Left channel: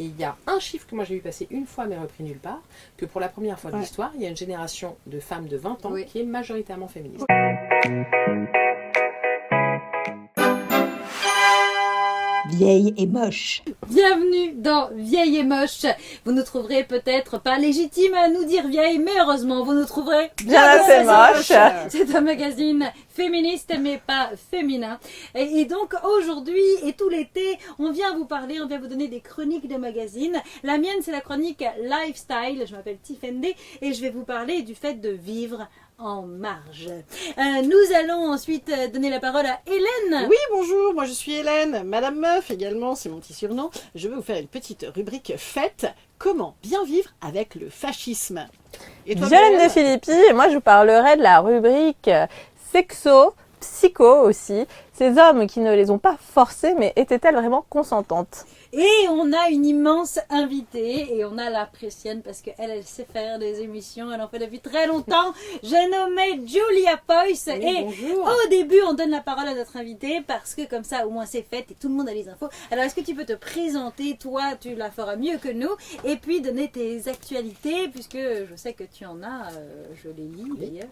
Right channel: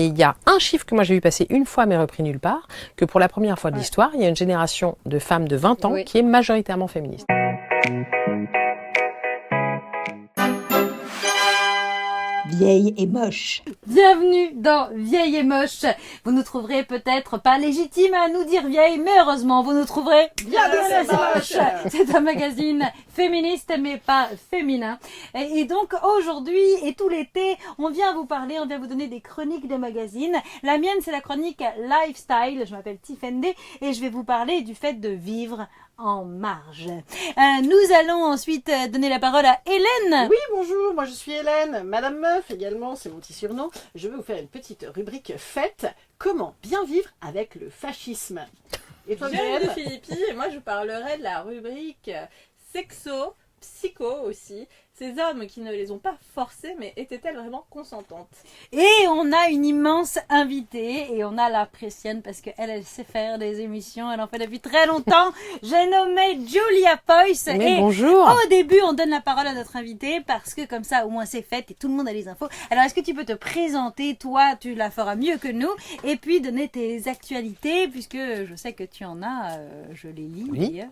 Et il y a un chiffre que moi j'ai vu passer une fois mais repris nulle part, que pour la première fois de l'histoire, il y a une génération de femmes de 20 ans qui est majoritairement féministe. Vieille et moche. Bienvenue dans Vieille et moche. Vous nous trouverez peut-être pas légitimes à nous dire vieille, mais heureusement vous nous trouverez bien assez moche. C'est un magazine féministe mais pas féminin. Et donc aujourd'hui et tout l'été, on vient vous parler, on vient vous donner des chroniques de magazines. La mienne c'est la chronique Lifestyle, je m'appelle Tiffany et je vais vous parler du fait de vivre en marge. Nous allons ensuite donner la parole à Hélène. Oui, bonjour, moi je suis Hélène, Madame Meuf également, c'est mon petit surnom. Je vais vous faire une petite rubrique fête, comment bien vivre avec le fascisme. Et toi, Violaine de Philippi, et moi je vous parlerai de la rubrique sexo, psycho aussi. Ces hommes qui ne les ont pas forcés, mais étaient-elles vraiment consentantes? Et on a une immense invitée, et on a la Précienne parce qu'elle sait faire des émissions, elle en fait depuis très longtemps. J'ai nommé Julia Poyce. Mais bonjour. Au début, on donne la parole à notre invitée parce que comme ça, au moins c'est fait et tout le monde a les infos. Alors, est-ce que tu peux te présenter? Toi, tu la feras mieux que nous. Et puis, donner tes actualités, puisque je sais que tu en as, je les lis d'ailleurs.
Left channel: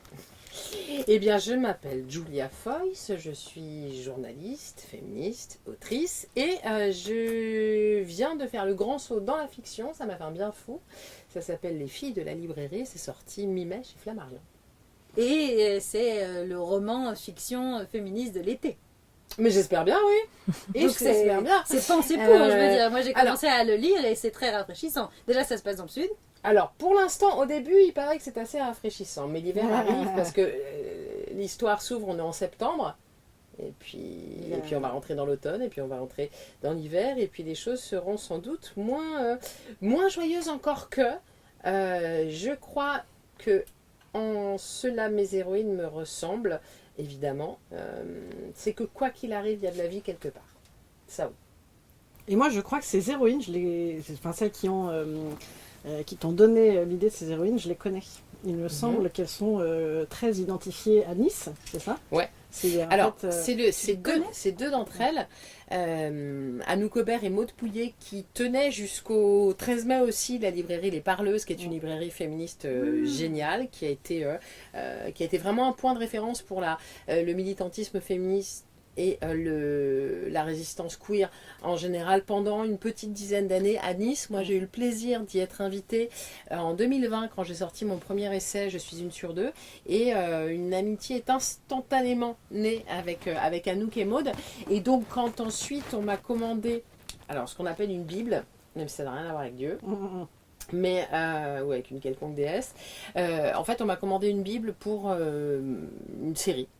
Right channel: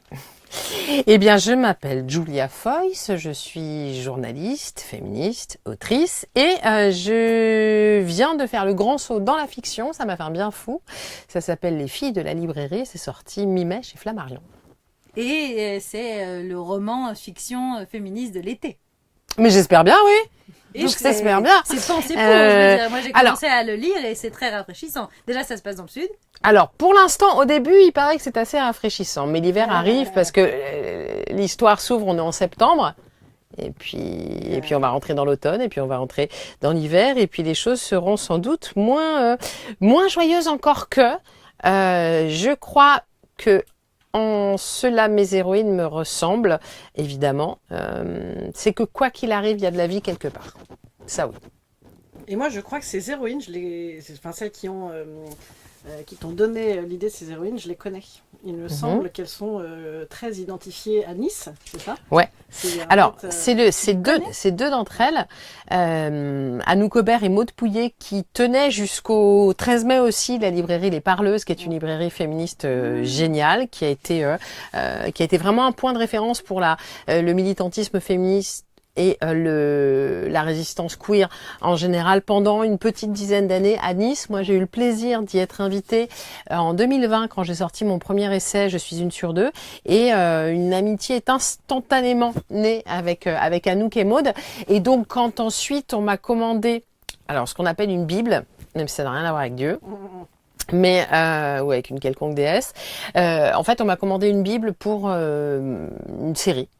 Eh bien, je m'appelle Julia Foyce, je suis journaliste, féministe, autrice et je viens de faire le grand saut dans la fiction, ça m'a fait un bien fou. Ça s'appelle Les filles de la librairie, c'est sorti mi-mai chez Flammarion. Et c'est le roman fiction féministe de l'été. Mais j'espère bien, oui. Et j'espère bien. C'est pensé pour, je veux dire. Moi j'ai commencé à le lire et c'est très rafraîchissant. Déjà, ça se passe dans le sud. Alors, pour l'instant, au début, il paraît que c'est assez rafraîchissant. Mais l'hiver arrive parce que l'histoire s'ouvre, on est en septembre. Et puis on va rentrer dans l'automne, et puis on va rentrer dans l'hiver. Et puis les choses seront sans doute moins joyeuses encore que. Je crois que en cela, mes héroïnes me ressemblent, évidemment. C'est que quoi qu'il arrive, il y a de la vie quelque part. Ça, oui. Et moi, je crois que ces héroïnes, celles qui t'ont donné l'idée de ces héroïnes, je les connais. Il me semble qu'elles sont très identifiées à Nice, c'est ça? Ouais. Alors, c'est deux d'entre elles, Anouk Aubert et Maude Pouillet, qui tenaient jusqu'au 13 mai aussi la librairie Les Parleuses, qui est une librairie féministe géniale, qui a été vraiment un point de référence pour le militantisme féministe et la résistance queer en général pendant une petite dizaine d'années à Nice. Moi, j'ai eu le plaisir d'y être invitée en 2020 quand j'ai sorti mon premier essai « Je suis une sur deux ». Et une amitié est instantanément née avec Anouk et Maude. Et donc, quand ensuite on m'a commandé ce qu'on appelle une Bible, même si ça n'a rien à voir avec Dieu, mais ou avec une quelconque déesse. En fait, on m'a commandé une Bible pour une série.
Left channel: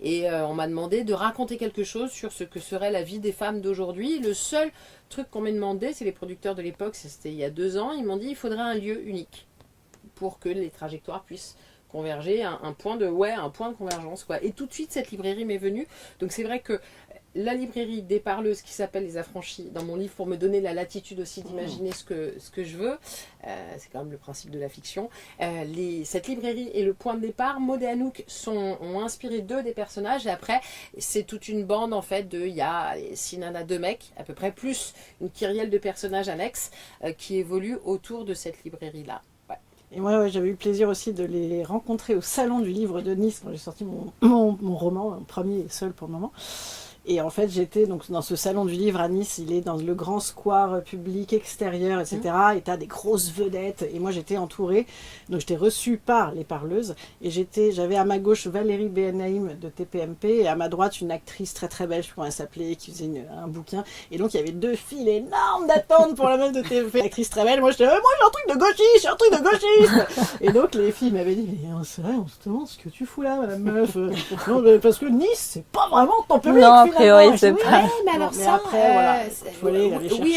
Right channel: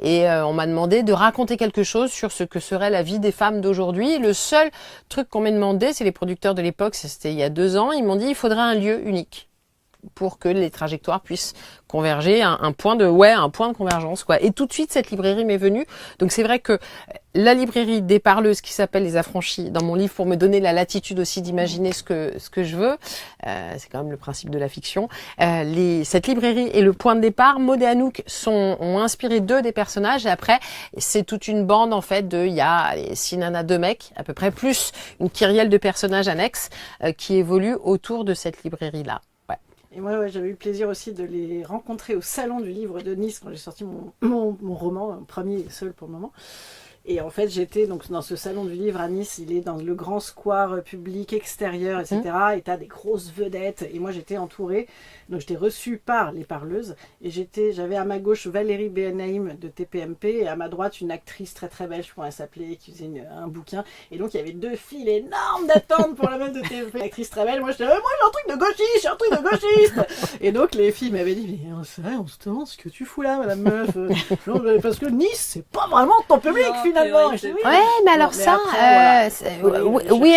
Et on m'a demandé de raconter quelque chose sur ce que serait la vie des femmes d'aujourd'hui. Le seul truc qu'on m'a demandé, c'est les producteurs de l'époque, c'était il y a 2 ans, ils m'ont dit il faudrait un lieu unique pour que les trajectoires puissent converger, un point de convergence, quoi. Et tout de suite, cette librairie m'est venue. Donc c'est vrai que la librairie des Parleuses, qui s'appelle Les Affranchis, dans mon livre, pour me donner la latitude aussi d'imaginer ce que je veux, c'est quand même le principe de la fiction, cette librairie est le point de départ. Maude et Anouk ont inspiré 2 des personnages, et après, c'est toute une bande, en fait, il y a 6 nanas, 2 mecs, à peu près, plus une kyrielle de personnages annexes qui évoluent autour de cette librairie-là. Et moi, j'avais eu le plaisir aussi de les rencontrer au Salon du Livre de Nice quand j'ai sorti mon roman, mon premier et seul pour le moment. Et en fait, j'étais donc dans ce salon du livre à Nice, il est dans le grand square public extérieur, etc. Et t'as des grosses vedettes. Et moi, j'étais entourée. Donc, j'étais reçue par les Parleuses. Et j'avais à ma gauche Valérie Benaïm de TPMP et à ma droite une actrice très très belle, je crois qu'elle s'appelait, qui faisait un bouquin. Et donc, il y avait 2 files énormes d'attente pour la meuf de TPMP. Une actrice très belle. Moi, j'étais, moi, j'ai un truc de gauchiste, j'ai un truc de gauchiste. Et donc, les filles m'avaient dit, mais on se demande ce que tu fous là, madame meuf. Non, parce que Nice, c'est pas vraiment ton public. priori, c'est pas. Ouais, mais alors ça, oui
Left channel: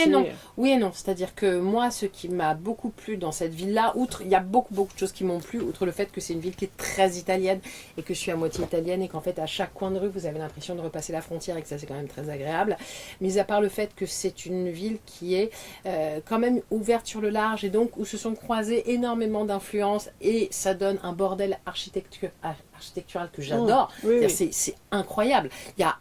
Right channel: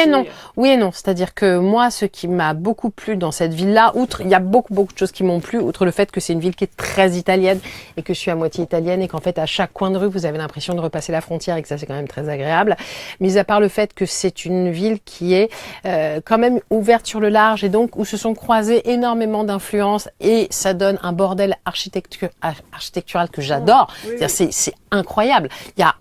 et non. C'est-à-dire que moi, ce qui m'a beaucoup plu dans cette ville-là, il y a beaucoup de choses qui m'ont plu, outre le fait que c'est une ville qui est très italienne et que je suis à moitié italienne et qu'en fait, à chaque coin de rue, vous avez l'impression de repasser la frontière et que ça, c'est quand même très agréable. Mis à part le fait que c'est une ville qui est quand même ouverte sur le large et donc où se sont croisées énormément d'influences et ça donne un bordel architectural que j'adore. Oui. C'est incroyable. Il y a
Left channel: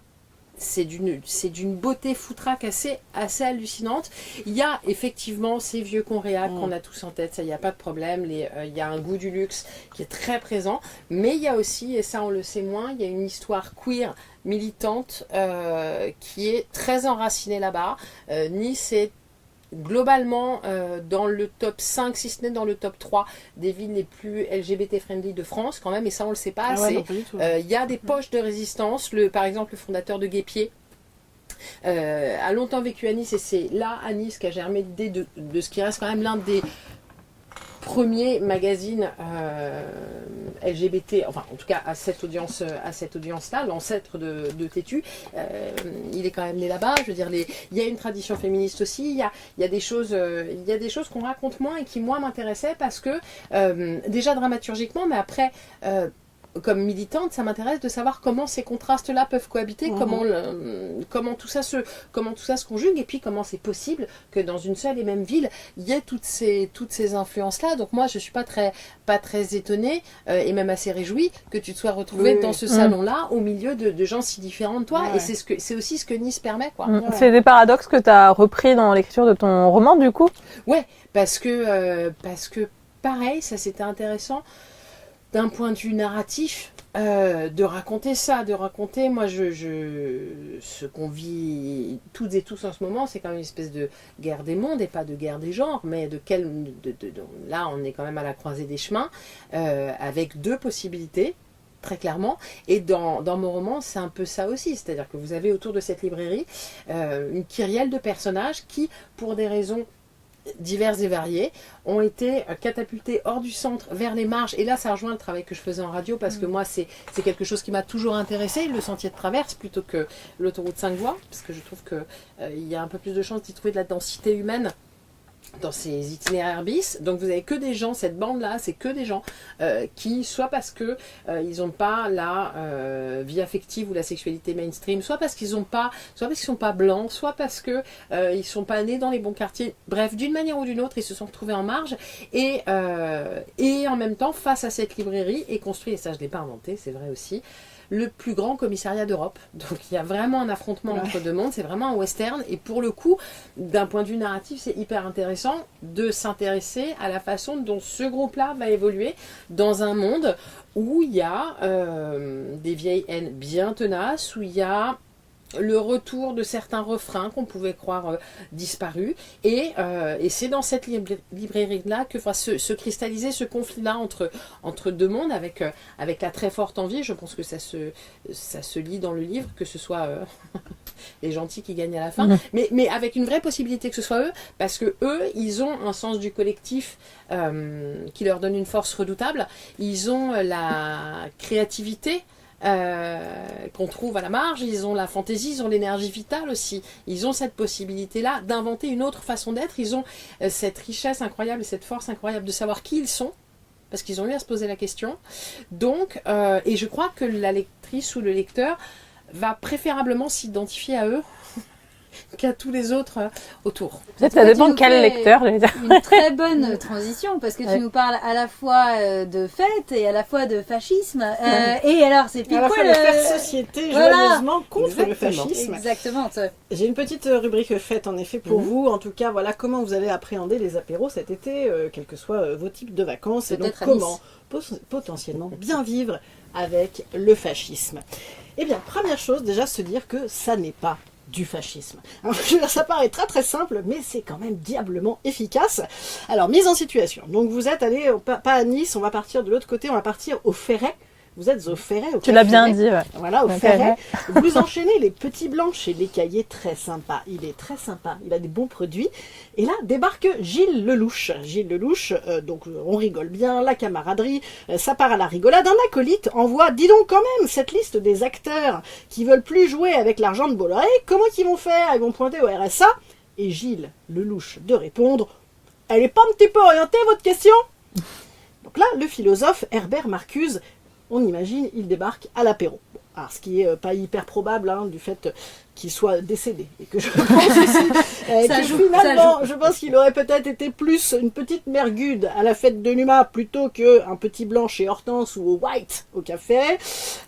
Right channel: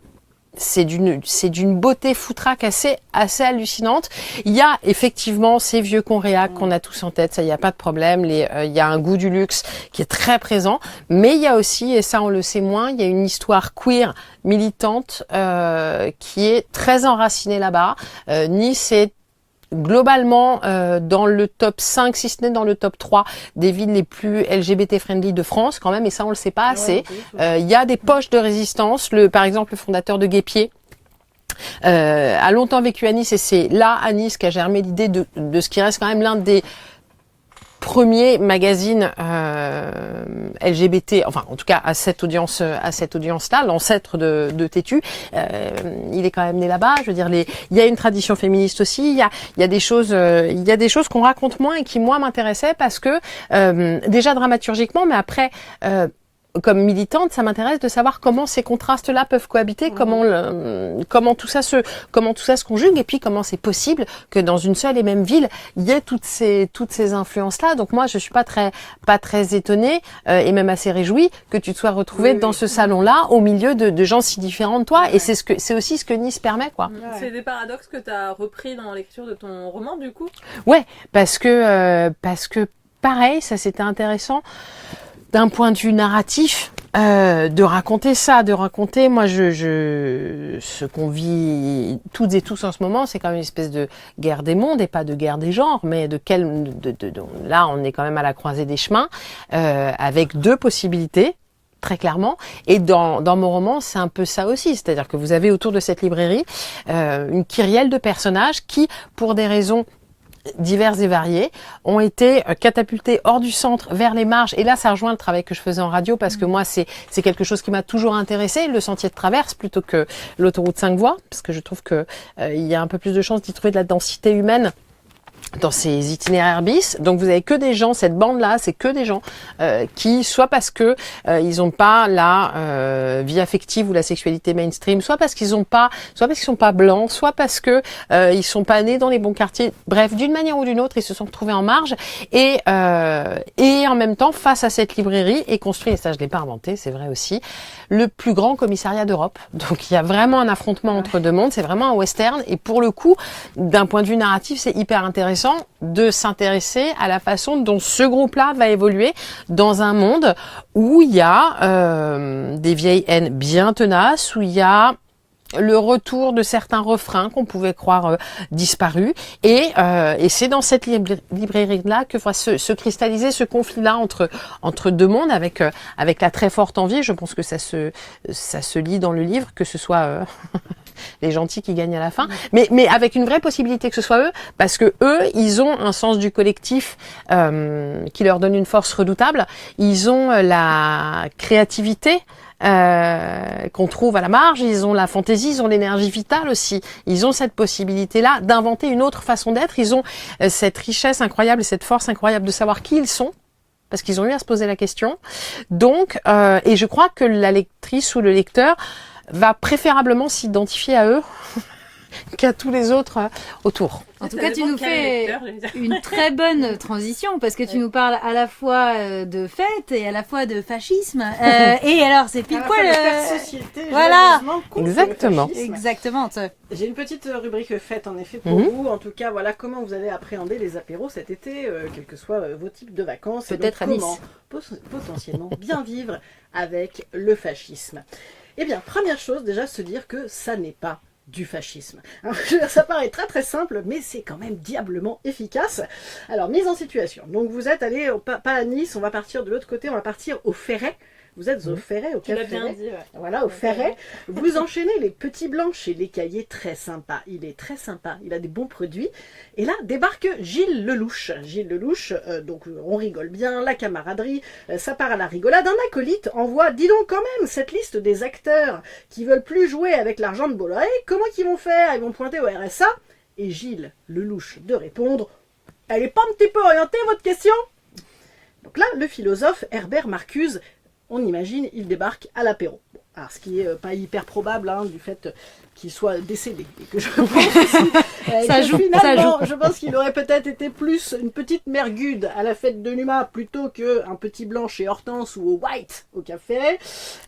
c'est d'une beauté foutraque assez hallucinante. Il y a effectivement ces vieux conréacs qu'on a tous en tête, ça il n'y a pas de problème. Il y a un goût du luxe qui est très présent, mais il y a aussi, et ça on le sait moins, il y a une histoire queer militante qui est très enracinée là-bas. Nice est globalement dans le top 5, si ce n'est dans le top 3 des villes les plus LGBT-friendly de France quand même, et ça on le sait pas assez. Il y a des poches de résistance. Par exemple, le fondateur de Guépier a longtemps vécu à Nice, et c'est là à Nice qu'a germé l'idée de ce qui reste quand même l'un des premiers magazines LGBT, enfin en tout cas à cette audience-là, l'ancêtre de Tétu, il est quand même né là-bas. Je veux dire, il y a une tradition féministe aussi. Il y a des choses qu'on raconte moins et qui moi m'intéressaient parce que déjà dramaturgiquement, mais après. Comme militante, ça m'intéresse de savoir comment ces contrastes-là peuvent cohabiter, comment tout ça se conjugue, et puis comment c'est possible que dans une seule et même ville, il y ait toutes ces influences-là. Donc moi, je suis pas très étonnée et même assez réjouie que tu te sois retrouvée dans ce salon-là, au milieu de gens si différents de toi. Et c'est aussi ce que Nice permet, quoi. C'est des paradoxes que tu as repris dans l'écriture de ton roman, du coup. Ouais, parce que pareil, ça c'était intéressant. D'un point de vue narratif, de raconter ça, moi, ce qu'on vit toutes et tous en ce moment, c'est quand même une espèce de guerre des mondes et pas de guerre des genres, mais là, on est quand même à la croisée des chemins, avec deux possibilités. Très clairement, et dans mon roman, c'est un peu ça aussi, c'est-à-dire que vous avez autour de cette librairie une kyrielle de personnages qui, pour des raisons diverses et variées, ont été catapultés hors du centre, vers les marges. Et là, ça rejoint le travail que je faisais en radio, parce que moi, c'est quelque chose qui m'a toujours intéressé, le sentier de traverse plutôt que l'autoroute 5 voies, parce que je trouve que il y a un peu plus de chances d'y trouver de la densité humaine dans ces itinéraires bis. Donc vous avez que des gens, cette bande-là, c'est que des gens qui, soit parce que ils n'ont pas la vie affective ou la sexualité mainstream, soit parce qu'ils sont pas blancs, soit parce que ils sont pas nés dans les bons quartiers. Bref, d'une manière ou d'une autre, ils se sont retrouvés en marge, et en même temps, face à cette librairie, est construit, et ça je l'ai pas inventé, c'est vrai aussi, le plus grand commissariat d'Europe. Donc il y a vraiment un affrontement entre deux mondes, c'est vraiment un western, et pour le coup, d'un point de vue narratif, c'est hyper intéressant de s'intéresser à la façon dont ce groupe-là va évoluer dans un monde où il y a des vieilles haines bien tenaces, où il y a le retour de certains refrains qu'on pouvait croire disparus, et c'est dans cette librairie-là que va se cristalliser ce conflit-là entre deux mondes, avec la très forte envie. Je pense que ça se lit dans le livre, que ce soit les gentils qui gagnent à la fin, mais avec une vraie possibilité que ce soit eux, parce que eux, ils ont un sens du collectif qui leur donne une force redoutable. Ils ont la créativité qu'on trouve à la marge, ils ont la fantaisie, ils ont l'énergie vitale aussi, ils ont cette possibilité-là d'inventer une autre façon d'être, ils ont cette richesse incroyable et cette force incroyable de savoir qui ils sont, parce qu'ils ont eu à se poser la question. Donc, et je crois que la lectrice ou le lecteur va préférablement s'identifier à eux qu'à tous les autres autour. Ça dépend de quel lecteur. Une très bonne transition, parce que tu nous parles à la fois de fête et à la fois de fascisme. Et alors, c'est quoi le fait de société, joyeusement, contre le fascisme. Exactement. J'ai une petite rubrique fête, en effet, pour vous. En tout cas, voilà comment vous allez appréhender les apéros cet été, quels que soient vos types de vacances. Peut-être et donc, comment potentiellement bien vivre avec le fascisme. Eh bien, première chose, déjà, se dire que ça n'est pas du fascisme. Alors, ça paraît très très simple, mais c'est quand même diablement efficace. Alors, mise en situation. Donc, vous êtes allé, pas à Nice, on va partir de l'autre côté, on va partir au Ferret. Vous êtes au Ferret, au Tu l'as Ferret. bien dit, ouais. Voilà, au Ferret. Vous enchaînez les petits blancs chez les cahiers, très sympa. Il est très sympa, il a des bons produits. Et là, débarque Gilles Lelouch. Gilles Lelouch, donc on rigole bien, la camaraderie, ça part à la rigolade. Un acolyte envoie, dis donc quand même, cette liste des acteurs qui veulent plus jouer avec l'argent de Bolloré, comment qu'ils vont faire? Ils vont pointer au RSA. Et Gilles Lelouch de répondre, elle est pas un petit peu orientée, votre question? Donc là, le philosophe Herbert Marcuse, on imagine, il débarque à l'apéro. Bon, alors, ce qui est pas hyper probable, du fait qu'il soit décédé. Et que je pense aussi, Ça que joue, finalement, ça je pense qu'il aurait peut-être été plus une petite mergude à la fête de Numa plutôt qu'un petit blanc chez Hortense ou au White au café.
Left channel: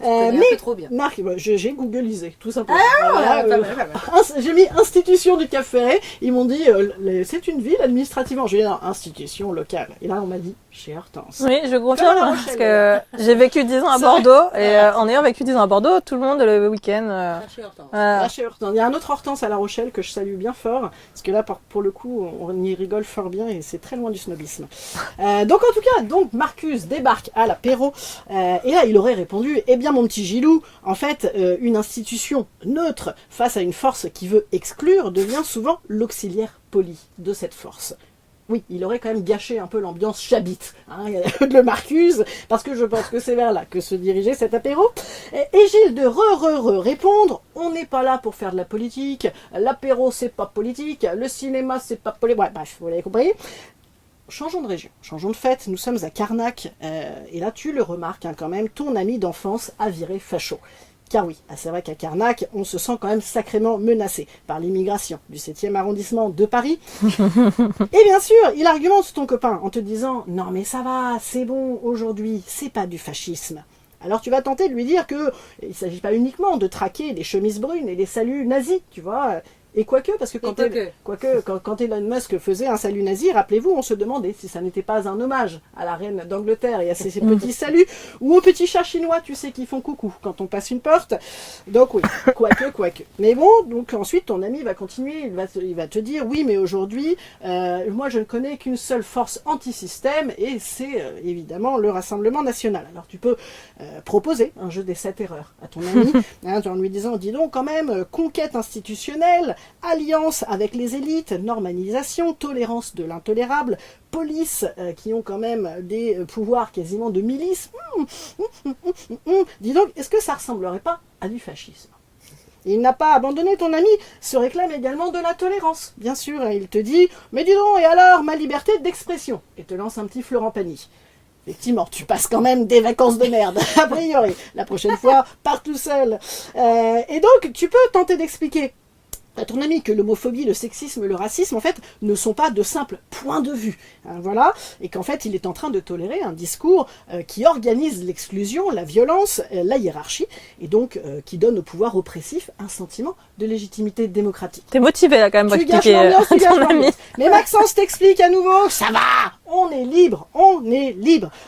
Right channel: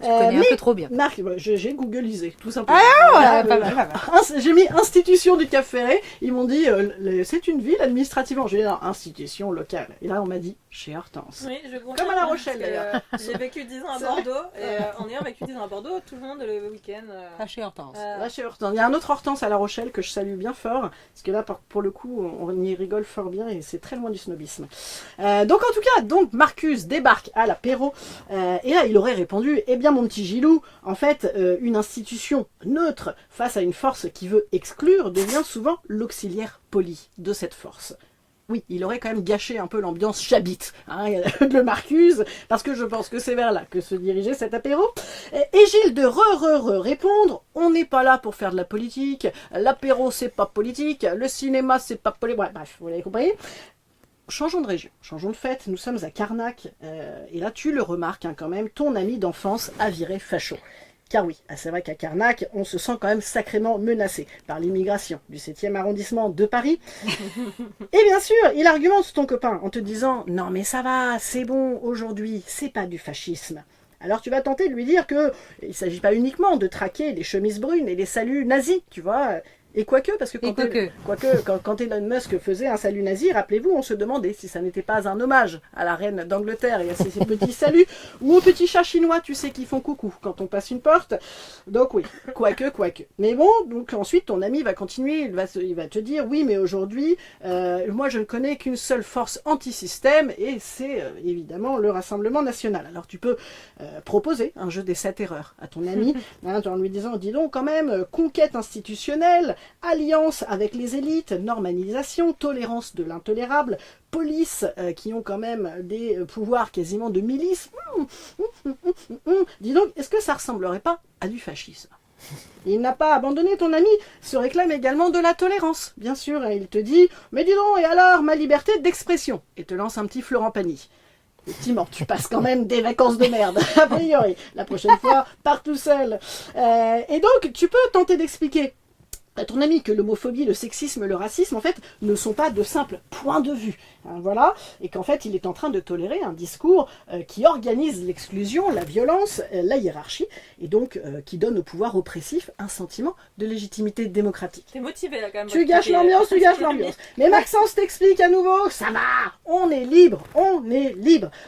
connais un Mais peu trop bien. Marc, j'ai googlisé, tout simplement. Ah, Voilà, pas mal, pas mal. J'ai mis institution du Cap Ferret. Ils m'ont dit, c'est une ville administrativement. J'ai dit, non, institution locale. Et là, on m'a dit, chez Hortense. Oui, je confirme, Comme à La parce Rochelle. que j'ai vécu 10 ans à Bordeaux, et en ayant vécu 10 ans à Bordeaux, tout le monde le week-end... Pas chez Hortense. Là, chez Hortense. Il y a un autre Hortense à La Rochelle que je salue bien fort, parce que là, pour le coup, on y rigole fort bien et c'est très loin du snobisme. Donc, en tout cas, Marcus débarque à l'apéro, et là, il aurait répondu, eh bien, mon petit Gilou, en fait, une institution neutre face à une force qui veut exclure devient souvent l'auxiliaire poli de cette force. Oui, il aurait quand même gâché un peu l'ambiance chabite de Marcus, parce que je pense que c'est vers là que se dirigeait cet apéro. Et Gilles de répondre, on n'est pas là pour faire de la politique, l'apéro c'est pas politique, le cinéma c'est pas politique, bref, vous l'avez compris. Changeons de région, changeons de fête, nous sommes à Carnac, et là tu le remarques quand même, ton ami d'enfance a viré facho. Car oui, c'est vrai qu'à Carnac, on se sent quand même sacrément menacé par l'immigration du 7e arrondissement de Paris. Et bien sûr, il argumente ton copain en te disant « Non mais ça va, c'est bon, aujourd'hui, c'est pas du fascisme ». Alors tu vas tenter de lui dire que il ne s'agit pas uniquement de traquer les chemises brunes et les saluts nazis, tu vois. Et quoique, parce que quand Elon Musk faisait un salut nazi, rappelez-vous, on se demandait si ça n'était pas un hommage à la reine d'Angleterre et à ses petits saluts, ou aux petits chats chinois, tu sais, qui font coucou quand on passe une porte. Donc oui, quoique. Mais bon, donc ensuite ton ami va continuer, il va te dire, oui, mais aujourd'hui, moi je ne connais qu'une seule force anti-système, et c'est évidemment le Rassemblement National. Alors tu peux proposer un jeu des 7 erreurs à ton ami, en lui disant, dis donc quand même, conquête institutionnelle, alliance avec les élites, normalisation, tolérance de l'intolérable, police qui ont quand même des pouvoirs quasiment de milice. Dis donc, est-ce que ça ressemblerait pas à du fascisme ? Il n'a pas abandonné, ton ami se réclame également de la tolérance. Bien sûr, il te dit « Mais dis donc, et alors, ma liberté d'expression ?» et te lance un petit Florent Pagny. Effectivement, tu passes quand même des vacances de merde, a priori. La prochaine fois, pars tout seul. Et donc, tu peux tenter d'expliquer à ton ami que l'homophobie, le sexisme, le racisme, en fait, ne sont pas de simples points de vue. Voilà. Et qu'en fait, il est en train de tolérer un discours qui organise l'exclusion, la violence, la hiérarchie, et donc qui donne au pouvoir oppressif un sentiment de légitimité démocratique. T'es motivé là quand même pour Tu gâches expliquer l'ambiance, tu gâches ton ami. l'ambiance. Mais Maxence t'explique à nouveau, ça va, on est libre.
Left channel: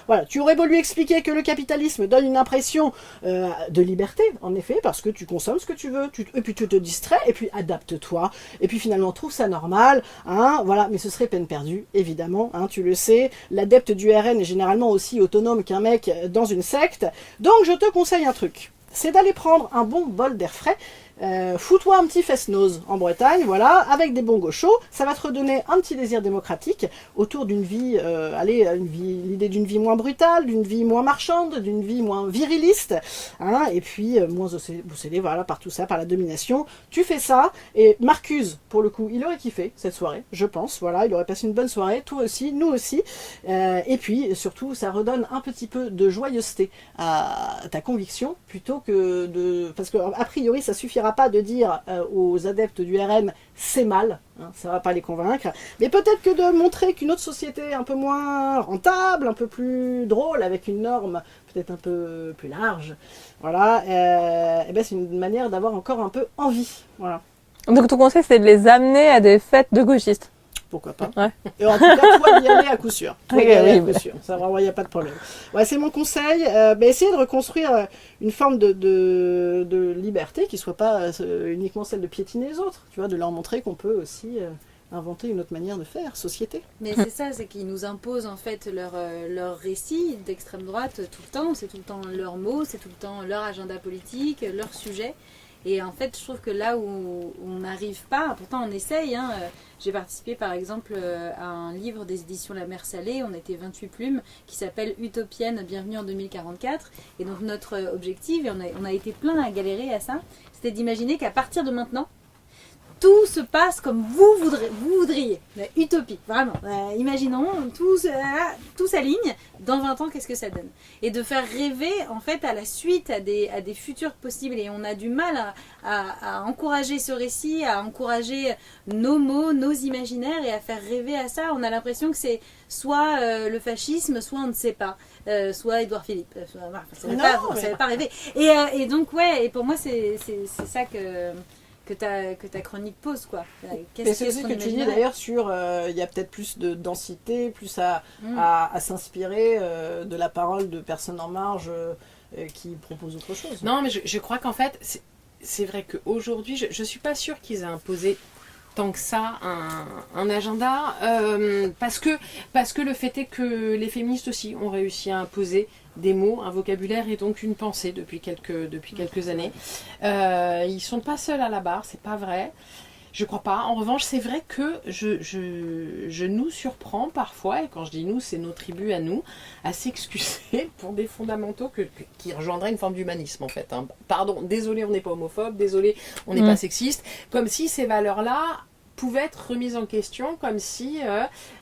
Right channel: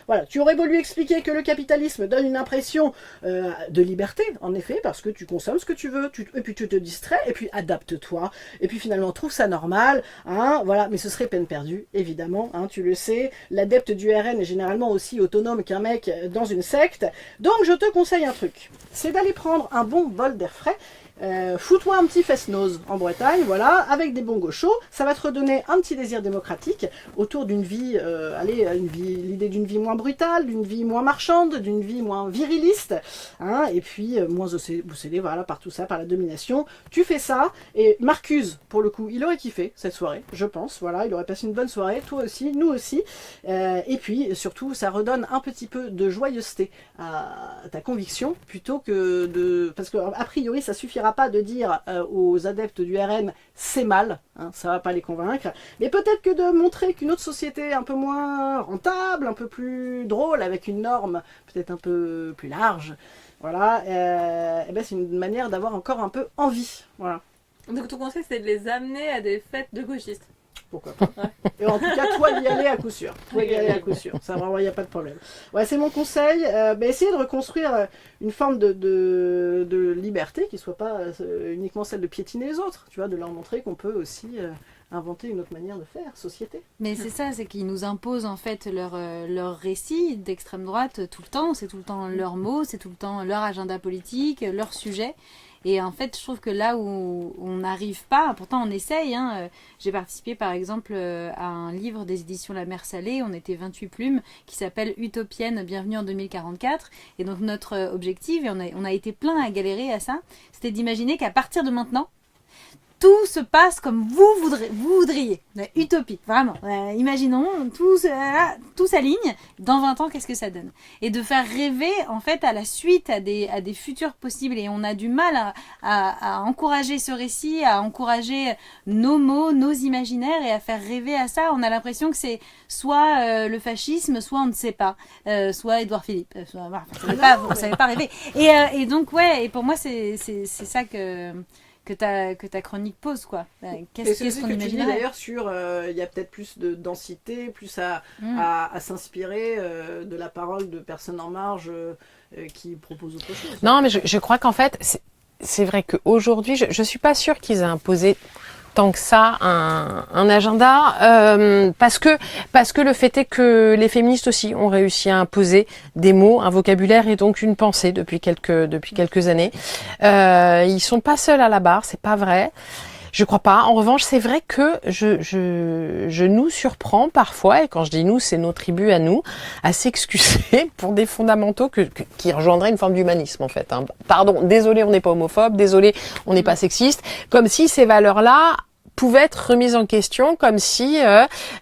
Voilà, tu aurais beau lui expliquer que le capitalisme donne une impression de liberté, en effet, parce que tu consommes ce que tu veux, et puis tu te distrais, et puis adapte-toi, et puis finalement trouve ça normal, voilà, mais ce serait peine perdue, évidemment, tu le sais, l'adepte du RN est généralement aussi autonome qu'un mec dans une secte, donc je te conseille un truc, c'est d'aller prendre un bon bol d'air frais. Fous-toi un petit fest-noz en Bretagne, voilà, avec des bons gauchos, ça va te redonner un petit désir démocratique autour d'une vie, l'idée d'une vie moins brutale, d'une vie moins marchande, d'une vie moins viriliste, et puis moins obsédée, voilà, par tout ça, par la domination. Tu fais ça, et Marcus, pour le coup, il aurait kiffé cette soirée, je pense, voilà, il aurait passé une bonne soirée, toi aussi, nous aussi, et puis surtout, ça redonne un petit peu de joyeuseté à ta conviction, plutôt que de... Parce que, a priori, ça suffira pas de dire aux adeptes du RN c'est mal, ça va pas les convaincre, mais peut-être que de montrer qu'une autre société un peu moins rentable, un peu plus drôle, avec une norme peut-être un peu plus large, voilà, c'est une manière d'avoir encore un peu envie, voilà. Donc ton conseil c'est de les amener à des fêtes de gauchistes. Pourquoi pas. Ouais. Et en tout cas, toi, y aller à coup sûr. Ça, vraiment, il n'y a pas de problème. Ouais, c'est mon conseil. Essayez de reconstruire une forme de liberté qui ne soit pas uniquement celle de piétiner les autres. Tu vois, de leur montrer qu'on peut aussi inventer une autre manière de faire, société. Mais c'est ça, c'est qu'ils nous imposent en fait leur récit d'extrême droite tout le temps. C'est tout le temps leurs mots, c'est tout le temps leur agenda politique, leur sujet. Et en fait, je trouve que là où on n'arrive pas, pourtant on essaye, j'ai participé par exemple à un livre des éditions La Mer Salée, on était 28 plumes, qui s'appelle Utopienne, bienvenue en 2044. Et donc notre objectif, et on a été plein à galérer à ça, c'était d'imaginer qu'à partir de maintenant, tout se passe comme vous voudriez. Utopie, vraiment. Imaginons, tout s'aligne. Dans 20 ans, qu'est-ce que ça donne? Et de faire rêver, en fait, à la suite, à des futurs possibles. Et on a du mal à encourager ce récit, à encourager nos mots, nos imaginaires et à faire rêver à ça. On a l'impression que c'est soit le fascisme, soit on ne sait pas. Soit Édouard Philippe. Voilà, on ne savait pas rêver. Et donc, ouais, et pour moi, c'est ça que ta chronique pose, quoi. Et c'est aussi ce que tu dis d'ailleurs sur il y a peut-être plus de densité, plus à s'inspirer de la parole de personnes en marge qui proposent autre chose. Non, mais je crois qu'en fait, c'est vrai qu'aujourd'hui, je ne suis pas sûre qu'ils aient imposé tant que ça un agenda, parce que le fait est que les féministes aussi ont réussi à imposer des mots, un vocabulaire et donc une pensée depuis quelques années. Ils sont pas seuls à la barre, c'est pas vrai. Je crois pas. En revanche, c'est vrai que je nous surprends parfois, et quand je dis nous, c'est nos tribus à nous, à s'excuser pour des fondamentaux qui engendraient une forme d'humanisme, en fait. Hein. Pardon, désolé, on n'est pas homophobe, désolé, on n'est pas sexiste, comme si ces valeurs-là pouvaient être remises en question, comme si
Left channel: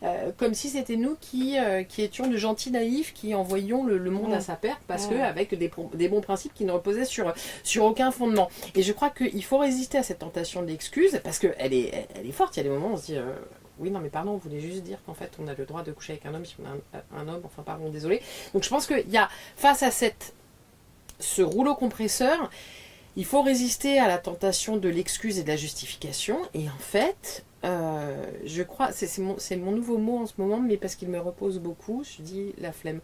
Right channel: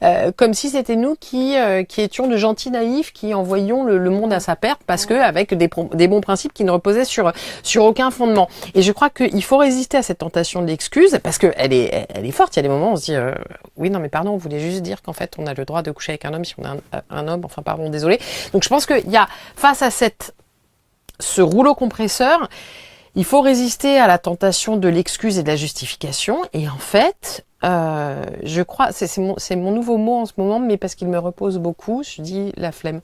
c'était nous qui étions de gentils naïfs, qui envoyions le monde à sa perte, parce que avec des bons principes qui ne reposaient sur aucun fondement. Et je crois qu'il faut résister à cette tentation de l'excuse, parce que elle est forte. Il y a des moments où on se dit oui, non, mais pardon, on voulait juste dire qu'en fait on a le droit de coucher avec un homme si on est un homme. Enfin, pardon, désolé. Donc je pense qu'il y a face à ce rouleau compresseur. Il faut résister à la tentation de l'excuse et de la justification. Et en fait, je crois, c'est mon nouveau mot en ce moment, mais parce qu'il me repose beaucoup, je dis la flemme.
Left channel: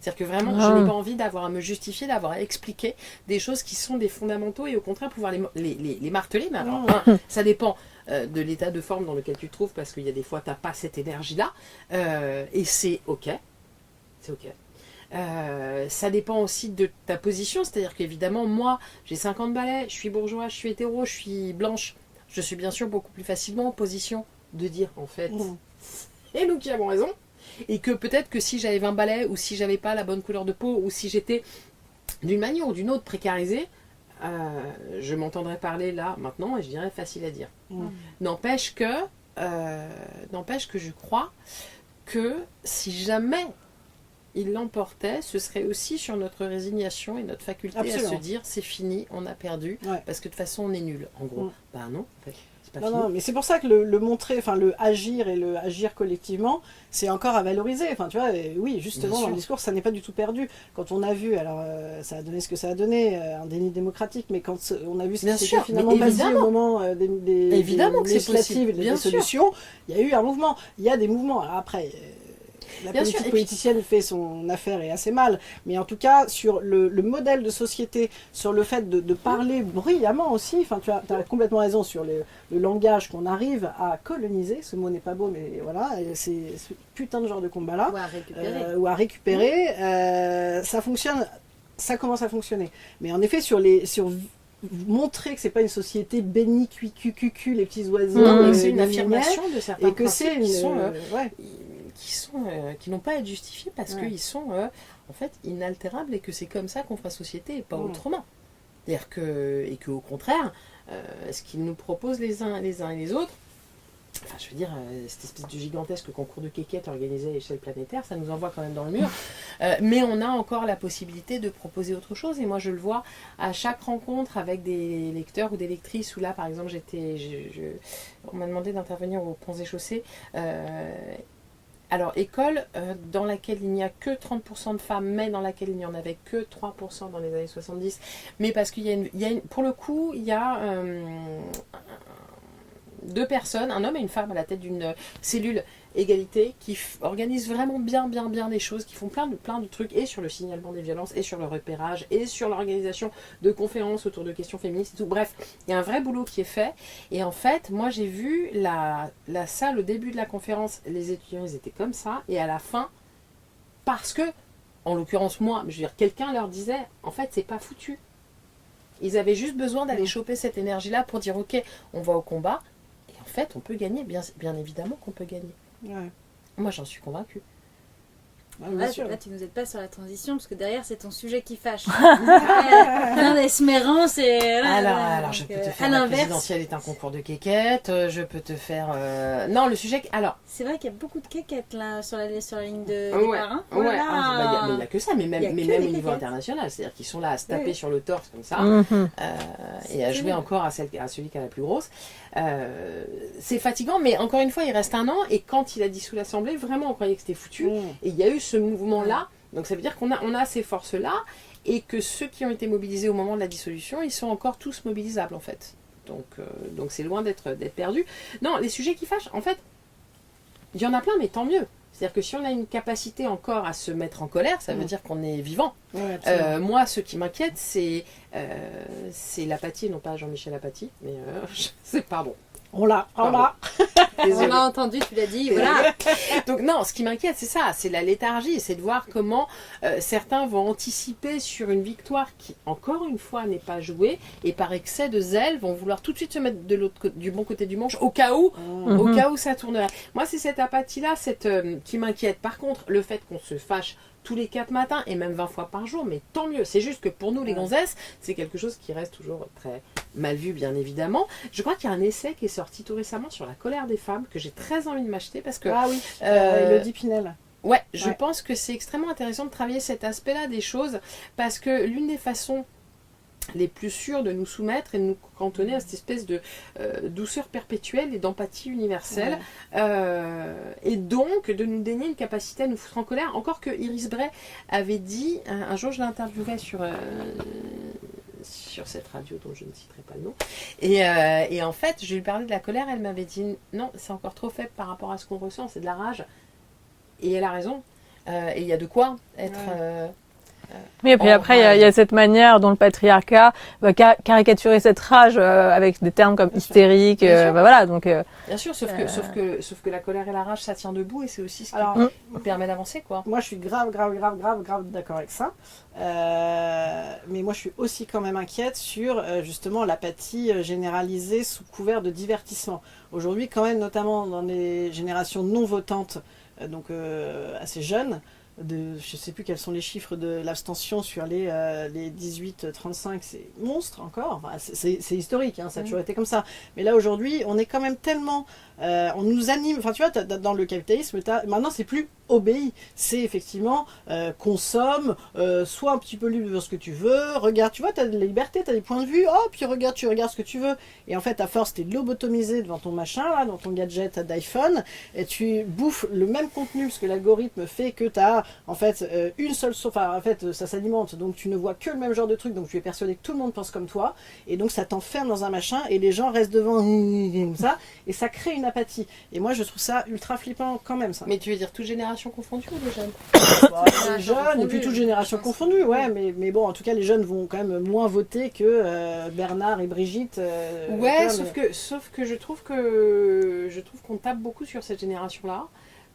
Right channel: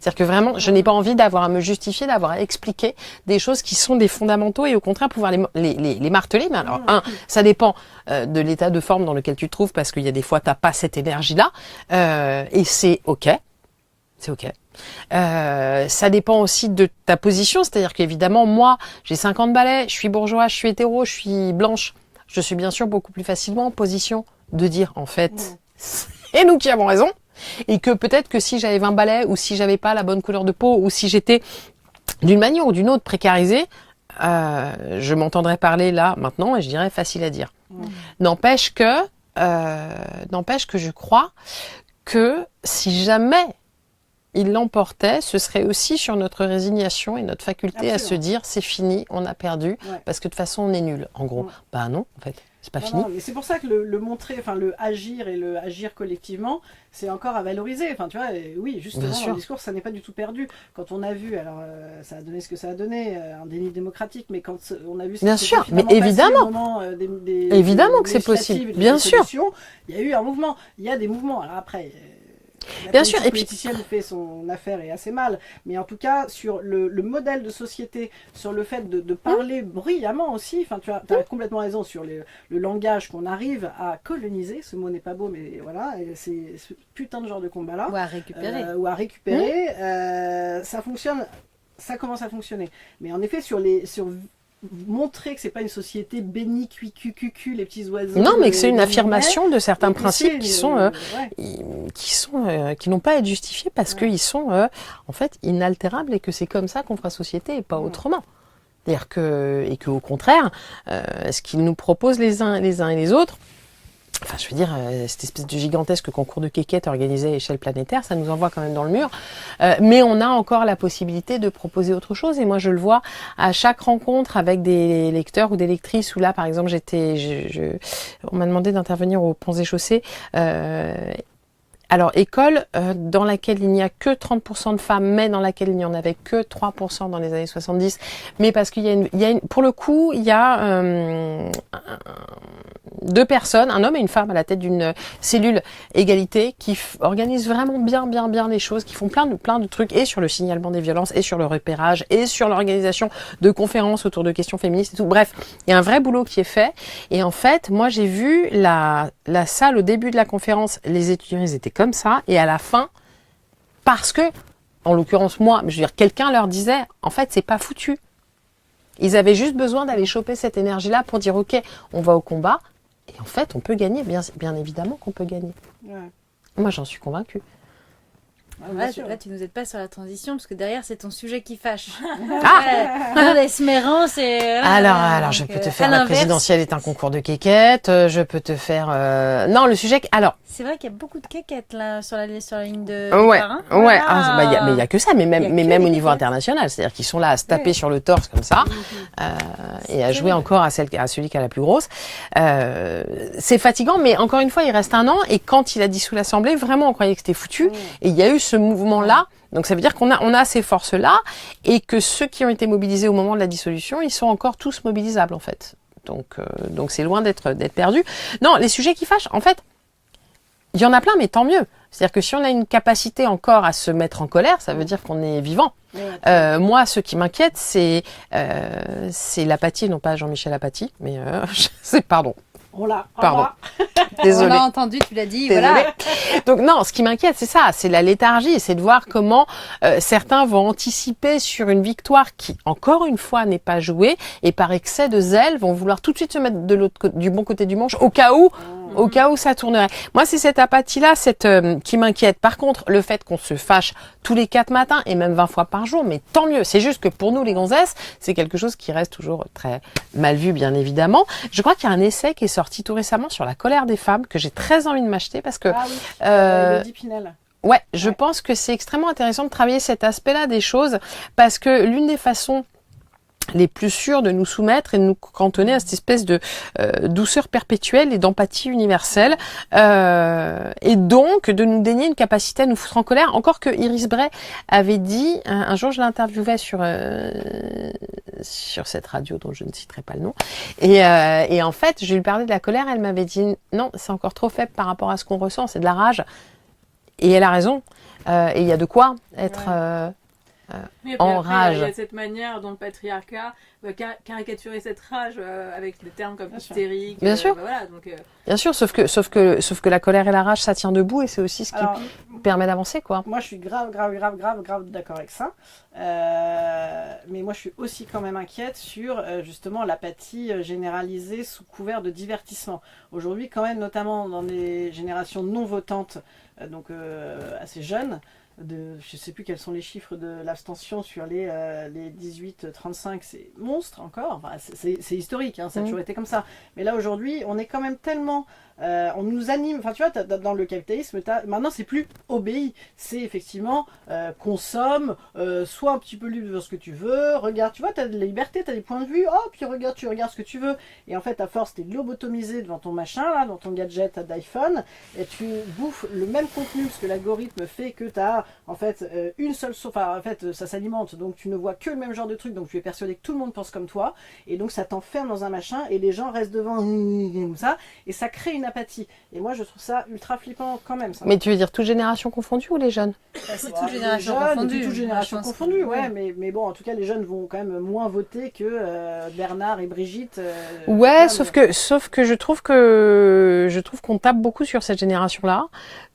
C'est-à-dire que vraiment, je n'ai pas envie d'avoir à me justifier, d'avoir à expliquer des choses qui sont des fondamentaux et au contraire pouvoir les marteler. Mais alors, ça dépend de l'état de forme dans lequel tu te trouves, parce qu'il y a des fois, tu n'as pas cette énergie-là. Et c'est OK. C'est OK. Ça dépend aussi de ta position, c'est-à-dire qu'évidemment, moi, j'ai 50 balais, je suis bourgeois, je suis hétéro, je suis blanche. Je suis bien sûr beaucoup plus facilement en position de dire, en fait, c'est nous qui avons raison. Et que peut-être que si j'avais 20 balais, ou si j'avais pas la bonne couleur de peau, ou si j'étais d'une manière ou d'une autre précarisée, je m'entendrais parler là, maintenant, et je dirais facile à dire. N'empêche que je crois que si jamais il l'emportait, ce serait aussi sur notre résignation et notre faculté à se dire c'est fini, on a perdu, parce que de toute façon on est nul, en gros. Bah non, en fait, c'est pas fini. Non, mais c'est pour ça que le montrer, enfin le agir et le agir collectivement, c'est encore à valoriser. Enfin, tu vois, oui, justement, le discours, ça n'est pas du tout perdu. Quand on a vu, alors ça a donné ce que ça a donné, un déni démocratique, mais quand on a vu ce qui s'est finalement passé au moment évidemment que c'est possible, bien sûr. Il y a eu un mouvement, il y a des mouvements. Alors après. Bien sûr, et politicienne fait son affaire et assez mal, mais en tout cas sur le modèle de société, sur le fait de parler bruyamment aussi, enfin tu as complètement raison sur le langage qu'on arrive à coloniser, ce mot n'est pas beau mais voilà, c'est ce putain de genre de combat là, ou à récupérer, ça fonctionne, ça commence à fonctionner, mais en effet sur montrer que c'est pas une société bénie, cucu, les petits oiseaux. Non, mais que c'est une affirmation de certains principes qui n'ont pas à être justifiés parce qu'ils sont en fait inaltérables et que c'est comme ça qu'on fera société et pas autrement. C'est-à-dire qu'au contraire, ce qu'ils nous proposent les uns et les autres, enfin, je veux dire, cette espèce de gigantesque concours de quéquettes organisé à échelle planétaire, ça nous envoie quand même dans le mur. Mais on a encore la possibilité de proposer autre chose. Et moi, je le vois à chaque rencontre avec des lecteurs ou des lectrices où là, par exemple, on m'a demandé d'intervenir aux Ponts et Chaussées. Alors, école dans laquelle il n'y a que 30% de femmes, mais dans laquelle il n'y en avait que 3% dans les années 70. Mais parce qu'il y a pour le coup, il y a deux personnes, un homme et une femme à la tête d'une cellule égalité qui organisent vraiment bien les choses, qui font plein de trucs et sur le signalement des violences et sur le repérage et sur l'organisation de conférences autour de questions féministes et tout. Bref, il y a un vrai boulot qui est fait et en fait, moi j'ai vu la salle au début de la conférence, les étudiants ils étaient comme ça et à la fin, parce que, en l'occurrence moi, je veux dire, quelqu'un leur disait, en fait c'est pas foutu. Ils avaient juste besoin d'aller choper cette énergie-là pour dire ok, on va au combat. Et en fait, on peut gagner, bien évidemment qu'on peut gagner. Ouais. Moi, j'en suis convaincue. bien sûr. Là, tu nous aides pas sur la transition parce que derrière, c'est ton sujet qui fâche. Esmérant, c'est. Alors, je peux te faire la présidentielle est un concours de quéquettes. Je peux te faire. Non, le sujet. Alors. C'est vrai qu'il y a beaucoup de quéquettes là sur la ligne de. Ouais. Départ, hein. Ouais. Mais il y a que ça. Mais même au niveau international, c'est-à-dire qu'ils sont là à se taper sur le torse comme ça et à jouer encore à celui qui a la plus grosse. C'est fatigant, mais encore une fois, il reste un an et quand il a dissous l'Assemblée, vraiment, on croyait que c'était foutu. Et il y a eu ce mouvement-là. Donc ça veut dire qu'on a ces forces-là et que ceux qui ont été mobilisés au moment de la dissolution, ils sont encore tous mobilisables en fait. Donc c'est loin d'être perdu. Non, les sujets qui fâchent, en fait, il y en a plein, mais tant mieux. C'est-à-dire que si on a une capacité encore à se mettre en colère, ça veut dire qu'on est vivant. Moi, ce qui m'inquiète, c'est l'apathie, non pas Jean-Michel Apathy, mais pardon. On l'a. Désolée. On a entendu, tu l'as dit. Désolée. Voilà. Donc non, ce qui m'inquiète, c'est ça, c'est la léthargie, c'est de voir comment certains vont anticiper sur une victoire qui, encore une fois, n'est pas jouée, et par excès de zèle, vont vouloir tout de suite se mettre du bon côté du manche, au cas où ça tournerait. Moi, c'est cette apathie-là, qui m'inquiète. Par contre, le fait qu'on se fâche tous les 4 matins et même 20 fois par jour, mais tant mieux. C'est juste que pour nous, les gonzesses, c'est quelque chose qui reste toujours très mal vu, bien évidemment. Je crois qu'il y a un essai qui est sorti tout récemment sur la colère des femmes que j'ai très envie de m'acheter parce que Élodie Pinel. Ouais, je pense que c'est extrêmement intéressant de travailler cet aspect-là des choses parce que l'une des façons les plus sûres de nous soumettre et de nous cantonner à cette espèce de douceur perpétuelle et d'empathie universelle et donc de nous dénier une capacité à nous foutre en colère. Encore que Iris Bray avait dit, un jour je l'interviewais sur cette radio dont je ne citerai pas le nom et en fait je lui parlais de la colère, elle m'avait dit non, c'est encore trop faible par rapport à ce qu'on ressent, c'est de la rage et elle a raison et il y a de quoi être... Oui, et puis après, il y a cette manière dont le patriarcat va caricaturer cette rage avec des termes comme hystérique. Bien sûr. Voilà, donc, bien sûr, sauf que la colère et la rage, ça tient debout et c'est aussi ce qui permet d'avancer, quoi. Moi, je suis grave d'accord avec ça. Mais moi, je suis aussi quand même inquiète sur justement l'apathie généralisée sous couvert de divertissement. Aujourd'hui, quand même, notamment dans les générations non votantes, donc assez jeunes, je ne sais plus quels sont les chiffres de l'abstention sur les 18-35, c'est monstre encore, enfin, c'est historique, hein, ça a toujours été comme ça. Mais là aujourd'hui, on est quand même tellement... on nous anime, enfin tu vois, dans le capitalisme, maintenant c'est plus obéi, c'est effectivement consomme, sois un petit peu libre de ce que tu veux, regarde, tu vois, tu as des libertés, tu as des points de vue, puis tu regardes ce que tu veux, et en fait à force t'es lobotomisé devant ton machin, là, dans ton gadget d'iPhone, et tu bouffes le même contenu, parce que l'algorithme fait que tu as en fait une seule, enfin en fait ça s'alimente, donc tu ne vois que le même genre de truc, donc tu es persuadé que tout le monde pense comme toi, et donc ça t'enferme dans un machin, et les gens restent devant ça, et ça crée une apathie. Et moi, je trouve ça ultra flippant quand même, ça. Mais tu veux dire toute génération confondue ou les jeunes? Les jeunes, toute génération confondue, ouais. Mais bon, en tout cas, les jeunes vont quand même moins voter que Bernard et Brigitte. Ouais, sauf que je trouve qu'on tape beaucoup sur cette génération-là.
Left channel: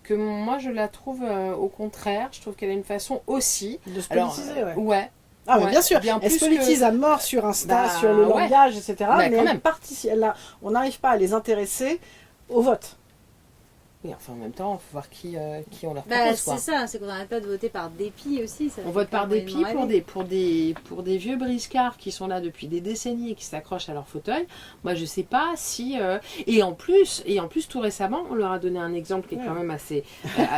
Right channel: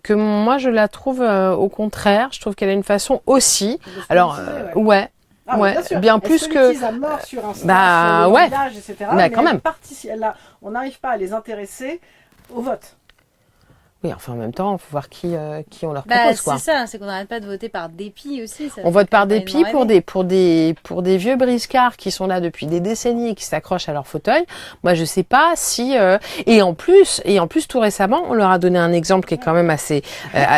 Que moi, je la trouve au contraire. Je trouve qu'elle a une façon aussi. Alors, ouais. Ah oui, bien sûr. Bien plus elle se politise à mort sur Insta, sur le langage, etc. Mais quand même. On n'arrive pas à les intéresser au vote. Oui, enfin en même temps, il faut voir qui on leur propose, quoi. C'est ça, c'est qu'on n'arrête pas de voter par dépit aussi. On vote par dépit pour des vieux briscards qui sont là depuis des décennies et qui s'accrochent à leur fauteuil. Moi, je sais pas si et en plus tout récemment, on leur a donné un exemple qui est quand même assez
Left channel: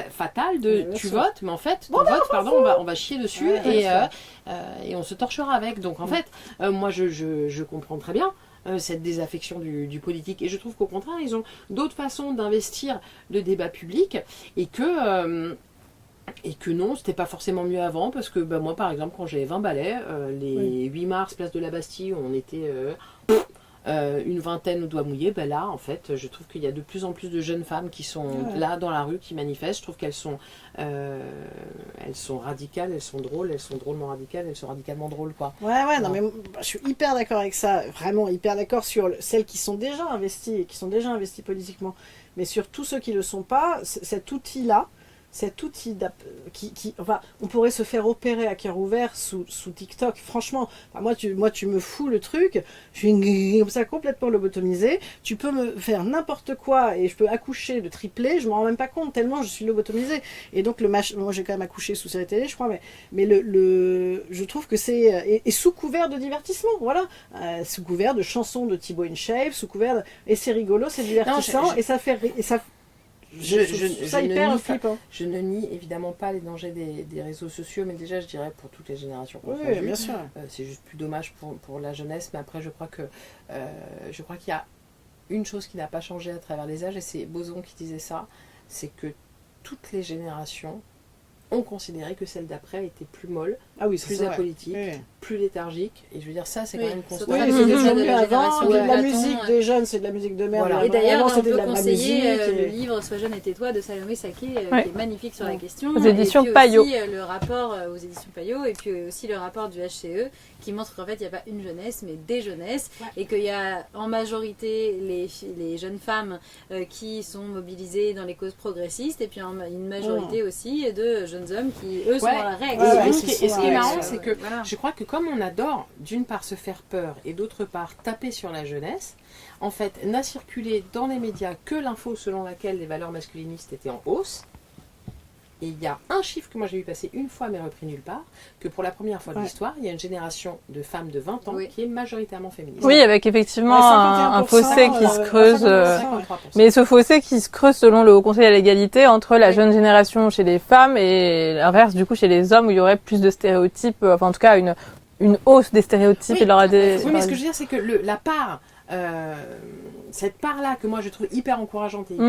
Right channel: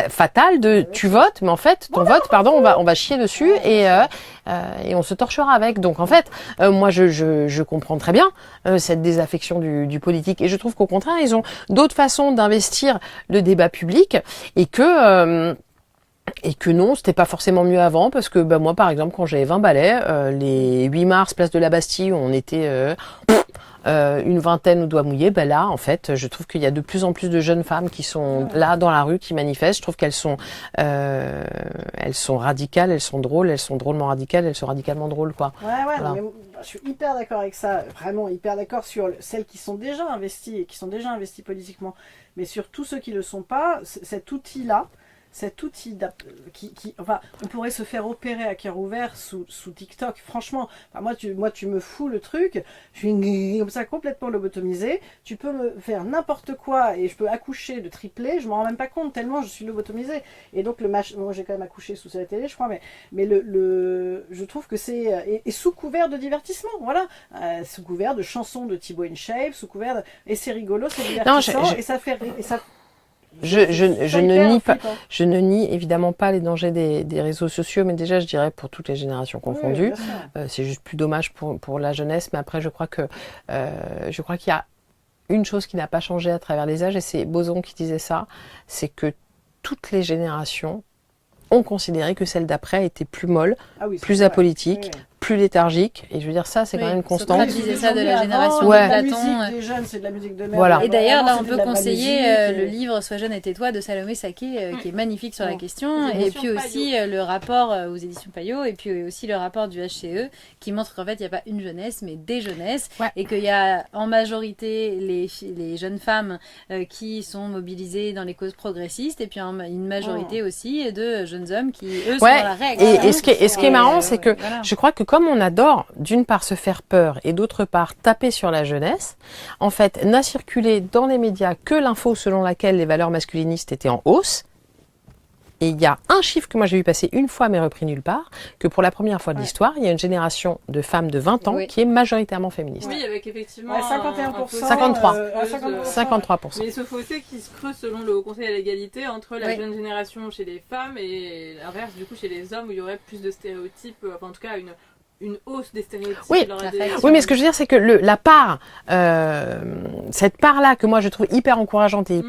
fatal de tu votes, mais en fait ton vote, on va chier dessus et on se torchera avec. Donc en fait, moi je comprends très bien cette désaffection du politique et je trouve qu'au contraire ils ont d'autres façons d'investir le débat public et que non, c'était pas forcément mieux avant parce que moi par exemple quand j'avais 20 balais, les 8 mars place de la Bastille où on était une vingtaine au doigt mouillé, là en fait je trouve qu'il y a de plus en plus de jeunes femmes qui sont là dans la rue, qui manifestent. Je trouve qu'elles sont radicales, elles sont drôles, elles sont drôlement radicales, elles sont radicalement drôles, quoi. Ouais, non mais je suis hyper d'accord avec ça, vraiment hyper d'accord sur celles qui sont déjà investies et qui sont déjà investies politiquement, mais sur tous ceux qui le sont pas, cet outil là cet outil enfin, on pourrait se faire opérer à cœur ouvert sous TikTok. Franchement, enfin, moi, tu me fous le truc, je suis comme ça complètement lobotomisée. Tu peux me faire n'importe quoi et je peux accoucher de triplé, je m'en rends même pas compte tellement je suis lobotomisée. Et donc moi j'ai quand même accouché sous la télé, je crois, mais je trouve que c'est et sous couvert de divertissement, voilà, sous couvert de chansons de Thibaut InShape, sous couvert et c'est rigolo, c'est divertissant et ça fait et ça. Je ne nie évidemment pas les dangers des réseaux sociaux, mais déjà je dirais pour toutes les générations confondues. Oui, c'est juste plus dommage pour la jeunesse, mais après je crois qu'il y a une chose qui n'a pas changé à travers les âges, et c'est Boson qui disait ça, c'est que toutes les générations ont considéré que celle d'après était plus molle, plus apolitique, plus léthargique. Et je veux dire, ça, c'est quand même une constante. C'est ça de la génération. La musique des jeunes, c'est de la musique de merde. Voilà. Et d'ailleurs, on peut conseiller le livre Sois jeune et tais-toi de Salomé Saké, qui est magnifique sur la question. Aux éditions et puis Payot. aussi le rapport aux éditions Payot, et puis aussi le rapport du HCE, qui montre qu'en fait, il n'y a pas une jeunesse, mais des jeunesses. Ouais. Et qu'il y a en majorité les jeunes femmes qui sont mobilisées dans les causes progressistes, et puis une majorité aussi de jeunes hommes qui, eux, sont dans la règle. Et ce qui est marrant, c'est que je crois que comme on adore, d'une part, se faire peur et d'autre part, taper sur la jeunesse, en fait, n'a circulé dans les médias que l'info selon laquelle les valeurs masculinistes étaient en hausse. Et il y a un chiffre que moi j'ai vu passer une fois mais repris nulle part, que pour la première fois de l'histoire, il y a une génération de femmes de 20 ans qui est majoritairement féministe. Oui, avec effectivement un fossé qui se creuse. 53%. Mais ce fossé qui se creuse selon le Haut Conseil à l'égalité entre la jeune génération chez les femmes et l'inverse du coup chez les hommes, où il y aurait plus de stéréotypes, enfin en tout cas une hausse des stéréotypes. Oui, mais ce que je veux dire, c'est que la part, cette part-là que moi je trouve hyper encourageante et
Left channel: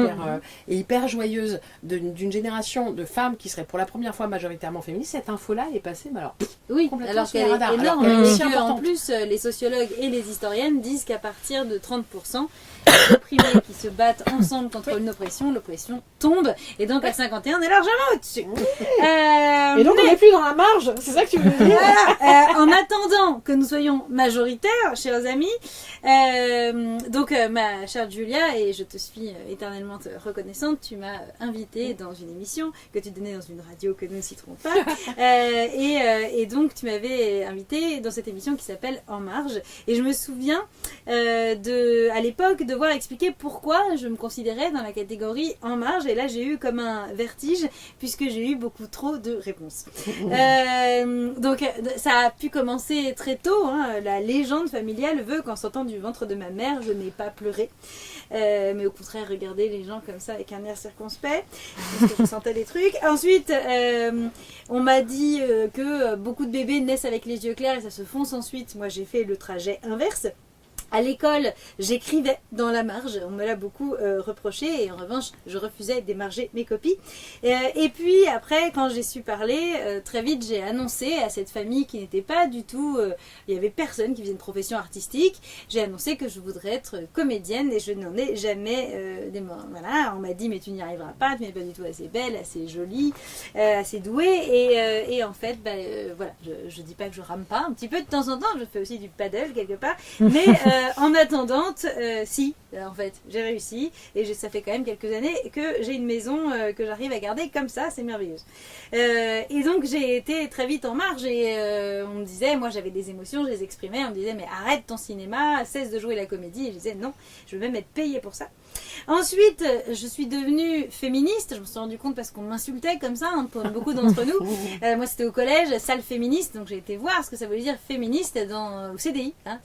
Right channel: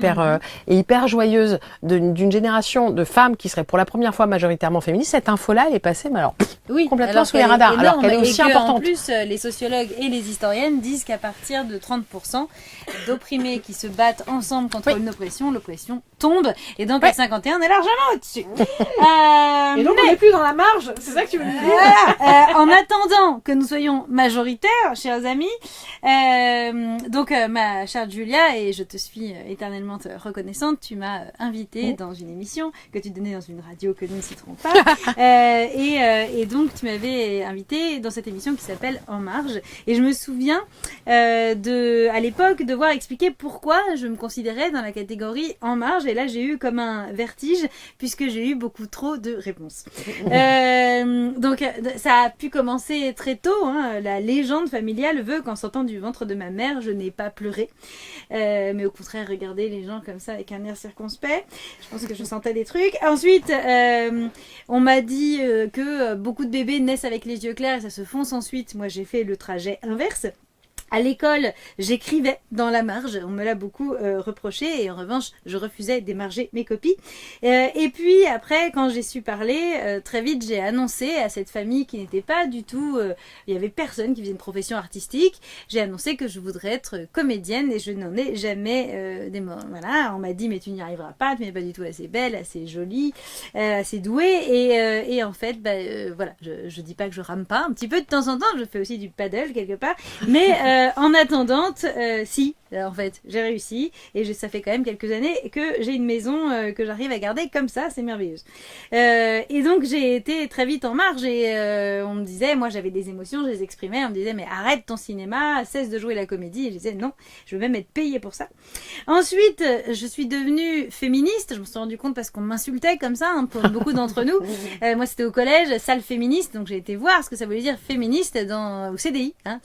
hyper joyeuse d'une génération de femmes qui seraient pour la première fois majoritairement féministes, cette info-là, elle est passée, mais alors complètement sous les radars, alors qu'elle est aussi importante. En plus, les sociologues et les historiennes disent qu'à partir de 30%, les opprimés qui se battent ensemble contre une oppression, l'oppression tombe, et donc à 51, on est largement au-dessus. Et donc on n'est plus dans la marge, c'est ça que tu veux dire. En attendant que nous soyons majoritaires, chers amis, ma chère Julia, et je te suis éternellement reconnaissante, tu m'as invitée dans une émission que tu donnais dans une radio que nous ne citerons pas, et donc tu m'avais invitée dans cette émission qui s'appelle En Marge, et je me souviens à l'époque devoir expliquer pourquoi je me considérais dans la catégorie En Marge, et là j'ai eu comme un vertige puisque j'ai eu beaucoup trop de réponses. Donc ça a pu commencer très tôt, hein. La légende familiale veut qu'en sortant du ventre de ma mère, je n'ai pas pleuré, mais au contraire regarder les gens comme ça avec un air circonspect. Je pense que je sentais des trucs. Ensuite, on m'a dit que beaucoup de bébés naissent avec les yeux clairs et ça se fonce ensuite. Moi, j'ai fait le trajet inverse. À l'école, j'écrivais dans la marge, on me l'a beaucoup reproché, et en revanche, je refusais d'émarger mes copies. Et puis après, quand j'ai su parler, très vite, j'ai annoncé à cette famille qui n'était pas du tout... il y avait personne qui faisait une profession artistique. J'ai annoncé que je voudrais être comédienne, et je n'en ai jamais... voilà, on m'a dit, mais tu n'y arriveras pas, tu n'es pas du tout assez belle, assez jolie, assez douée. Et en fait, voilà, je dis pas que je rame pas, un petit peu de temps en temps, je fais aussi du paddle quelque part, mais... en attendant, en fait, j'ai réussi, et ça fait quand même quelques années que j'ai une maison que j'arrive à garder comme ça, c'est merveilleux. Et donc j'ai été très vite en marge, et on me disait, moi j'avais des émotions, je les exprimais, on me disait mais arrête ton cinéma, cesse de jouer la comédie, et je disais non, je veux même être payée pour ça. Ensuite, je suis devenue féministe, je me suis rendu compte parce qu'on m'insultait comme ça, hein, pour beaucoup d'entre nous. Moi c'était au collège, salle féministe, donc j'ai été voir ce que ça voulait dire féministe au CDI, hein,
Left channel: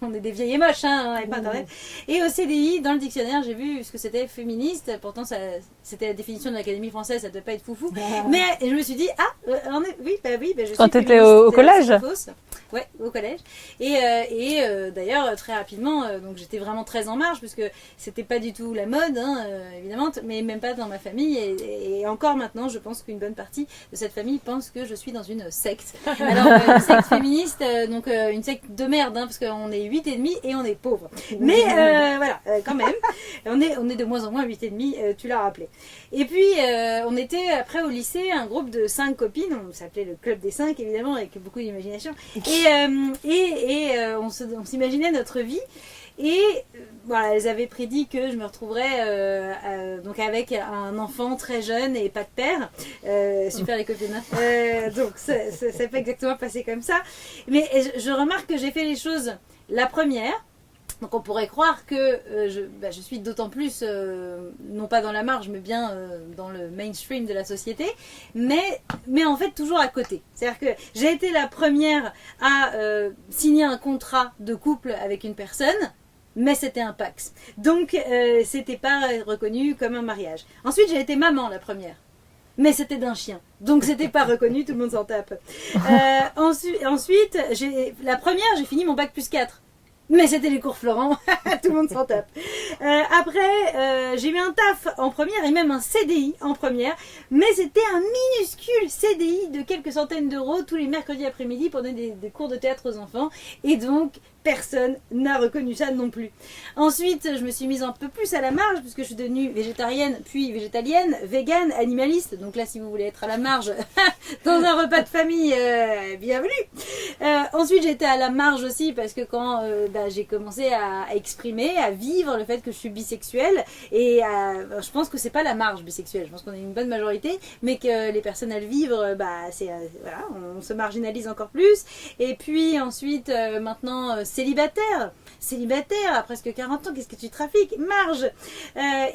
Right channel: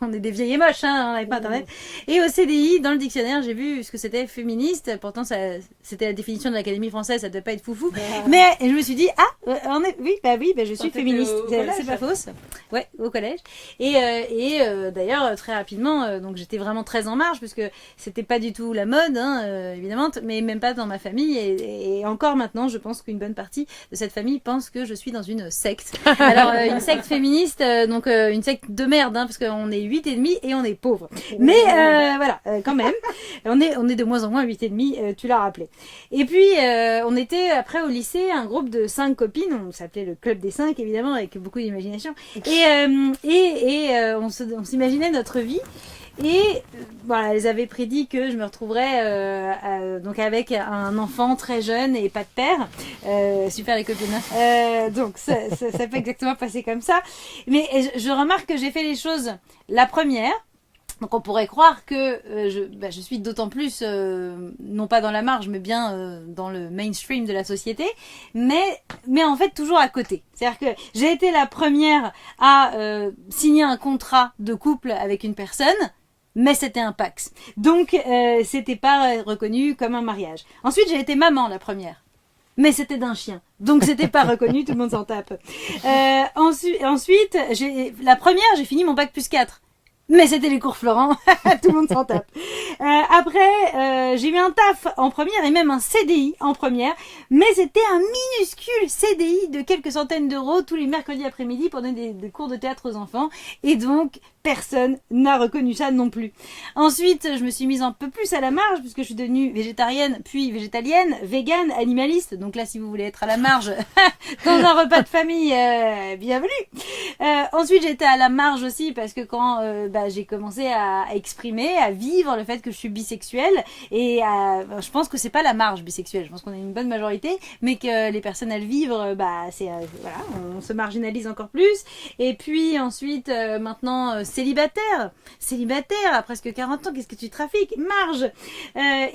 on est des vieilles et moches, hein, on n'avait pas internet. Et au CDI, dans le dictionnaire, j'ai vu ce que c'était féministe, pourtant c'était la définition de l'Académie française, ça ne devait pas être foufou. Mais je me suis dit, je suis féministe. Quand tu étais au collège? Ouais, au collège. Et d'ailleurs, très rapidement, donc j'étais vraiment très en marge, parce que c'était pas du tout la mode, hein, évidemment, mais même pas dans ma famille. Et encore maintenant, je pense qu'une bonne partie de cette famille pense que je suis dans une secte. Alors, une secte féministe, donc une secte de merde, hein, parce qu'on est 8,5 et on est pauvre. Mais voilà, quand même, on est de moins en moins 8,5, tu l'as rappelé. Et puis, on était après au lycée, un groupe de 5 copines, on s'appelait le Club des 5, évidemment, avec beaucoup d'imagination. Et on s'imaginait notre vie. Et voilà, elles avaient prédit que je me retrouverais donc avec un enfant très jeune et pas de père. Super les copines. Donc ça peut exactement passer comme ça. Mais je remarque que j'ai fait les choses la première. Donc on pourrait croire que je suis d'autant plus, non pas dans la marge, mais bien dans le mainstream de la société, mais en fait toujours à côté. C'est-à-dire que j'ai été la première à signer un contrat de couple avec une personne, mais c'était un Pacs. Donc c'était pas reconnu comme un mariage. Ensuite j'ai été maman la première. Mais c'était d'un chien. Donc c'était pas reconnu, tout le monde s'en tape. Ensuite, la première, j'ai fini mon bac plus 4. Mais c'était les cours Florent, tout le monde s'en tape. Après, j'ai eu un taf en première et même un CDI en première, mais c'était un minuscule CDI de quelques centaines d'euros tous les mercredis après-midi pour donner des cours de théâtre aux enfants. Et donc, personne n'a reconnu ça non plus. Ensuite, je me suis mise un peu plus à la marge puisque je suis devenue végétarienne, puis végétalienne, végane, animaliste. Donc là, si vous voulez être à la marge dans un repas de famille, bienvenue. Ensuite, j'étais à la marge aussi parce que quand j'ai commencé à exprimer, à vivre le fait que je suis bisexuelle et je pense que c'est pas la marge bisexuelle. Je pense qu'on a une bonne majorité, mais que les personnes à le vivre, voilà, on se marginalise encore plus. Et puis ensuite, maintenant célibataire à presque 40 ans, qu'est-ce que tu trafiques? Marge.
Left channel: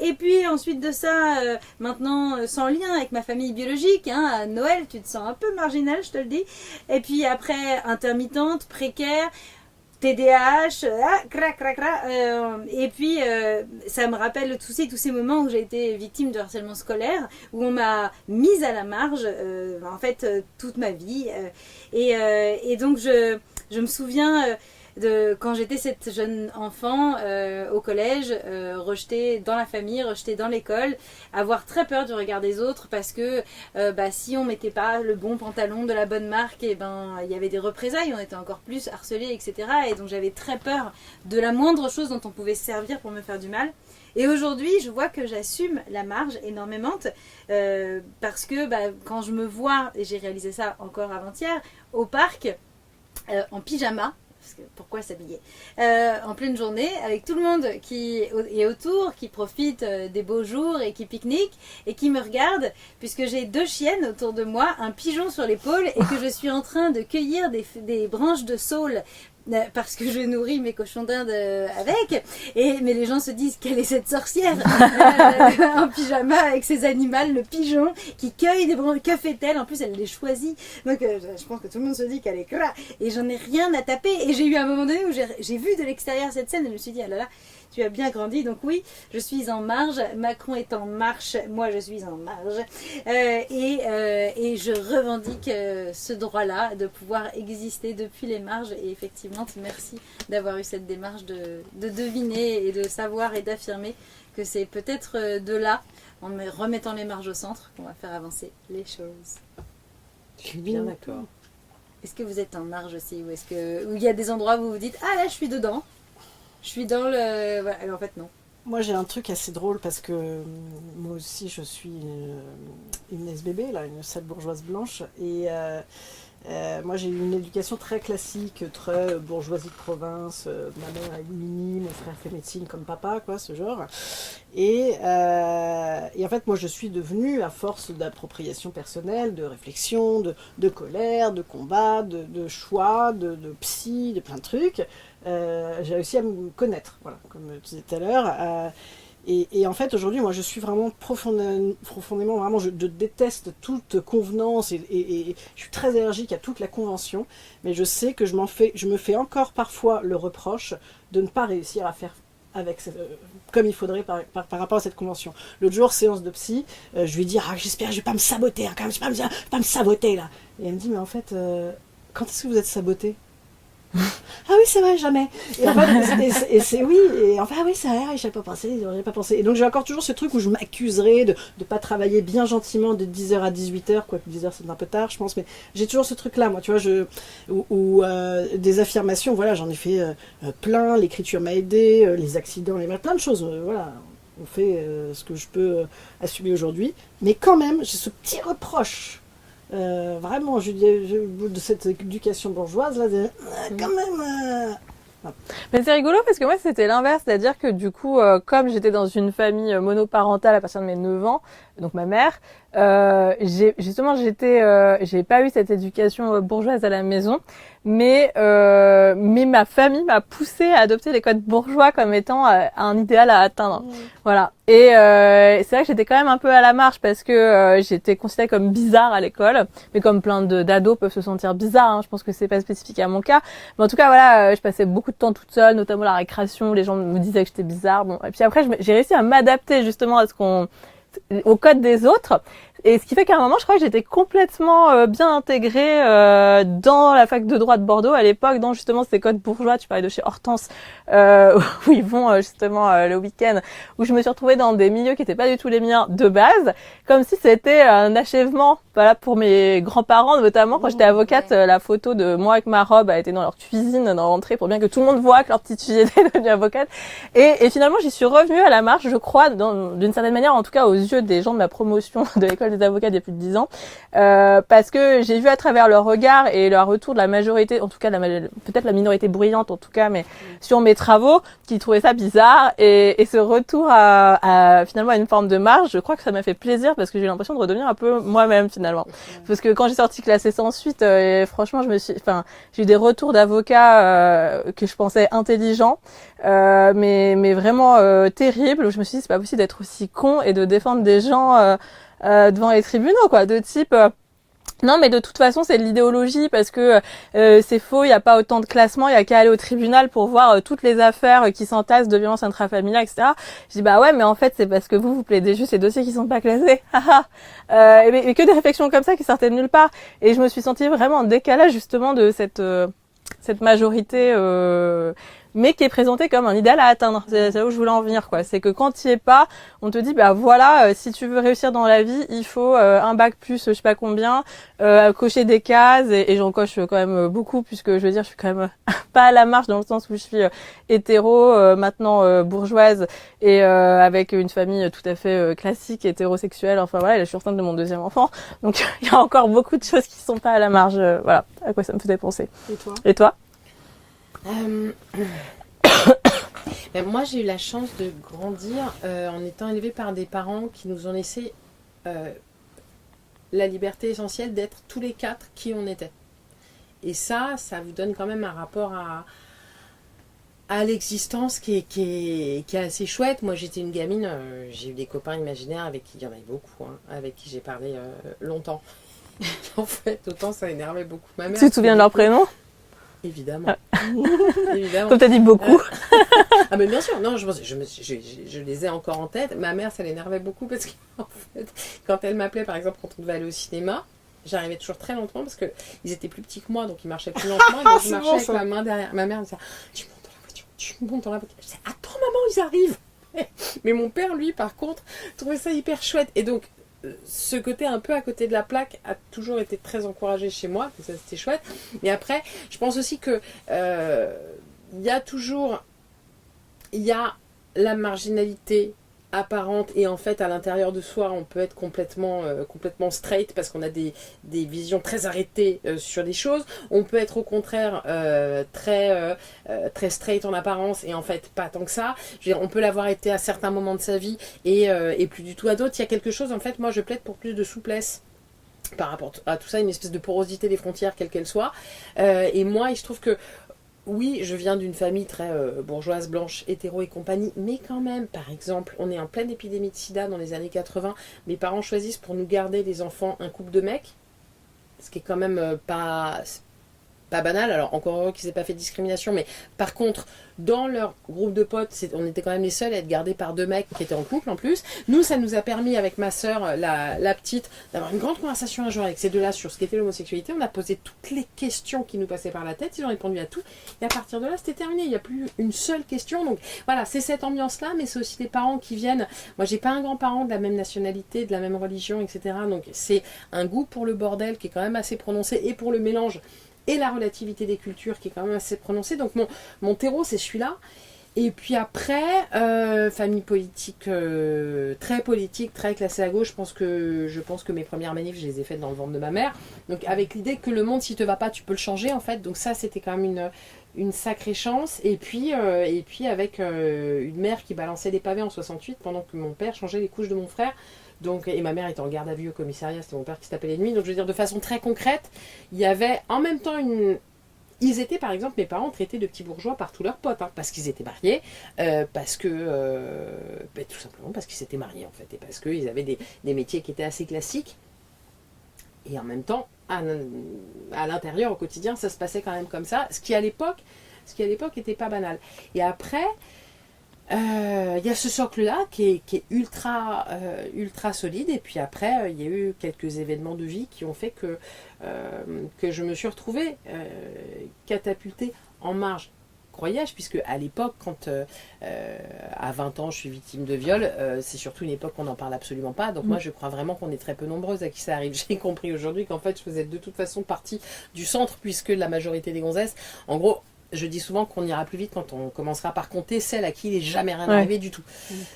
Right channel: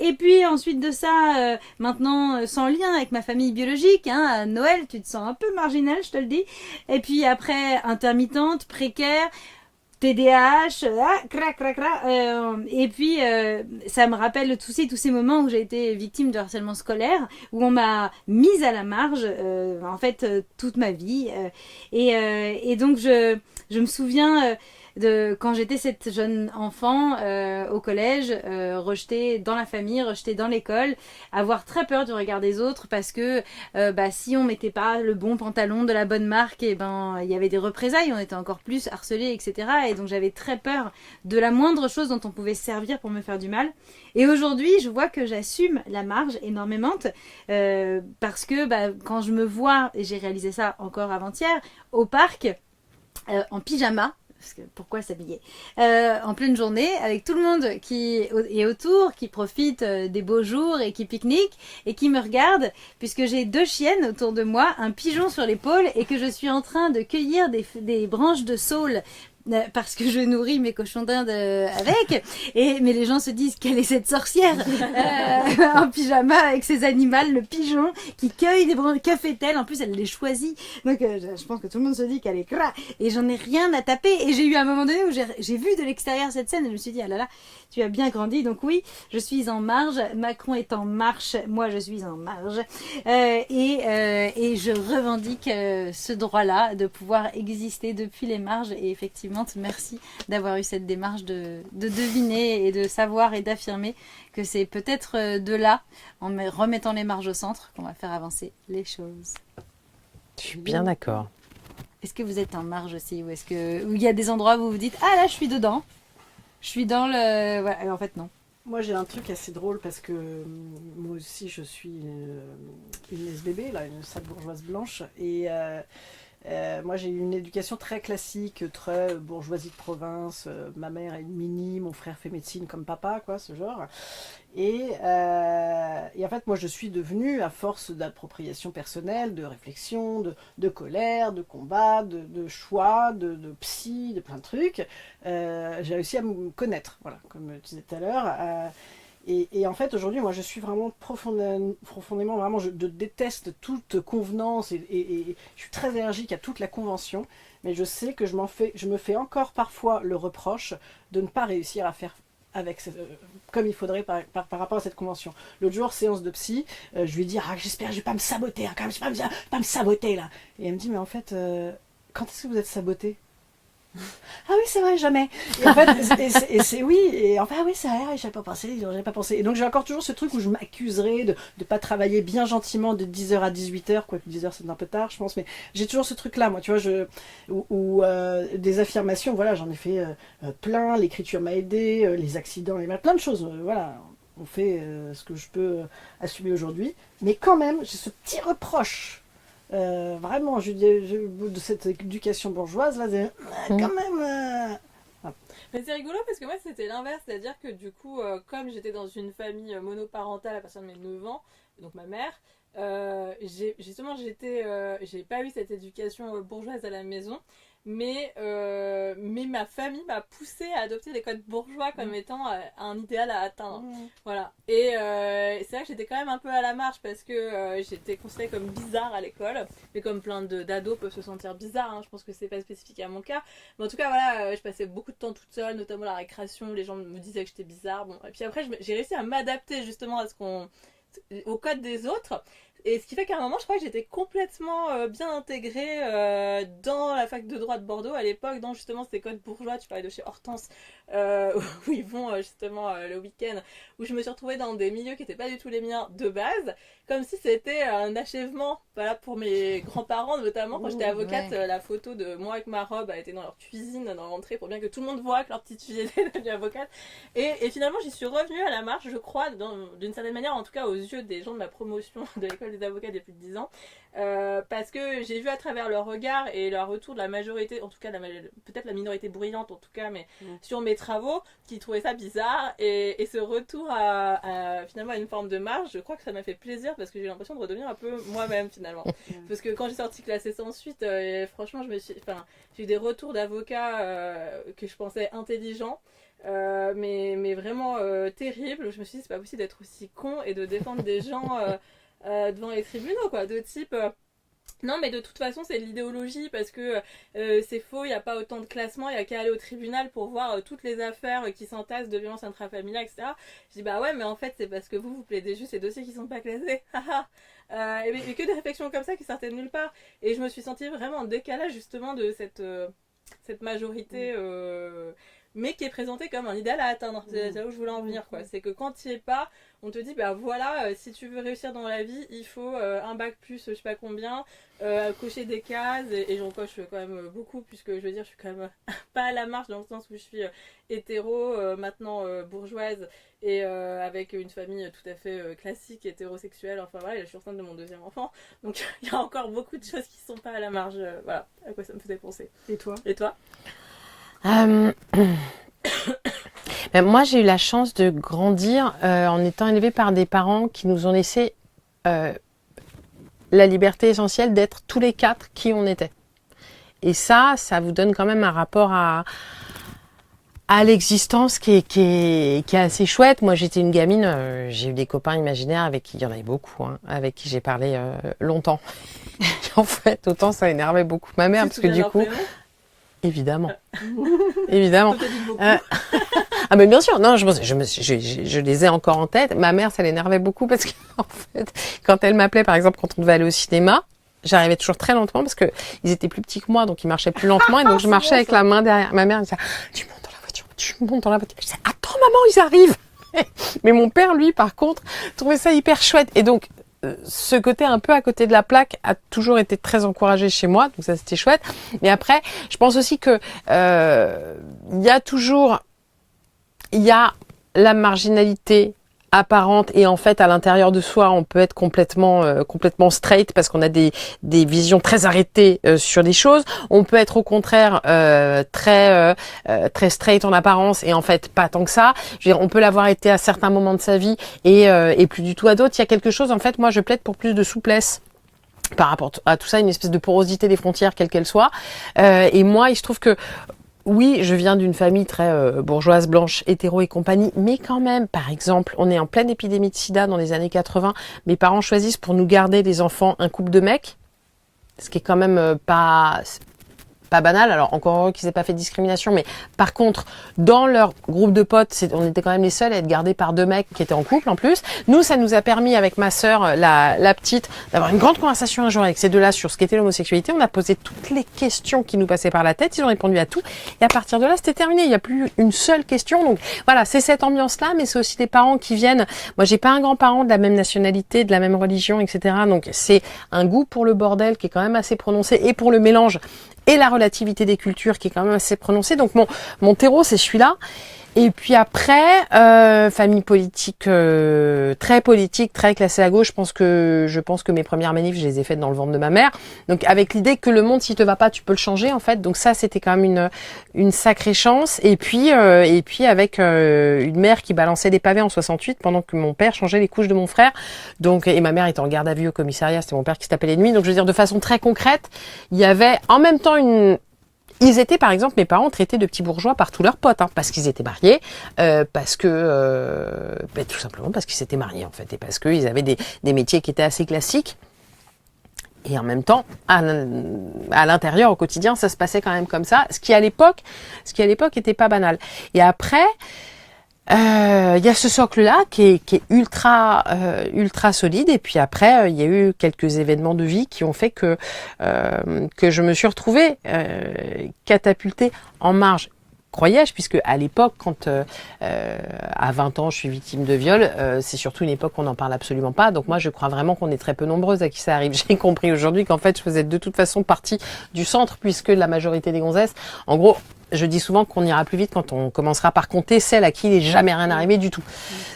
Et puis ensuite de ça, maintenant sans lien avec ma famille biologique, à Noël, tu te sens un peu marginal, je te le dis. Et puis après, intermittente, précaire, TDAH, et puis ça me rappelle tous ces moments où j'ai été victime de harcèlement scolaire, où on m'a mise à la marge, en fait, toute ma vie. Et donc je me souviens de quand j'étais cette jeune enfant au collège, rejetée dans la famille, rejetée dans l'école, avoir très peur du regard des autres parce que si on mettait pas le bon pantalon de la bonne marque, et il y avait des représailles, on était encore plus harcelés, etc. Et donc j'avais très peur de la moindre chose dont on pouvait se servir pour me faire du mal. Et aujourd'hui, je vois que j'assume la marge énormément parce que quand je me vois, et j'ai réalisé ça encore avant-hier, au parc, en pyjama, parce que pourquoi s'habiller en pleine journée avec tout le monde qui est autour, qui profite des beaux jours et qui pique-nique et qui me regarde puisque j'ai 2 chiennes autour de moi, un pigeon sur l'épaule et que je suis en train de cueillir des branches de saule parce que je nourris mes cochons d'Inde avec, mais les gens se disent quelle est cette sorcière en pyjama avec ses animaux, le pigeon qui cueille des branches, que fait-elle? En plus elle les choisit, donc je pense que tout le monde se dit qu'elle est cra, et j'en ai rien à taper. Et j'ai eu un moment donné où j'ai vu de l'extérieur cette scène et je me suis dit ah là là, tu as bien grandi. Donc oui, je suis en marge, Macron est en marche, moi je suis en marge, et je revendique ce droit-là de pouvoir exister depuis les marges. Et effectivement, merci d'avoir eu cette démarche de deviner et de savoir et d'affirmer que c'est peut-être de là, en remettant les marges au centre, qu'on va faire avancer les choses. Je suis bien d'accord. Est-ce que vous êtes en marge aussi, ou est-ce que il y a des endroits où vous vous dites ah là je suis dedans? Je suis dans le... Voilà, en fait, non. Moi, j'ai un truc assez drôle parce que moi aussi, je suis une SBB, là, une sale bourgeoise blanche. Et moi, j'ai eu une éducation très classique, très bourgeoisie de province. Ma mère est mini, mon frère fait médecine comme papa, quoi, ce genre. Et en fait, moi, je suis devenue, à force d'appropriation personnelle, de réflexion, de colère, de combat, de choix, de psy, de plein de trucs, j'ai réussi à me connaître, voilà, comme je disais tout à l'heure. Et en fait, aujourd'hui, moi, je suis vraiment profondément, vraiment, je déteste toute convenance et je suis très allergique à toute la convention. Mais je sais que je me fais encore parfois le reproche de ne pas réussir à faire comme il faudrait par rapport à cette convention. L'autre jour, séance de psy, je lui dis j'espère que je vais pas me saboter, quand même, je vais pas me saboter là. Et elle me dit mais en fait, quand est-ce que vous êtes saboté? Ah oui, c'est vrai, jamais. Et en fait, c'est oui, et enfin, ah oui, c'est vrai, j'avais pas pensé. Et donc, j'ai encore toujours ce truc où je m'accuserais de pas travailler bien gentiment de 10h à 18h, quoique 10h c'est un peu tard, je pense, mais j'ai toujours ce truc-là, moi, tu vois, des affirmations, voilà, j'en ai fait plein, l'écriture m'a aidé, les accidents, plein de choses, voilà. On fait ce que je peux assumer aujourd'hui, mais quand même, j'ai ce petit reproche. Vraiment, de cette éducation bourgeoise, là, quand même, Mais c'est rigolo parce que moi c'était l'inverse, c'est-à-dire que du coup, comme j'étais dans une famille monoparentale à partir de mes 9 ans, donc ma mère, j'ai pas eu cette éducation bourgeoise à la maison, mais ma famille m'a poussée à adopter les codes bourgeois comme étant un idéal à atteindre. Voilà. Et c'est vrai que j'étais quand même un peu à la marge parce que j'étais considérée comme bizarre à l'école, mais comme plein d'ados peuvent se sentir bizarres. Hein, je pense que c'est pas spécifique à mon cas, mais en tout cas voilà, je passais beaucoup de temps toute seule, notamment la récréation. Les gens me disaient que j'étais bizarre. Bon, et puis après j'ai réussi à m'adapter justement au code des autres. Et ce qui fait qu'à un moment, je crois que j'étais complètement bien intégrée dans la fac de droit de Bordeaux à l'époque, dans justement ces codes bourgeois. Tu parlais de chez Hortense, où ils vont justement le week-end, où je me suis retrouvée dans des milieux qui n'étaient pas du tout les miens de base, comme si c'était un achèvement. Voilà, pour mes grands-parents, notamment quand j'étais avocate, la photo de moi avec ma robe a été dans leur cuisine, dans l'entrée, pour bien que tout le monde voit que leur petite fille était devenue avocate. Et finalement, j'y suis revenue à la marge, je crois, d'une certaine manière, en tout cas aux yeux des gens de ma promotion de l'école des avocats il y a plus de 10 ans, parce que j'ai vu à travers leur regard et leur retour de la majorité, en tout cas peut-être la minorité bruyante en tout cas, mais sur mes travaux, qui trouvaient ça bizarre, et ce retour à finalement à une forme de marge, je crois que ça m'a fait plaisir parce que j'ai eu l'impression de redevenir un peu moi-même finalement. Parce que quand j'ai sorti classé sans suite, franchement j'ai eu des retours d'avocats que je pensais intelligents, mais vraiment terribles. Je me suis dit c'est pas possible d'être aussi con et de défendre des gens devant les tribunaux, quoi, de type non, mais de toute façon, c'est de l'idéologie parce que c'est faux, il n'y a pas autant de classements, il y a qu'à aller au tribunal pour voir toutes les affaires qui s'entassent de violences intrafamiliales, etc. Je dis bah ouais, mais en fait, c'est parce que vous plaidez juste ces dossiers qui sont pas classés. et que des réflexions comme ça qui sortaient de nulle part. Et je me suis sentie vraiment en décalage justement de cette majorité mais qui est présenté comme un idéal à atteindre. C'est là où je voulais en venir, quoi. C'est que quand tu y es pas, on te dit, bah voilà, si tu veux réussir dans la vie, il faut un bac plus, je sais pas combien, cocher des cases, et j'en coche quand même beaucoup, puisque je veux dire, je suis quand même pas à la marge dans le sens où je suis hétéro, maintenant bourgeoise, et avec une famille tout à fait classique, hétérosexuelle. Enfin voilà, là, je suis enceinte de mon 2e enfant, donc il y a encore beaucoup de choses qui sont pas à la marge. Voilà, à quoi ça me faisait penser. Et toi? Moi, j'ai eu la chance de grandir en étant élevée par des parents qui nous ont laissé la liberté essentielle d'être tous les 4 qui on était. Et ça vous donne quand même un rapport à l'existence qui est assez chouette. Moi, j'étais une gamine, j'ai eu des copains imaginaires avec qui il y en avait beaucoup, hein, avec qui j'ai parlé longtemps. En fait, autant ça énervait beaucoup ma mère. Tu te souviens de leur prénom ? Évidemment. Évidemment. Comme tu as dit beaucoup. Ah mais bien sûr, non, je les ai encore en tête. Ma mère, ça l'énervait beaucoup parce que en fait, quand elle m'appelait, par exemple, quand on devait aller au cinéma, j'arrivais toujours très lentement parce que ils étaient plus petits que moi, donc ils marchaient plus lentement et donc je marchais avec la main derrière. Ma mère me disait tu montes dans la voiture, tu montes dans la voiture. Je disais attends maman, ils arrivent. Mais mon père, lui, par contre, trouvait ça hyper chouette et donc ce côté un peu à côté de la plaque a toujours été très encouragé chez moi, donc ça c'était chouette. Mais après, je pense aussi que il y a la marginalité apparente et en fait à l'intérieur de soi on peut être complètement straight parce qu'on a des visions très arrêtées sur des choses. On peut être au contraire très straight en apparence et en fait pas tant que ça. Je veux dire, on peut l'avoir été à certains moments de sa vie et plus du tout à d'autres. Il y a quelque chose, en fait, moi je plaide pour plus de souplesse par rapport à tout ça, une espèce de porosité des frontières quelle qu'elle soit. Et moi il se trouve que oui, je viens d'une famille très bourgeoise, blanche, hétéro et compagnie, mais quand même, par exemple, on est en pleine épidémie de sida dans les années 80, mes parents choisissent pour nous garder les enfants un couple de mecs, ce qui est quand même pas banal, alors encore heureux qu'ils n'aient pas fait de discrimination, mais par contre, dans leur groupe de potes, on était quand même les seuls à être gardés par 2 mecs qui étaient en couple en plus. Nous, ça nous a permis avec ma sœur, la petite, d'avoir une grande conversation un jour avec ces 2-là sur ce qu'était l'homosexualité. On a posé toutes les questions qui nous passaient par la tête, ils ont répondu à tout, et à partir de là, c'était terminé, il n'y a plus une seule question. Donc voilà, c'est cette ambiance-là, mais c'est aussi des parents qui viennent. Moi, j'ai pas un grand-parent de la même nationalité, de la même religion, etc. Donc c'est un goût pour le bordel qui est quand même assez prononcé, et pour le mélange et la relativité des cultures qui est quand même assez prononcée. Donc mon terreau, c'est celui-là. Et puis après, famille politique, très classée à gauche. Je pense que mes premières manifs, je les ai faites dans le ventre de ma mère. Donc avec l'idée que le monde, s'il te va pas, tu peux le changer en fait. Donc ça, c'était quand même une sacrée chance. Et puis avec une mère qui balançait des pavés en 68 pendant que mon père changeait les couches de mon frère. Donc et ma mère était en garde à vue au commissariat. C'était mon père qui se tapait les nuits. Donc je veux dire de façon très concrète, il y avait en même temps Ils étaient, par exemple, mes parents traités de petits bourgeois par tous leurs potes, hein, parce qu'ils étaient mariés, tout simplement parce qu'ils s'étaient mariés, en fait, et parce qu'ils avaient des métiers qui étaient assez classiques. Et en même temps, à l'intérieur, au quotidien, ça se passait quand même comme ça, ce qui à l'époque était pas banal. Et après, il y a ce socle-là qui est ultra solide. Et puis après, il y a eu quelques événements de vie qui ont fait que je me suis retrouvée catapultée en marge. Croyais-je, puisque à l'époque, quand à 20 ans je suis victime de viol, c'est surtout une époque où on n'en parle absolument pas. Donc moi, je crois vraiment qu'on est très peu nombreuses à qui ça arrive. J'ai compris aujourd'hui qu'en fait, je faisais de toute façon partie du centre, puisque la majorité des gonzesses, en gros, je dis souvent qu'on ira plus vite quand on commencera par compter celles à qui il n'est jamais rien arrivé du tout.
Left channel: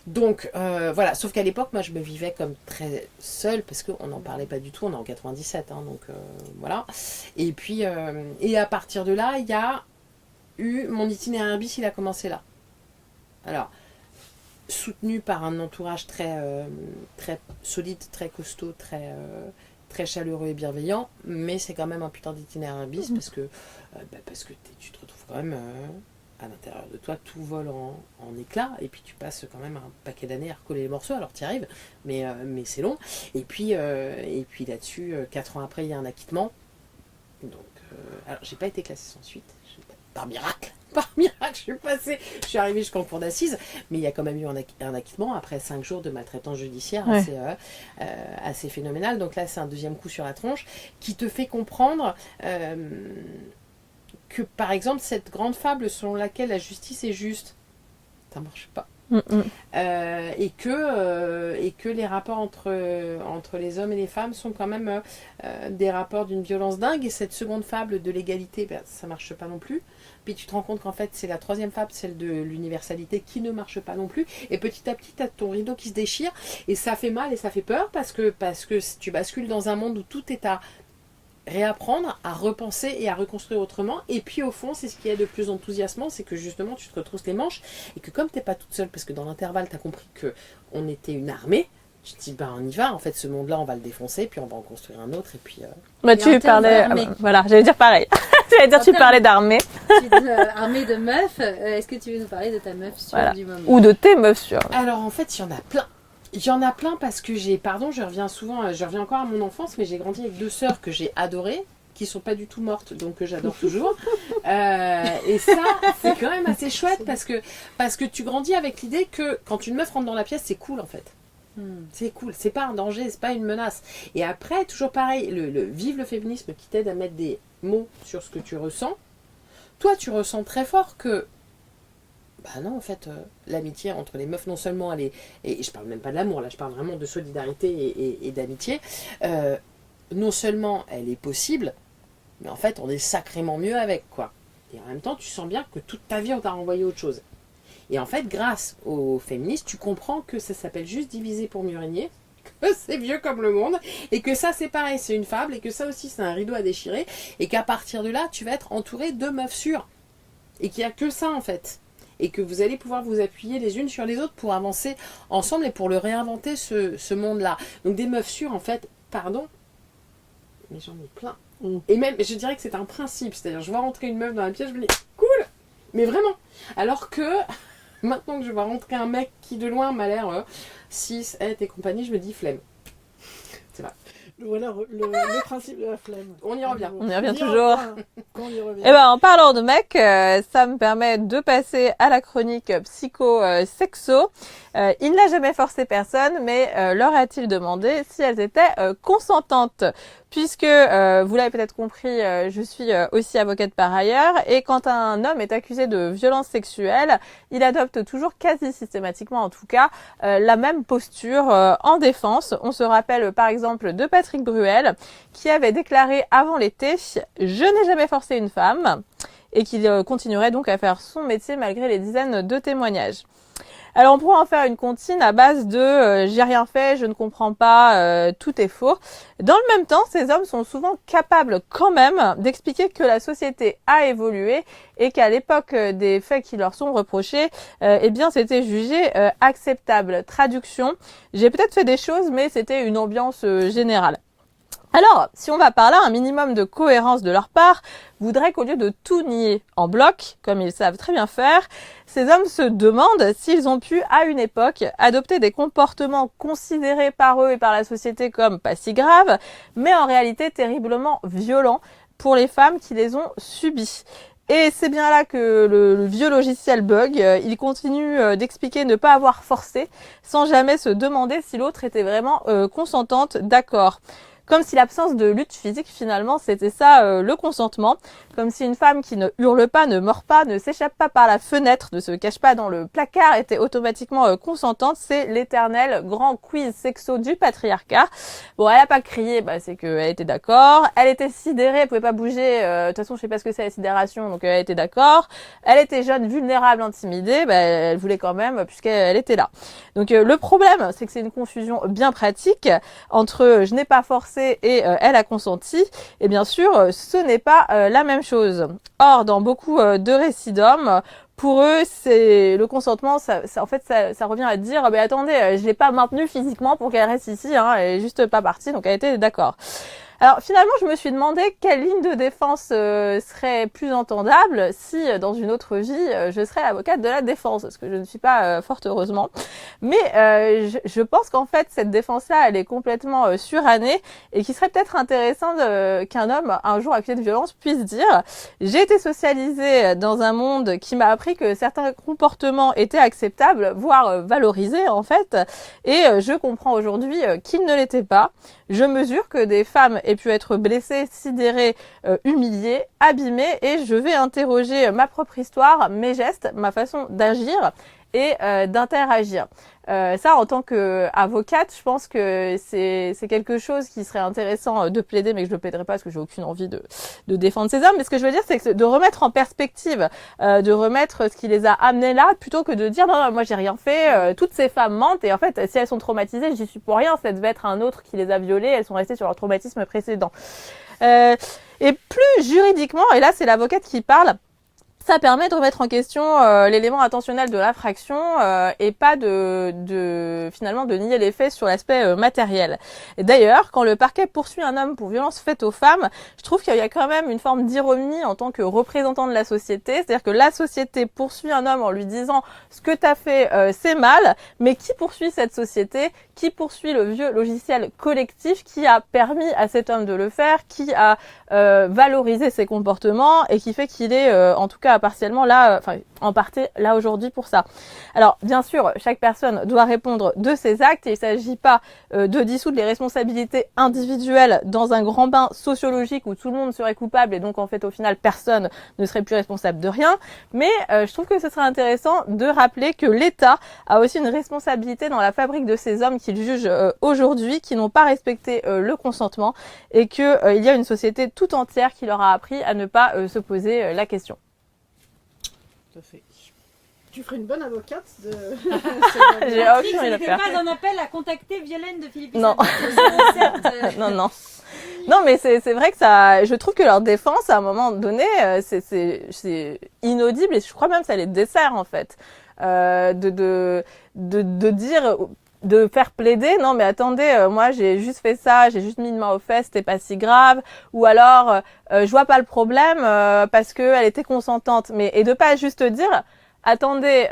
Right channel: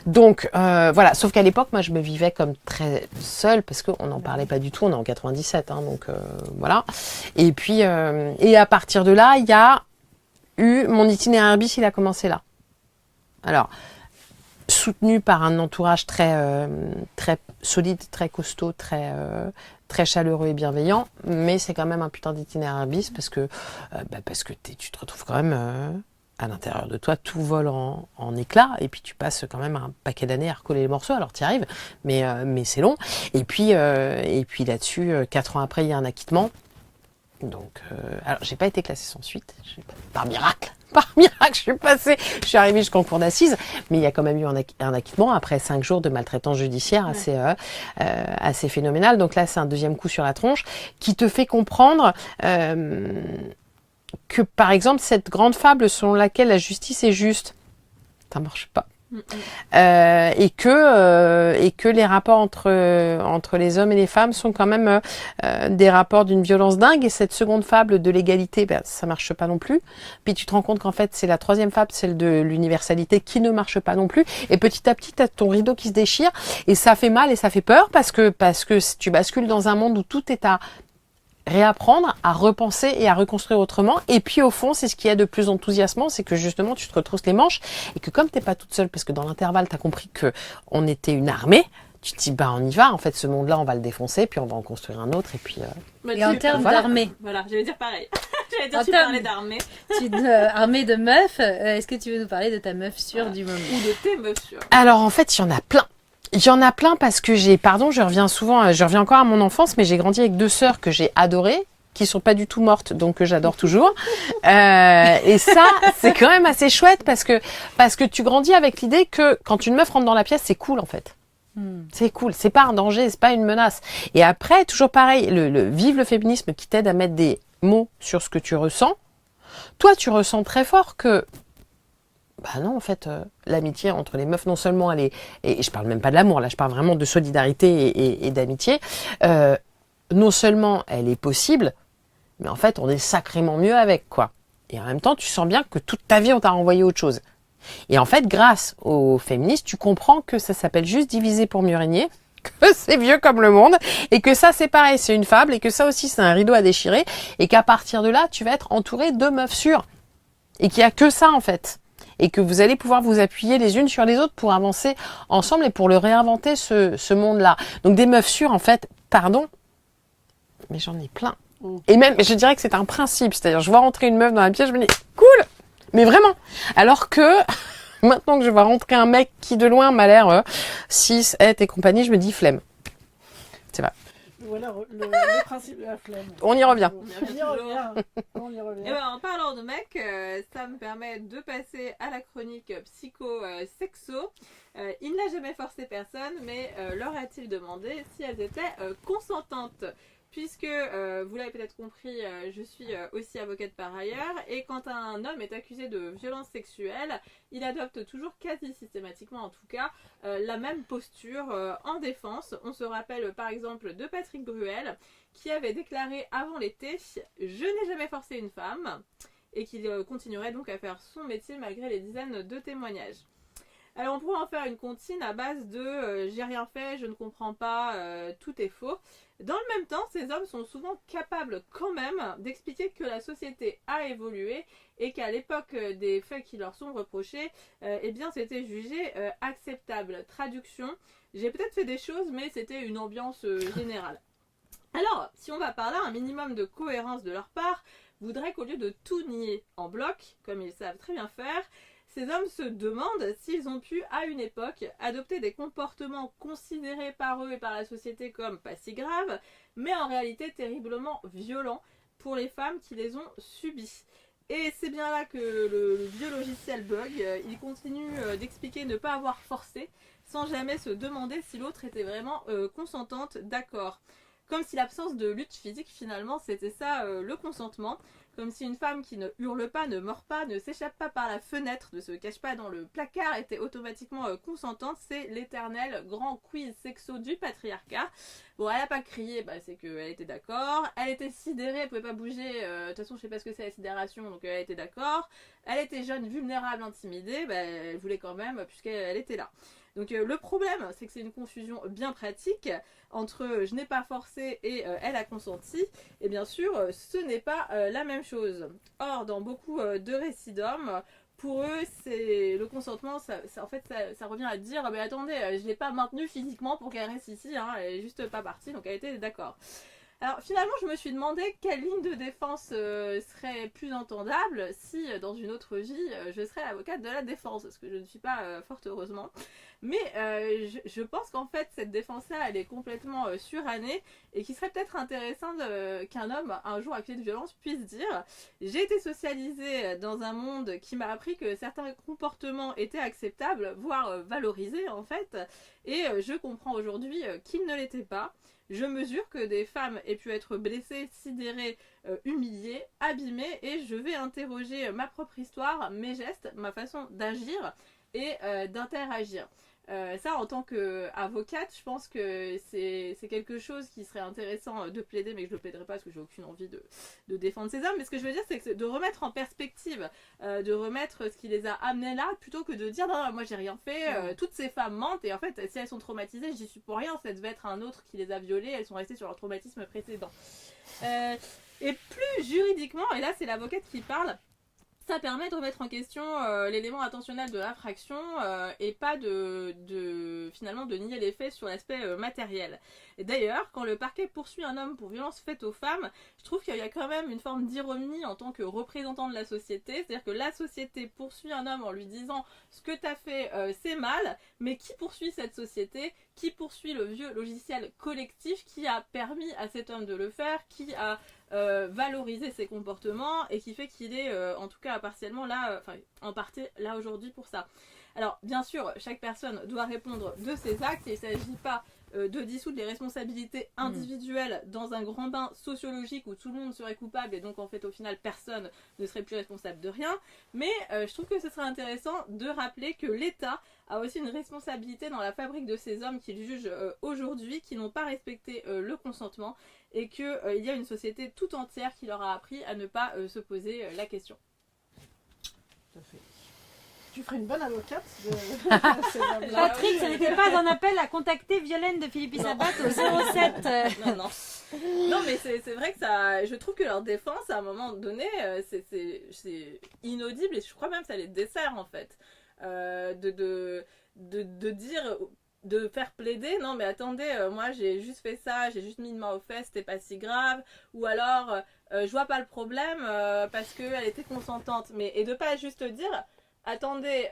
Donc voilà, sauf qu'à l'époque, moi, je me vivais comme très seule, parce qu'on n'en parlait pas du tout. On est en 97, hein, donc voilà. Et puis, et à partir de là, il y a mon itinéraire bis, il a commencé là. Alors, soutenu par un entourage très solide, très costaud, très chaleureux et bienveillant, mais c'est quand même un putain d'itinéraire bis parce que tu te retrouves quand même à l'intérieur de toi, tout vole en éclats, et puis tu passes quand même un paquet d'années à recoller les morceaux. Alors tu y arrives, mais c'est long. Et puis là-dessus, 4 ans après, il y a un acquittement. Donc, alors j'ai pas été classée sans suite, par miracle, je suis arrivée jusqu'en cour d'assises, mais il y a quand même eu un acquittement après 5 jours de maltraitance judiciaire assez phénoménal. Donc là, c'est un deuxième coup sur la tronche qui te fait comprendre que, par exemple, cette grande fable selon laquelle la justice est juste, ça marche pas. Et que les rapports entre les hommes et les femmes sont quand même des rapports d'une violence dingue. Et cette seconde fable de l'égalité, ça marche pas non plus. Puis tu te rends compte qu'en fait c'est la troisième fable, celle de l'universalité, qui ne marche pas non plus. Et petit à petit t'as ton rideau qui se déchire, et ça fait mal et ça fait peur parce que tu bascules dans un monde où tout est à réapprendre, à repenser et à reconstruire autrement. Et puis au fond, c'est ce qui est de plus enthousiasmant, c'est que justement tu te retrousses les manches, et que comme t'es pas toute seule, parce que dans l'intervalle t'as compris que on était une armée, tu te dis on y va, en fait ce monde-là on va le défoncer, puis on va en construire un autre. Et puis tu parlais voilà, j'allais dire pareil. Tu parlais d'armée. Armée de meufs, est-ce que tu veux nous parler de ta meuf sûre du moment, ou de tes meufs sûres? Alors en fait, il y en a plein. Il y en a plein parce que je reviens encore à mon enfance, mais j'ai grandi avec 2 sœurs que j'ai adorées, qui sont pas du tout mortes, donc que j'adore toujours. Et ça, c'est quand même assez chouette parce que tu grandis avec l'idée que quand une meuf rentre dans la pièce, c'est cool en fait. C'est cool, c'est pas un danger, c'est pas une menace. Et après, toujours pareil, vive le féminisme qui t'aide à mettre des mots sur ce que tu ressens. Toi, tu ressens très fort que non, en fait, l'amitié entre les meufs, non seulement elle est, et je parle même pas de l'amour, là je parle vraiment de solidarité et d'amitié, non seulement elle est possible, mais en fait on est sacrément mieux avec, quoi. Et en même temps, tu sens bien que toute ta vie on t'a renvoyé autre chose. Et en fait, grâce aux féministes, tu comprends que ça s'appelle juste diviser pour mieux régner, que c'est vieux comme le monde, et que ça c'est pareil, c'est une fable, et que ça aussi c'est un rideau à déchirer, et qu'à partir de là, tu vas être entouré de meufs sûres, et qu'il n'y a que ça en fait. Et que vous allez pouvoir vous appuyer les unes sur les autres pour avancer ensemble et pour le réinventer, ce monde-là. Donc des meufs sûres, en fait, pardon, mais j'en ai plein. Et même, je dirais que c'est un principe. C'est-à-dire, je vois rentrer une meuf dans la pièce, je me dis, cool, mais vraiment. Alors que, maintenant que je vois rentrer un mec qui de loin m'a l'air 6, et compagnie, je me dis, flemme. C'est vrai. Voilà le principe de la flemme. On y revient. On y revient toujours. On y revient. Et en parlant de mecs, ça me permet de passer à la chronique psycho-sexo. Il n'a jamais forcé personne, mais leur a-t-il demandé si elles étaient consentantes? Puisque, vous l'avez peut-être compris, je suis aussi avocate par ailleurs, et quand un homme est accusé de violence sexuelle, il adopte toujours quasi systématiquement, en tout cas, la même posture en défense. On se rappelle par exemple de Patrick Bruel, qui avait déclaré avant l'été « Je n'ai jamais forcé une femme ». et qu'il continuerait donc à faire son métier malgré les dizaines de témoignages. Alors on pourrait en faire une comptine à base de j'ai rien fait, je ne comprends pas, tout est faux. Dans le même temps, ces hommes sont souvent capables quand même d'expliquer que la société a évolué et qu'à l'époque des faits qui leur sont reprochés, eh bien c'était jugé acceptable. Traduction, j'ai peut-être fait des choses mais c'était une ambiance générale. Alors, si on va par là, un minimum de cohérence de leur part voudrait qu'au lieu de tout nier en bloc, comme ils savent très bien faire, ces hommes se demandent s'ils ont pu, à une époque, adopter des comportements considérés par eux et par la société comme pas si graves, mais en réalité terriblement violents pour les femmes qui les ont subis. Et c'est bien là que le vieux logiciel bug. Il continue d'expliquer ne pas avoir forcé, sans jamais se demander si l'autre était vraiment consentante, d'accord. Comme si l'absence de lutte physique, finalement, c'était ça, le consentement. Comme si une femme qui ne hurle pas, ne mord pas, ne s'échappe pas par la fenêtre, ne se cache pas dans le placard, était automatiquement consentante. C'est l'éternel grand quiz sexo du patriarcat. Bon, elle a pas crié, c'est qu'elle était d'accord. Elle était sidérée, elle pouvait pas bouger. De toute façon, je sais pas ce que c'est la sidération, donc elle était d'accord. Elle était jeune, vulnérable, intimidée. Elle voulait quand même, puisqu'elle était là. Donc le problème, c'est que c'est une confusion bien pratique entre je n'ai pas forcé et elle a consenti. Et bien sûr, ce n'est pas la même chose. Or, dans beaucoup de récits d'hommes, pour eux, c'est le consentement, ça revient à dire, attendez, je l'ai pas maintenue physiquement pour qu'elle reste ici, elle est juste pas partie, donc elle était d'accord. Alors finalement, je me suis demandé quelle ligne de défense serait plus entendable si, dans une autre vie, je serais avocate de la défense, ce que je ne suis pas fort heureusement. Mais je pense qu'en fait, cette défense-là, elle est complètement surannée et qu'il serait peut-être intéressant qu'un homme, un jour accusé de violence, puisse dire « J'ai été socialisée dans un monde qui m'a appris que certains comportements étaient acceptables, voire valorisés en fait, et je comprends aujourd'hui qu'ils ne l'étaient pas. Je mesure que des femmes aient pu être blessées, sidérées, humiliées, abîmées, et je vais interroger ma propre histoire, mes gestes, ma façon d'agir et d'interagir. Ça, en tant qu'avocate, je pense que c'est quelque chose qui serait intéressant de plaider, mais que je ne plaiderai pas parce que j'ai aucune envie de défendre ces hommes. Mais ce que je veux dire, c'est que de remettre en perspective, de remettre ce qui les a amenés là, plutôt que de dire non, moi j'ai rien fait, toutes ces femmes mentent, et en fait, si elles sont traumatisées, j'y suis pour rien, ça devait être un autre qui les a violées, elles sont restées sur leur traumatisme précédent. Et plus juridiquement, et là c'est l'avocate qui parle, ça permet de remettre en question l'élément intentionnel de l'infraction et pas finalement de nier les faits sur l'aspect matériel. Et d'ailleurs, quand le parquet poursuit un homme pour violence faite aux femmes, je trouve qu'il y a quand même une forme d'ironie en tant que représentant de la société. C'est-à-dire que la société poursuit un homme en lui disant ce que t'as fait c'est mal, mais qui poursuit cette société? Qui poursuit le vieux logiciel collectif qui a permis à cet homme de le faire, qui a valorisé ses comportements et qui fait qu'il est en tout cas partiellement là, en partie là aujourd'hui pour ça. Alors bien sûr, chaque personne doit répondre de ses actes et il ne s'agit pas de dissoudre les responsabilités individuelles dans un grand bain sociologique où tout le monde serait coupable et donc en fait au final personne ne serait plus responsable de rien. Mais je trouve que ce serait intéressant de rappeler que l'État a aussi une responsabilité dans la fabrique de ces hommes qu'il juge aujourd'hui, qui n'ont pas respecté le consentement et qu'il y a une société tout entière qui leur a appris à ne pas se poser la question. Tout à fait. Tu ferais une bonne avocate de... Patrick, ce n'était pas un appel à contacter Violaine de Philippe Non. Non. Non, mais c'est vrai que ça, je trouve que leur défense, à un moment donné, c'est inaudible et je crois même que ça les dessert, en fait. De dire, de faire plaider, non mais attendez, moi j'ai juste fait ça, j'ai juste mis une main aux fesses, c'était pas si grave, ou alors je vois pas le problème parce qu'elle était consentante, et de pas juste dire, attendez,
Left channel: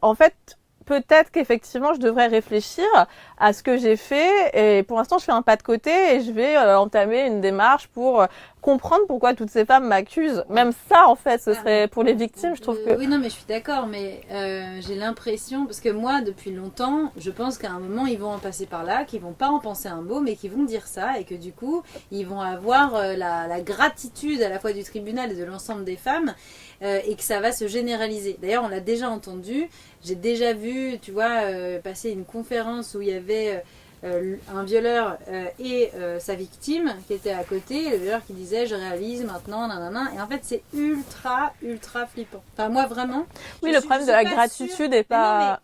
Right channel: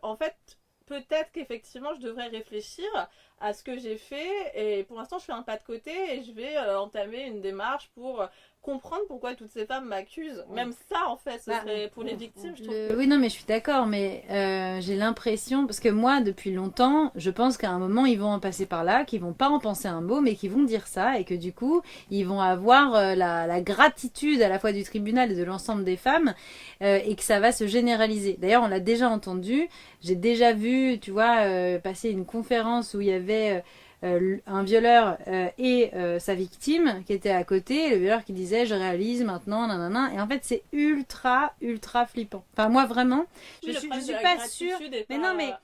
en fait peut-être qu'effectivement je devrais réfléchir à ce que j'ai fait et pour l'instant je fais un pas de côté et je vais entamer une démarche pour comprendre pourquoi toutes ces femmes m'accusent. Même ça en fait ce serait pour les victimes, je trouve que... Oui non mais je suis d'accord, mais j'ai l'impression, parce que moi depuis longtemps je pense qu'à un moment ils vont en passer par là, qu'ils vont pas en penser un mot mais qu'ils vont dire ça et que du coup ils vont avoir la gratitude à la fois du tribunal et de l'ensemble des femmes et que ça va se généraliser. D'ailleurs on l'a déjà entendu, j'ai déjà vu, tu vois, passer une conférence où il y avait un violeur et sa victime qui était à côté, le violeur qui disait je réalise maintenant, nanana, et en fait c'est ultra flippant. Enfin moi vraiment. Oui, le problème de la gratitude est pas...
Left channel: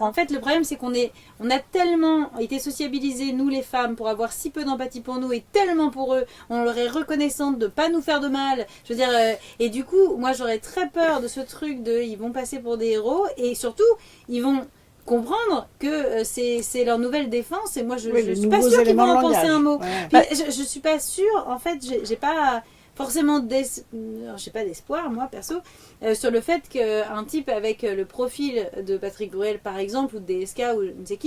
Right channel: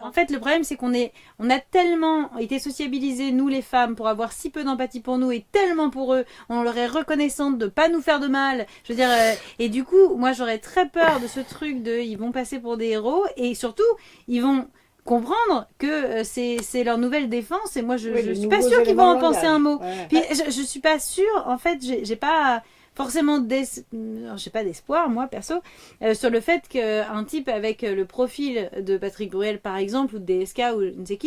En fait le problème c'est qu'on a tellement été sociabilisés, nous les femmes, pour avoir si peu d'empathie pour nous et tellement pour eux, on leur est reconnaissante de pas nous faire de mal. Je veux dire, et du coup moi j'aurais très peur de ce truc de ils vont passer pour des héros et surtout ils vont comprendre que c'est leur nouvelle défense et moi je suis pas sûre qu'ils vont en penser un mot. Ouais. Puis, je suis pas sûre, en fait j'ai pas forcément j'ai pas d'espoir moi perso sur le fait qu'un type avec le profil de Patrick Bruel par exemple ou de DSK ou je ne sais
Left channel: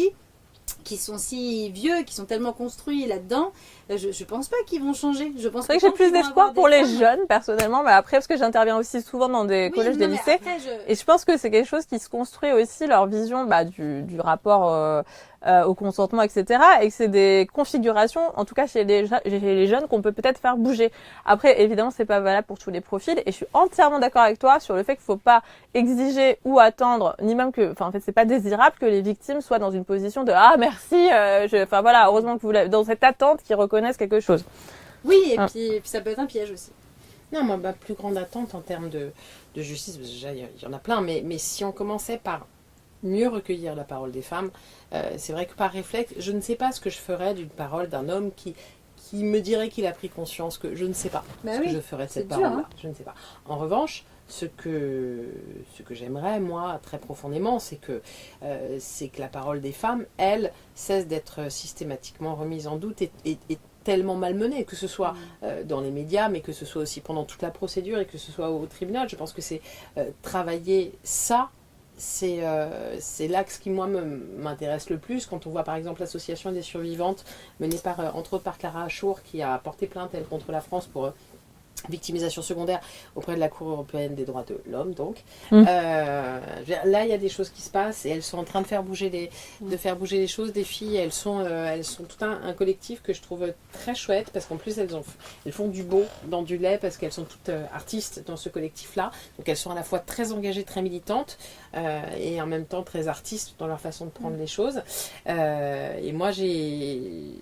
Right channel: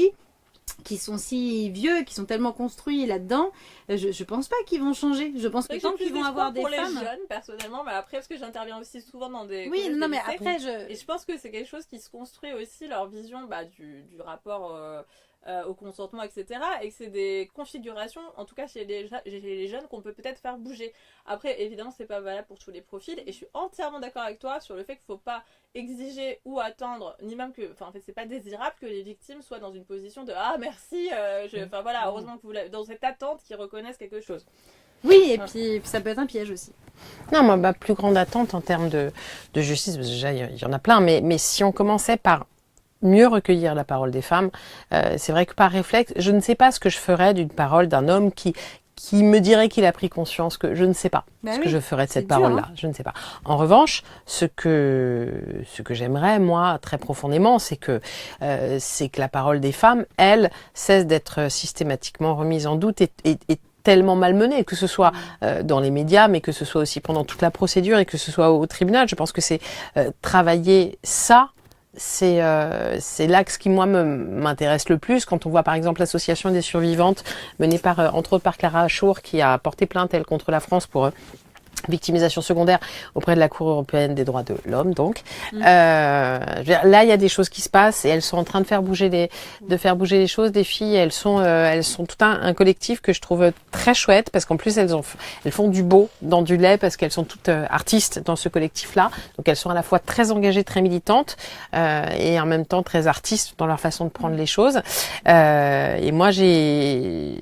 qui sont si vieux, qui sont tellement construits là-dedans, je pense pas qu'ils vont changer. Je pense C'est vrai que j'ai plus d'espoir pour les jeunes, personnellement, mais après, parce que j'interviens aussi souvent dans des collèges, des lycées, et je pense que c'est quelque chose qui se construit aussi, leur vision du rapport au consentement, etc. Et que c'est des configurations, en tout cas chez les jeunes, qu'on peut peut-être faire bouger. Après, évidemment, c'est pas valable pour tous les profils, et je suis entièrement d'accord avec toi sur le fait qu'il faut pas exiger ou attendre, ni même que, en fait, c'est pas désirable que les victimes soient dans une position de ah merci, voilà, heureusement que vous l'avez, dans cette attente qu'ils reconnaissent quelque chose. Oui, et puis ça peut être un piège aussi. Non, moi, ma plus grande attente en termes de justice, parce que déjà, il y en a plein, mais si on commençait par mieux recueillir la parole des femmes, c'est vrai que par réflexe, je ne sais pas ce que je ferais d'une parole d'un homme qui me dirait qu'il a pris conscience que je ne sais pas que je ferais de cette parole-là. Je ne sais pas. En revanche, ce que j'aimerais, moi, très profondément, c'est que la parole des femmes, elle, cesse d'être systématiquement remise en doute et tellement malmenée, que ce soit dans les médias, mais que ce soit aussi pendant toute la procédure et que ce soit au tribunal. Je pense que c'est travailler ça. C'est l'axe qui, moi, m'intéresse le plus. Quand on voit, par exemple, l'association des survivantes, menée entre autres par Clara Achour, qui a porté plainte, elle, contre la France pour victimisation secondaire auprès de la Cour européenne des droits de l'homme, donc. Là, il y a des choses qui se passent et elles sont en train de faire bouger les choses. Les filles, elles sont tout un collectif que je trouve très chouette parce qu'en plus, elles font du beau dans du lait parce qu'elles sont toutes artistes dans ce collectif-là. Donc, elles sont à la fois très engagées, très militantes et en même temps très artistes dans leur façon de prendre les choses. Et moi, j'ai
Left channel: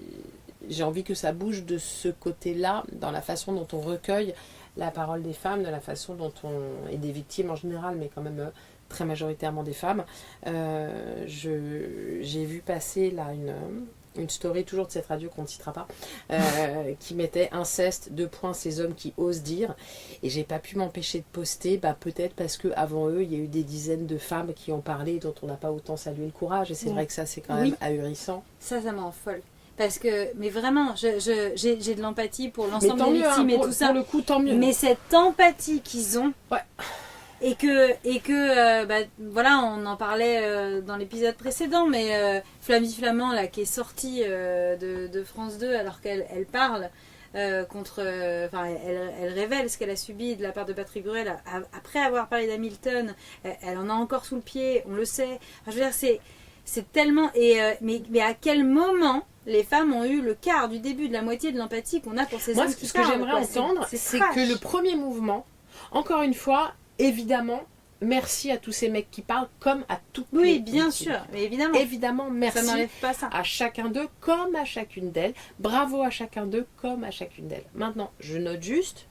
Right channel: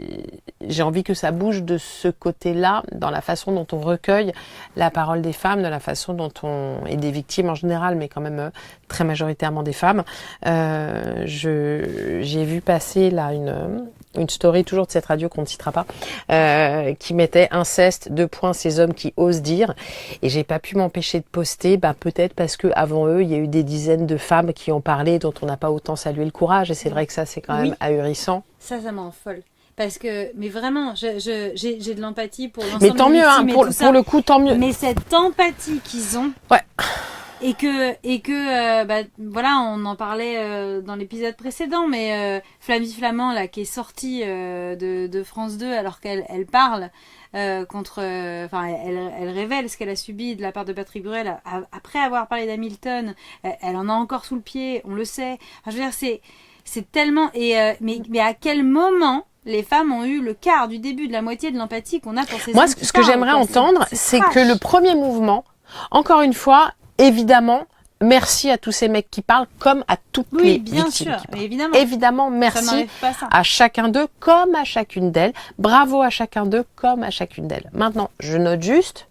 envie que ça bouge de ce côté-là, dans la façon dont on recueille la parole des femmes, de la façon dont et des victimes en général, mais quand même très majoritairement des femmes. J'ai vu passer là une story, toujours de cette radio qu'on ne citera pas, qui mettait inceste, : ces hommes qui osent dire. Et j'ai pas pu m'empêcher de poster, peut-être parce qu'avant eux, il y a eu des dizaines de femmes qui ont parlé, dont on n'a pas autant salué le courage. Et c'est vrai que ça, c'est quand même ahurissant. Ça m'en folle. Parce que, mais vraiment, j'ai de l'empathie pour l'ensemble mais tant mieux, pour le coup, tant mieux. Mais cette empathie qu'ils ont, ouais. et que voilà, on en parlait dans l'épisode précédent, mais Flavie Flamand, là, qui est sortie de France 2 alors qu'elle parle contre, elle révèle ce qu'elle a subi de la part de Patrick Bruel après avoir parlé d'Hamilton. Elle en a encore sous le pied, on le sait. Enfin, je veux dire, c'est tellement, mais à quel moment les femmes ont eu le quart du début de la moitié de l'empathie qu'on a pour ces hommes. Moi, ce que j'aimerais entendre, c'est que le premier mouvement, encore une fois, évidemment, merci à tous ces mecs qui parlent comme à toutes les victimes. Oui, bien sûr, évidemment. Évidemment, merci à chacun d'eux comme à chacune d'elles. Bravo à chacun d'eux comme à chacune d'elles. Maintenant, je note juste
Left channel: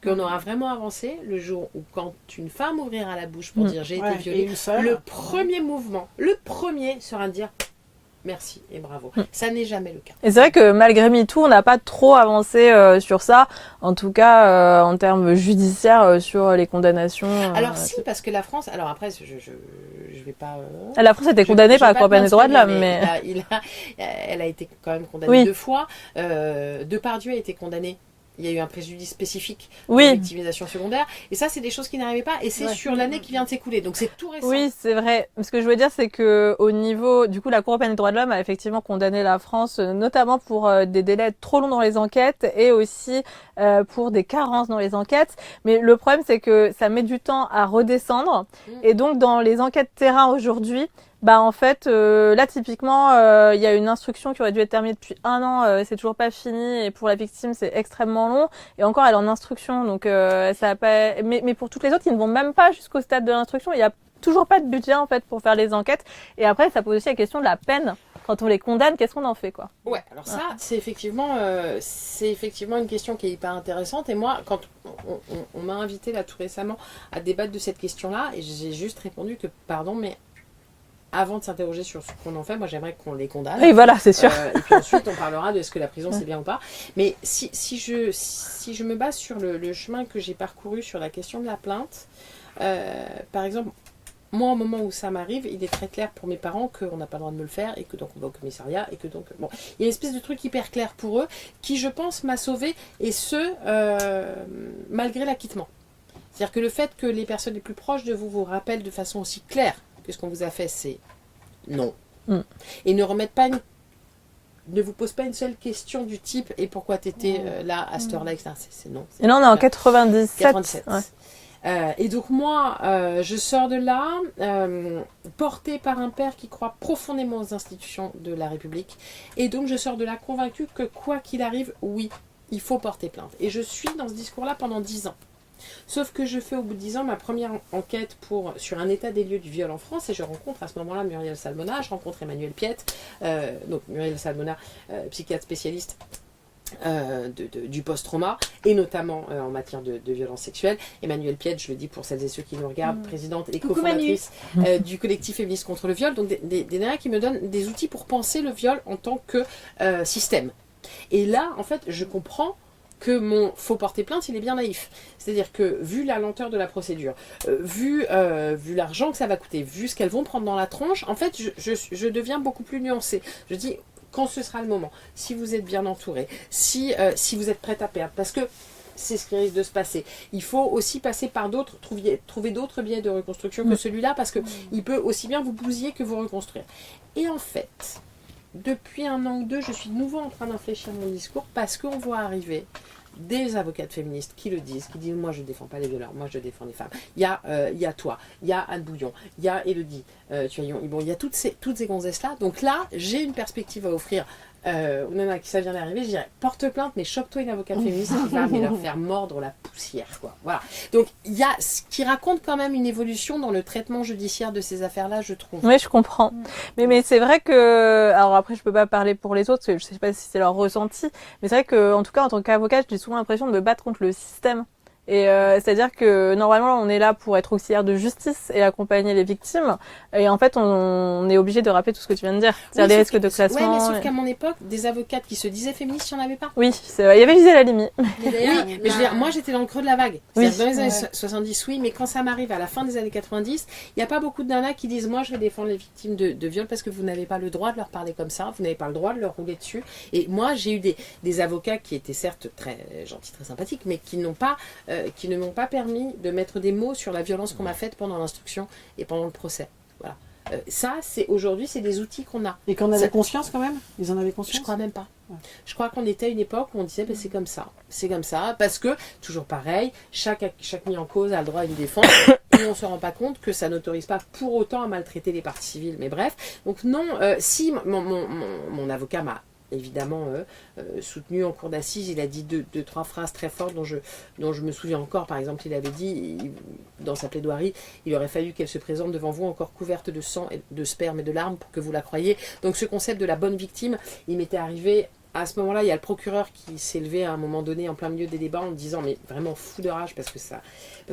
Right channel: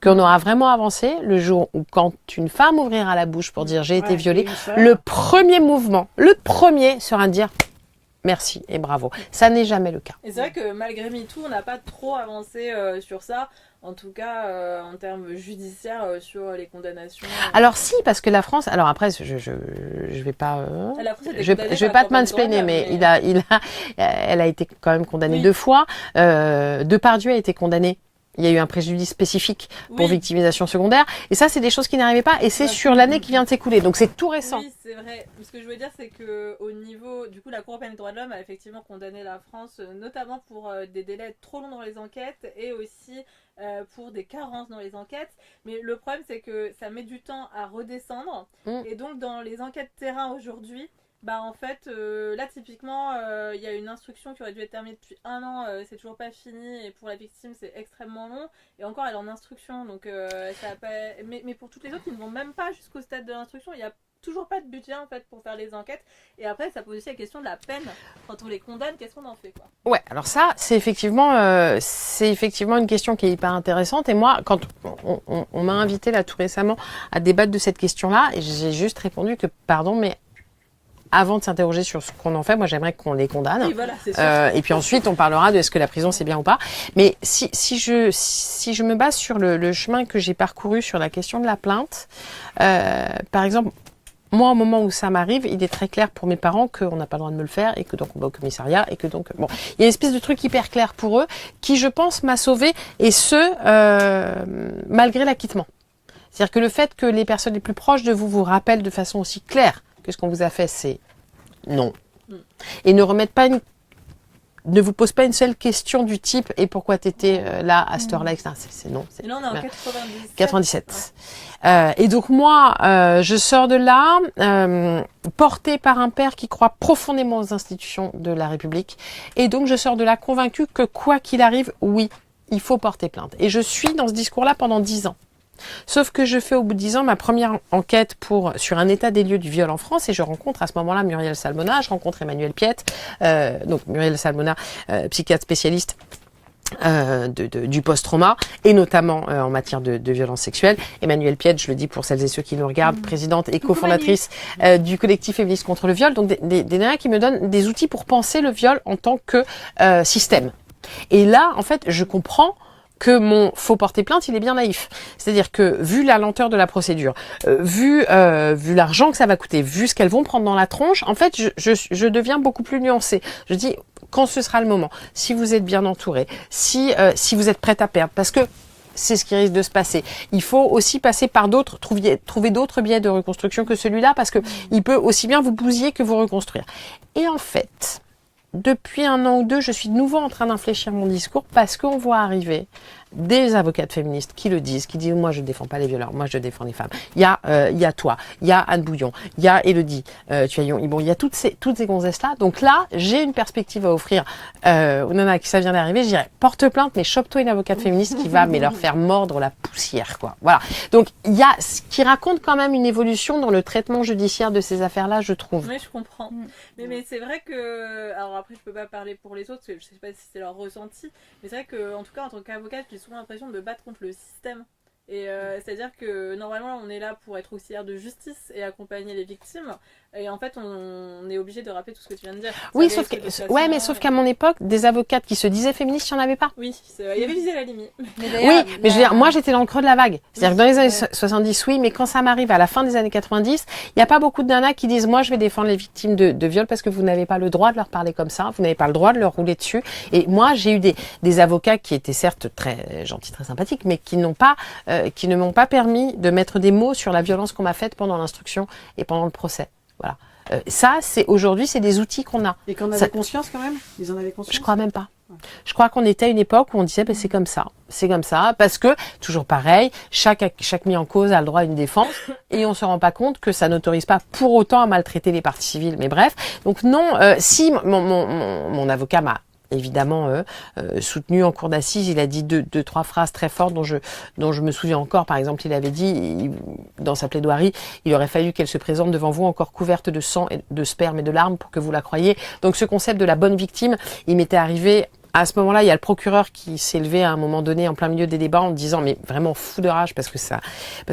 qu'on aura vraiment avancé le jour où, quand une femme ouvrira la bouche pour dire j'ai été violée, le premier mouvement, sera de dire merci et bravo. Ça n'est jamais le cas. Et c'est vrai que malgré MeToo, on n'a pas trop avancé sur ça, en tout cas en termes judiciaires sur les condamnations. Alors si, parce que la France, alors après je vais pas... la France a été condamnée par la Cour européenne des droits de l'homme. Mais elle a été quand même condamnée 2 fois. Depardieu a été condamné. Il y a eu un préjudice spécifique pour victimisation secondaire. Et ça, c'est des choses qui n'arrivaient pas. Et c'est sur l'année qui vient de s'écouler. Donc, c'est tout récent. Oui, c'est vrai. Ce que je veux dire, c'est que au niveau... Du coup, la Cour européenne des droits de l'homme a effectivement condamné la France, notamment pour des délais trop longs dans les enquêtes et aussi pour des carences dans les enquêtes. Mais le problème, c'est que ça met du temps à redescendre. Et donc, dans les enquêtes terrain aujourd'hui, en fait, là, typiquement, il y a une instruction qui aurait dû être terminée depuis 1 an, c'est toujours pas fini, et pour la victime, c'est extrêmement long, et encore, elle est en instruction, donc ça a pas... Mais pour toutes les autres, ils ne vont même pas jusqu'au stade de l'instruction. Il y a toujours pas de budget en fait pour faire les enquêtes. Et après, ça pose aussi la question de la peine. Quand on les condamne, qu'est-ce qu'on en fait, quoi? Ouais, alors ça, c'est effectivement une question qui est hyper intéressante. Et moi, quand on m'a invité là tout récemment à débattre de cette question-là, et j'ai juste répondu que, pardon, mais avant de s'interroger sur ce qu'on en fait, moi j'aimerais qu'on les condamne. Et voilà, c'est sûr. Et puis ensuite, on parlera de est-ce que la prison c'est bien ou pas. Mais si je me base sur le chemin que j'ai parcouru sur la question de la plainte, par exemple, moi, au moment où ça m'arrive, il est très clair pour mes parents qu'on n'a pas le droit de me le faire et que donc on va au commissariat et que donc, bon, il y a une espèce de truc hyper clair pour eux qui, je pense, m'a sauvée et ce, malgré l'acquittement. C'est-à-dire que le fait que les personnes les plus proches de vous vous rappellent de façon aussi claire que ce qu'on vous a fait, c'est non. Et ne vous pose pas une seule question du type et pourquoi tu étais là à cette heure-là, etc. C'est non. Et là, on est en 97. 97. Ouais. Et donc moi, je sors de là portée par un père qui croit profondément aux institutions de la République. Et donc je sors de là convaincue que quoi qu'il arrive, oui, il faut porter plainte. Et je suis dans ce discours-là pendant 10 ans. Sauf que je fais au bout de 10 ans ma première enquête sur un état des lieux du viol en France et je rencontre à ce moment-là Muriel Salmona, je rencontre Emmanuel Piette, donc Muriel Salmona, psychiatre spécialiste du post-trauma et notamment en matière de violence sexuelle. Emmanuelle Piette, je le dis pour celles et ceux qui nous regardent, présidente et cofondatrice du collectif Féministes contre le viol, donc des nanas qui me donnent des outils pour penser le viol en tant que système. Et là, en fait, je comprends que faut porter plainte, il est bien naïf. C'est-à-dire que, vu la lenteur de la procédure, vu l'argent que ça va coûter, vu ce qu'elles vont prendre dans la tronche, en fait, je deviens beaucoup plus nuancée. Je dis, quand ce sera le moment, si vous êtes bien entouré, si vous êtes prête à perdre, parce que c'est ce qui risque de se passer. Il faut aussi passer par trouver d'autres biais de reconstruction que celui-là, parce que il peut aussi bien vous bousiller que vous reconstruire. Et en fait, depuis 1 an ou 2, je suis de nouveau en train d'infléchir mon discours parce qu'on voit arriver des avocates féministes qui le disent, qui disent moi je ne défends pas les violeurs, moi je défends les femmes. Il y a toi, il y a Anne Bouillon, il y a Élodie Tuaillon, bon, il y a toutes ces gonzesses-là. Donc là, j'ai une perspective à offrir aux nanas qui ça vient d'arriver. Je dirais porte plainte, mais chope-toi une avocate féministe qui va leur faire mordre la poussière, quoi. Voilà. Donc il y a ce qui raconte quand même une évolution dans le traitement judiciaire de ces affaires-là, je trouve. Oui, je comprends. Mais c'est vrai que, alors après je peux pas parler pour les autres, parce que je sais pas si c'est leur ressenti, mais c'est vrai que en tout cas en tant qu'avocate, j'ai souvent l'impression de me battre contre le système. Et c'est-à-dire que normalement on est là pour être auxiliaire de justice et accompagner les victimes. Et en fait on est obligé de rappeler tout ce que tu viens de dire. Oui, les risques de classement. Ouais, mais sauf qu'à mon époque, des avocates qui se disaient féministes, il n'y en avait pas. Oui, il y avait Gisèle Halimi. Oui, mais je veux dire, moi j'étais dans le creux de la vague. C'est-à-dire que dans les années 70, oui, mais quand ça m'arrive à la fin des années 90, il n'y a pas beaucoup de nanas qui disent moi je vais défendre les victimes de viol parce que vous n'avez pas le droit de leur parler comme ça, vous n'avez pas le droit de leur rouler dessus. Et moi j'ai eu des avocats qui étaient certes très gentils, très sympathiques, mais qui ne m'ont pas permis de mettre des mots sur la violence qu'on m'a faite pendant l'instruction et pendant le procès. Voilà. Ça, aujourd'hui, c'est des outils qu'on a. Et qu'on avait conscience quand même? Ils en avaient conscience? Je crois même pas. Ouais. Je crois qu'on était à une époque où on disait c'est comme ça, parce que, toujours pareil, chaque mis en cause a le droit à une défense, et on se rend pas compte que ça n'autorise pas pour autant à maltraiter les parties civiles. Mais bref, donc non, si mon avocat m'a évidemment soutenu en cour d'assises, il a dit deux, trois phrases très fortes dont je me souviens encore. Par exemple, il avait dit dans sa plaidoirie, il aurait fallu qu'elle se présente devant vous encore couverte de sang, de sperme et de larmes pour que vous la croyiez. Donc ce concept de la bonne victime, il m'était arrivé. À ce moment-là, il y a le procureur qui s'est levé à un moment donné en plein milieu des débats en disant, mais vraiment fou de rage parce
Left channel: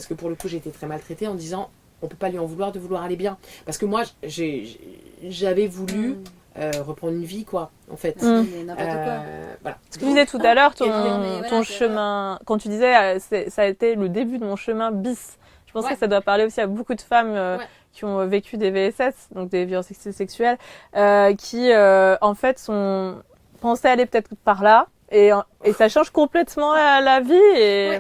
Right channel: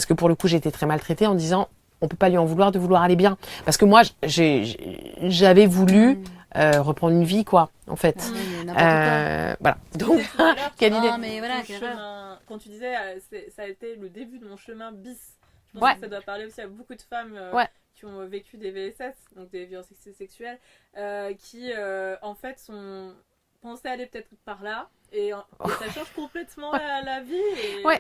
que pour le coup j'ai été très maltraitée, en disant on peut pas lui en vouloir de vouloir aller bien, parce que moi j'avais voulu reprendre une vie, quoi, en fait. Voilà. Tu disais tout à l'heure ton chemin, quand tu disais ça a été le début de mon chemin bis. Je pense que ça doit parler aussi à beaucoup de femmes qui ont vécu des VSS, donc des violences sexuelles, qui en fait pensaient aller peut-être par là, et ça change complètement la vie.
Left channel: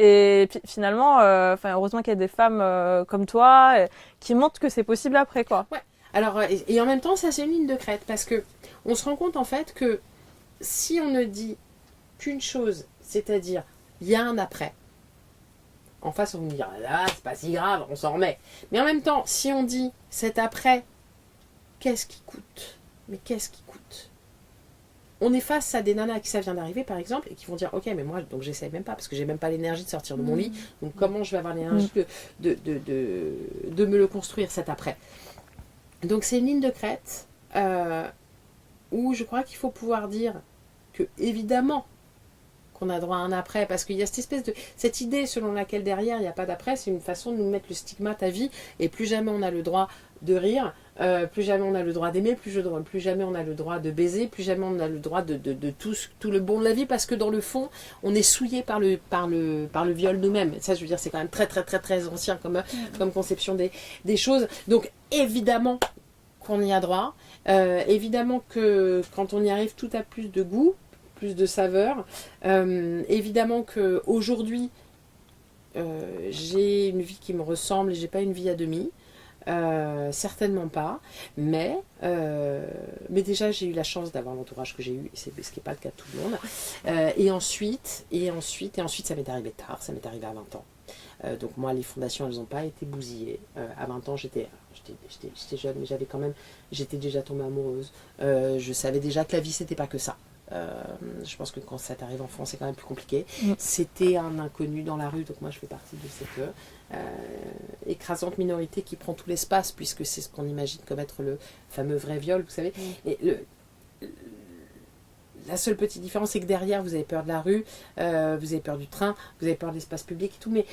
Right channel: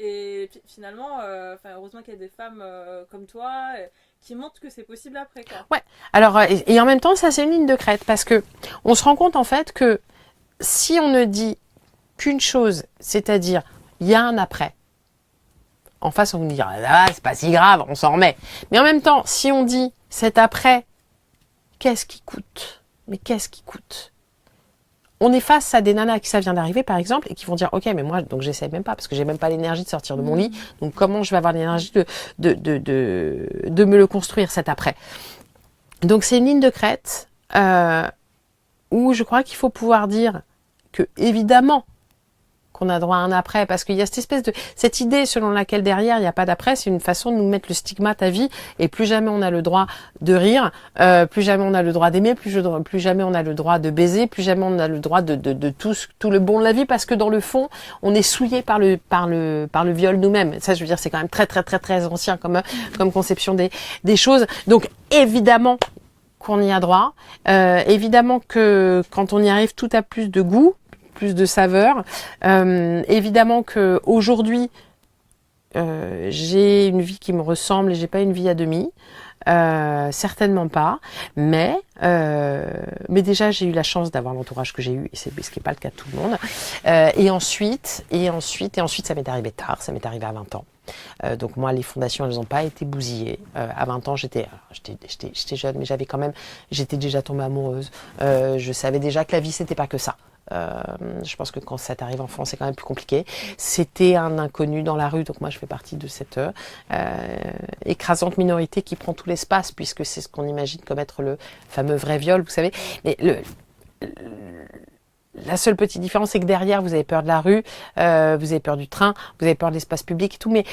Et finalement, heureusement qu'il y a des femmes comme toi qui montrent que c'est possible après, quoi. Ouais. Alors, et en même temps, ça c'est une ligne de crête parce que on se rend compte en fait que si on ne dit qu'une chose, c'est-à-dire il y a un après, en face on vous dira c'est pas si grave, on s'en remet. Mais en même temps, si on dit cet après, qu'est-ce qui coûte? Mais qu'est-ce qui coûte? on est face à des nanas à qui ça vient d'arriver, par exemple, et qui vont dire, ok, mais moi, donc j'essaie même pas, parce que j'ai même pas l'énergie de sortir de mon lit. Donc comment je vais avoir l'énergie de me le construire cet après? Donc c'est une ligne de crête où je crois qu'il faut pouvoir dire que, évidemment, qu'on a droit à un après, parce qu'il y a cette idée selon laquelle derrière il n'y a pas d'après, c'est une façon de nous mettre le stigmate à vie, et plus jamais on a le droit de rire, plus jamais on a le droit d'aimer, plus jamais on a le droit de baiser, plus jamais on a le droit de tout le bon de la vie, parce que dans le fond on est souillé par le viol nous-mêmes. Ça, je veux dire, c'est quand même très très très très ancien comme conception des choses. Donc évidemment qu'on y a droit, évidemment que quand on y arrive, tout a plus de goût, plus de saveur. Évidemment que aujourd'hui j'ai une vie qui me ressemble et j'ai pas une vie à demi. Certainement pas, mais déjà j'ai eu la chance d'avoir l'entourage que j'ai eu, et ce qui n'est pas le cas de tout le monde. Et ensuite, ça m'est arrivé tard, ça m'est arrivé à 20 ans. Donc moi, les fondations, elles n'ont pas été bousillées. À 20 ans, j'étais jeune, mais j'étais déjà tombée amoureuse. Je savais déjà que la vie, c'était pas que ça. Je pense que quand ça t'arrive enfant, c'est quand même plus compliqué. C'était un inconnu dans la rue, donc moi je fais partie de cette écrasante minorité qui prend tout l'espace, puisque c'est ce qu'on imagine comme être le fameux vrai viol, vous savez. Mais la seule petite différence, c'est que derrière, vous avez peur de la rue, vous avez peur du train, vous avez peur de l'espace public et tout, mais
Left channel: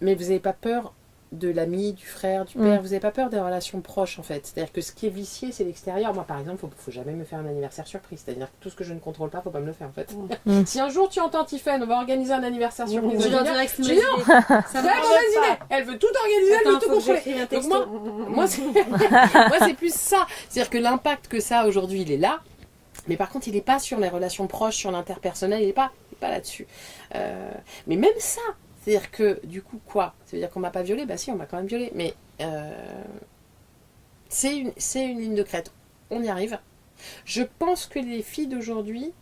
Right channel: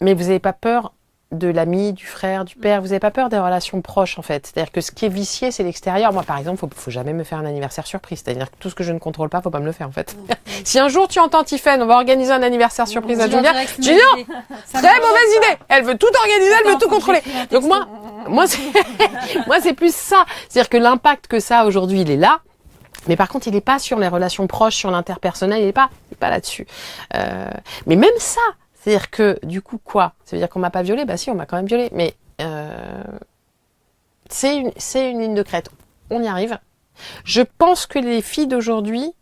vous n'avez pas peur de l'ami, du frère, du père, vous n'avez pas peur des relations proches, en fait. C'est-à-dire que ce qui est vicié, c'est l'extérieur. Moi, par exemple, faut jamais me faire un anniversaire surprise. C'est-à-dire que tout ce que je ne contrôle pas, faut pas me le faire, en fait. Si un jour tu entends Tiffen, on va organiser un anniversaire surprise à Julia, je dis non, très mauvaise idée. Elle veut tout organiser, elle veut tout contrôler. Donc moi c'est plus ça. C'est-à-dire que l'impact que ça aujourd'hui, il est là. Mais par contre, il n'est pas sur les relations proches, sur l'interpersonnel, il n'est pas là-dessus. Mais même ça, c'est-à-dire que, du coup, quoi? Ça veut dire qu'on m'a pas violée? Bah si, on m'a quand même violée. Mais c'est une ligne de crête. On y arrive. Je pense que les filles d'aujourd'hui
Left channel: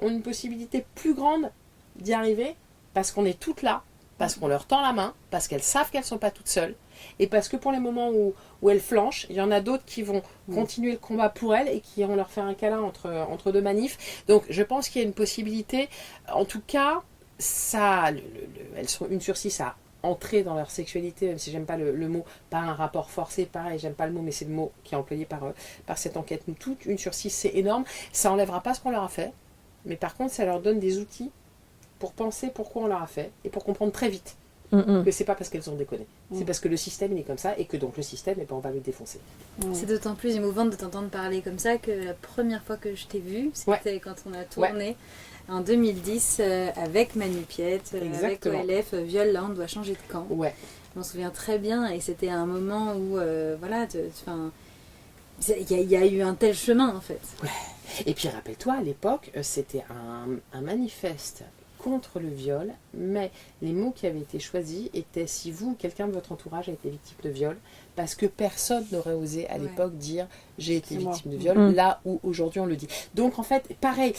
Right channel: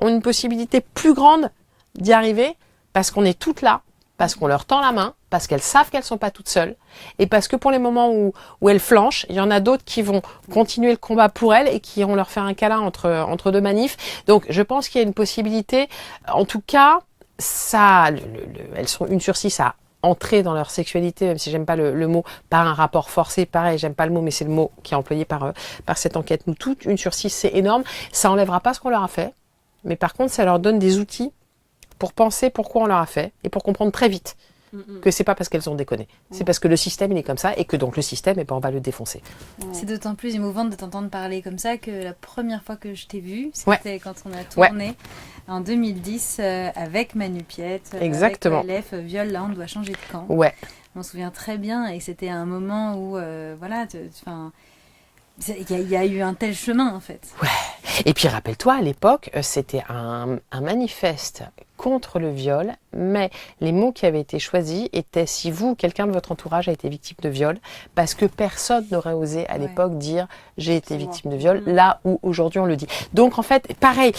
ont une possibilité plus grande d'y arriver parce qu'on est toutes là, parce qu'on leur tend la main, parce qu'elles savent qu'elles ne sont pas toutes seules, et parce que pour les moments où elles flanchent, il y en a d'autres qui vont continuer le combat pour elles et qui vont leur faire un câlin entre deux manifs. Donc je pense qu'il y a une possibilité, en tout cas, elles sont 1 sur 6 à entrer dans leur sexualité, même si j'aime pas le mot, par un rapport forcé. Pareil, j'aime pas le mot, mais c'est le mot qui est employé par cette enquête. Nous toutes, 1 sur 6, c'est énorme. Ça enlèvera pas ce qu'on leur a fait, mais par contre, ça leur donne des outils pour penser pourquoi on leur a fait et pour comprendre très vite que c'est pas parce qu'elles ont déconné. C'est parce que le système, il est comme ça, et que donc le système, on va le défoncer. C'est d'autant plus émouvant de t'entendre parler comme ça que la première fois que je t'ai vue, c'était quand on a tourné en 2010 avec Manu Piette, exactement, avec LF, Viol, là on doit changer de camp. Ouais. On se souvient très bien, et c'était un moment où, il y a eu un tel chemin en fait. Ouais. Et puis rappelle-toi, à l'époque, c'était un manifeste contre le viol, mais les mots qui avaient été choisis étaient si vous, quelqu'un de votre entourage a été victime de viol, parce que personne n'aurait osé à l'époque dire j'ai été victime de viol, là où aujourd'hui on le dit. Donc en fait, pareil,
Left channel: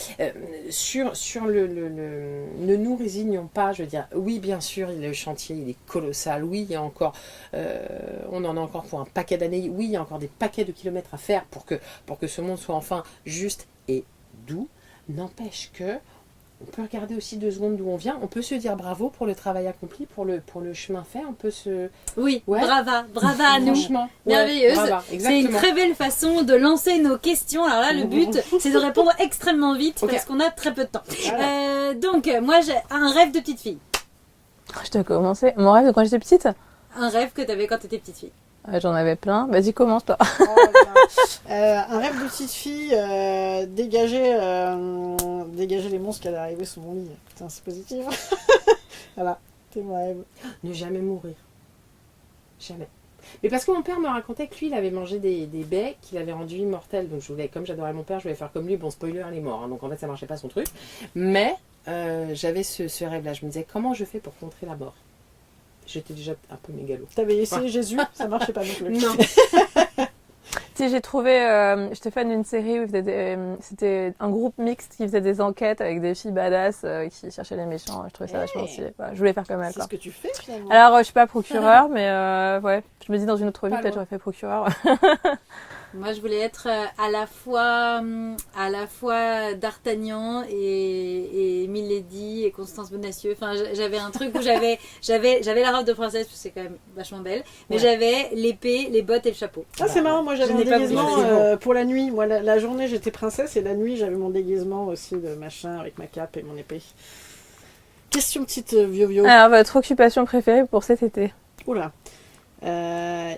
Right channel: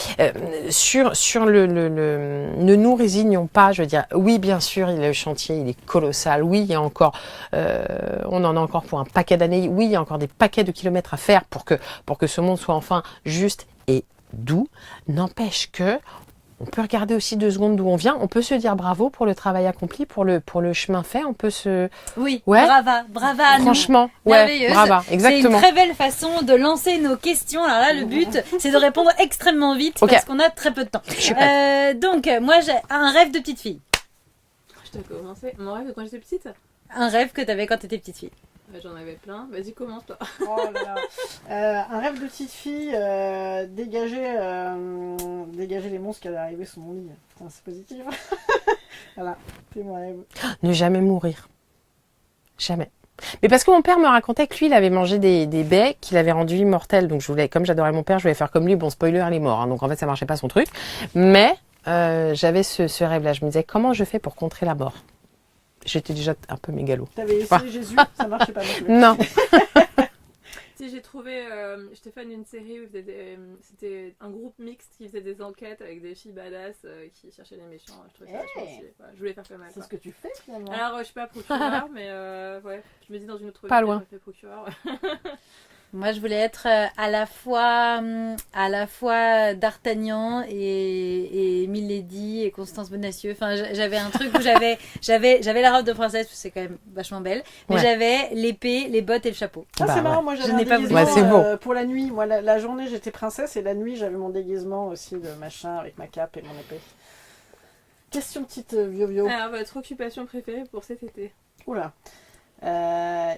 sur ne nous résignons pas, je veux dire, oui bien sûr, le chantier il est colossal, oui il y a encore, on en a encore pour un paquet d'années, oui il y a encore des paquets de kilomètres à faire pour que ce monde soit enfin juste et doux, n'empêche que on peut regarder aussi 2 secondes d'où on vient. On peut se dire bravo pour le travail accompli, pour le chemin fait. On peut se... Oui, ouais. brava. Franchement, merveilleuse. Brava, exactement. C'est une très belle façon de lancer nos questions. Alors là, le but, c'est de répondre extrêmement vite parce qu'on a très peu de temps. Donc, moi, j'ai un rêve de petite fille. Je dois commencer. Mon rêve de quand j'étais petite? Un rêve que tu avais quand tu étais petite fille. J'en avais plein. Vas-y, commence toi. Un rêve de petite fille, dégager les monstres qui allaient arriver sous mon lit. Putain, c'est positif. Voilà, c'est mon rêve. Ne jamais mourir. Jamais. Mais parce que mon père me racontait que lui, il avait mangé des baies qu'il avait rendues immortelles. Donc comme j'adorais mon père, je voulais faire comme lui. Bon, spoiler, il est mort. Hein, donc en fait, ça marchait pas son truc. Mais j'avais ce rêve-là. Je me disais, comment je fais pour contrer la mort? J'étais déjà un peu mégalo. T'avais essayé Jésus, ça marchait pas non plus. Non. Si j'ai trouvé, j'étais fan d'une série où c'était un groupe mixte qui faisait des enquêtes avec des filles badass qui cherchaient les méchants. Je trouvais ça vachement stylé. Je voulais faire comme elle. C'est ce que tu fais finalement. Alors, je suis pas procureur, mais ouais, je me dis dans une autre vie, peut-être j'aurais fait procureur. Moi, je voulais être à la fois D'Artagnan et Milady et Constance Bonacieux. Enfin, j'avais un truc où j'avais la robe de princesse, parce que c'est quand même vachement belle, mais Ouais. j'avais l'épée, les bottes et le chapeau. Ah, Bah, c'est marrant, ouais. moi j'avais Je un n'ai pas déguisement voulu. Ouais, c'est beau. pour la nuit. Moi, la journée, j'étais princesse et la nuit, j'avais mon déguisement aussi de machin avec ma cape et mon épée. Question petite vieux. Alors, votre occupation préférée pour cet été? Oula.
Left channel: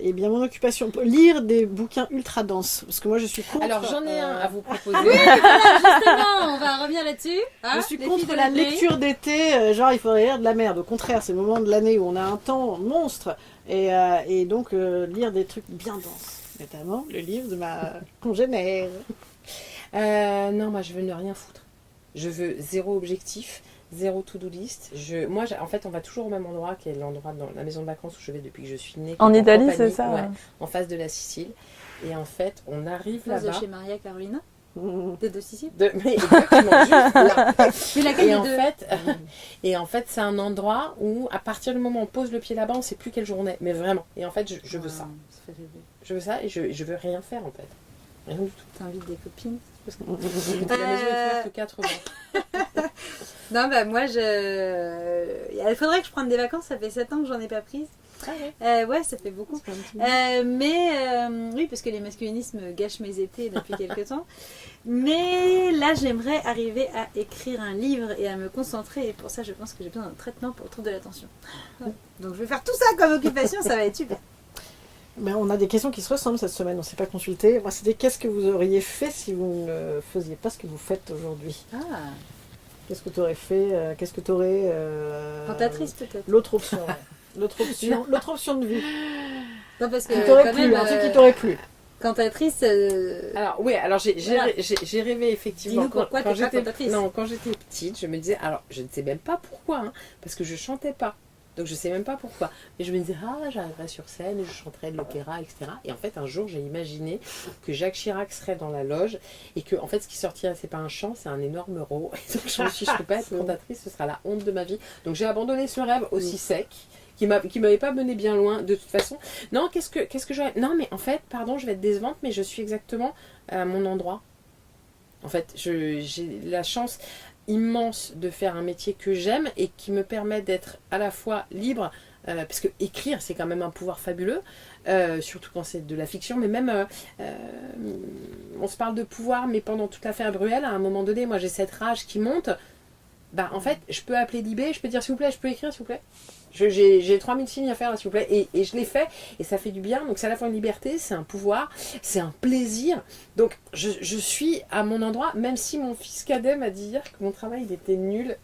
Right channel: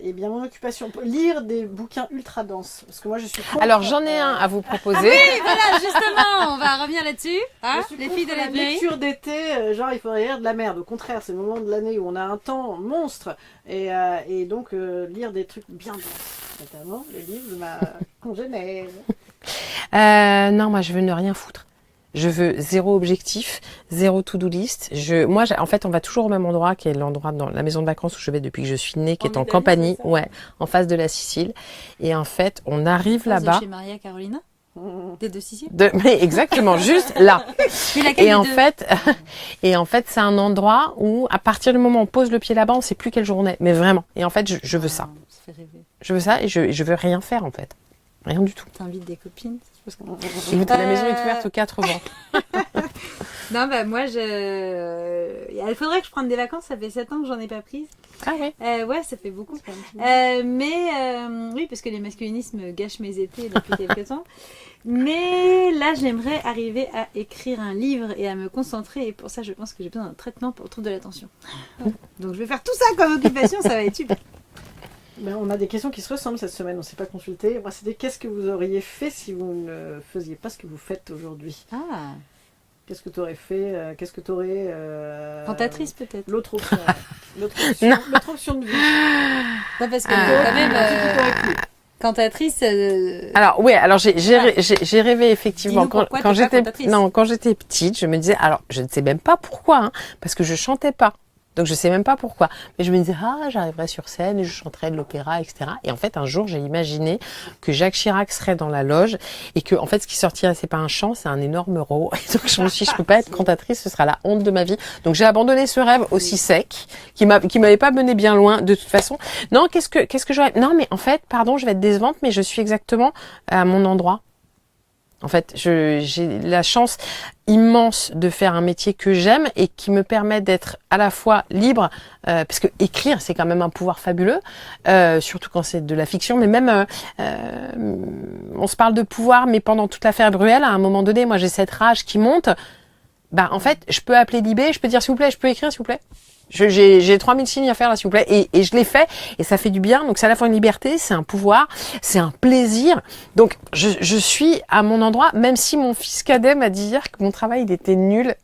Eh bien, mon occupation, lire des bouquins ultra denses. Parce que moi, je suis contre. Alors, j'en ai un à vous proposer. Voilà, justement, on va revenir là-dessus. Hein, Je suis les contre filles de la la vieille. lecture d'été, genre il faudrait lire de la merde. Au contraire, c'est le moment de l'année où on a un temps monstre. Et donc, lire des trucs bien denses. Notamment le livre de ma congénère. Non, moi, je veux ne rien foutre. Je veux zéro objectif, zéro to-do list. En fait, on va toujours au même endroit, qui est l'endroit dans la maison de vacances où je vais depuis que je suis née, qui En est en Italie, Campanie, c'est ça, ouais, en face de la Sicile. Et en fait, on arrive là-bas. Chez Maria Carolina, Mmh. des deux Sicile. Mais exactement, juste là. Puis laquelle Et des en deux fait, c'est un endroit où, à partir du moment où on pose le pied là-bas, on sait plus quelle journée. Mais vraiment. Et en fait, je veux ça. Ça fait rêver. Je veux ça et je veux rien faire, en fait. Rien du tout. T'invites des copines. La maison est ouverte aux 4 vents. Non, bah moi, il faudrait que je prenne des vacances. Ça fait 7 ans que j'en ai pas prise. Ah oui. Ouais, ça fait beaucoup. Oui, parce que les masculinismes gâchent mes étés depuis quelques temps. Mais là, j'aimerais arriver à écrire un livre et à me concentrer. Et pour ça, je pense que j'ai besoin d'un traitement pour le trouble de l'attention. Donc, je vais faire tout ça comme occupation. Ça va être super. Ben, on a des questions qui se ressemblent cette semaine, on ne s'est pas consulté. Moi, c'était qu'est-ce que vous auriez fait si vous ne faisiez pas ce que vous faites aujourd'hui? Ah, Qu'est-ce que tu aurais fait? Qu'est-ce que tu aurais. cantatrice peut-être. L'autre option. L'autre option de vie. Non, parce que T'aurais quand même, plu, un truc qui t'aurait plu. cantatrice. Alors oui, alors j'ai rêvé effectivement Dis-nous pourquoi t'es pas cantatrice. quand j'étais petite, je me disais, alors je ne sais même pas pourquoi, hein, parce que je chantais pas. Donc je sais même pas pourquoi, mais je me disais j'arriverai sur scène et je chanterai de l'opéra, etc. Et en fait un jour j'ai imaginé que Jacques Chirac serait dans la loge et que en fait ce qui sortirait c'est pas un chant, c'est un énorme rot. Et donc je me suis dit je peux pas être cantatrice, ce sera la honte de ma vie. Donc j'ai abandonné ce rêve aussi sec qui m'avait pas mené bien loin de toute façon. Non, qu'est-ce que j'aurais. Non mais en fait pardon, je vais être décevante, mais je suis exactement à mon endroit. En fait, j'ai la chance immense de faire un métier que j'aime et qui me permet d'être à la fois libre, parce que écrire, c'est quand même un pouvoir fabuleux, surtout quand c'est de la fiction, mais même, on se parle de pouvoir, mais pendant toute l'affaire Bruel, à un moment donné, moi j'ai cette rage qui monte, bah en fait, je peux appeler Libé, je peux dire s'il vous plaît, je peux écrire s'il vous plaît. J'ai 3000 signes à faire là s'il vous plaît et je l'ai fait et ça fait du bien, donc c'est à la fois une liberté, c'est un pouvoir, c'est un plaisir, donc je suis à mon endroit, même si mon fils cadet m'a dit hier que mon travail il était nul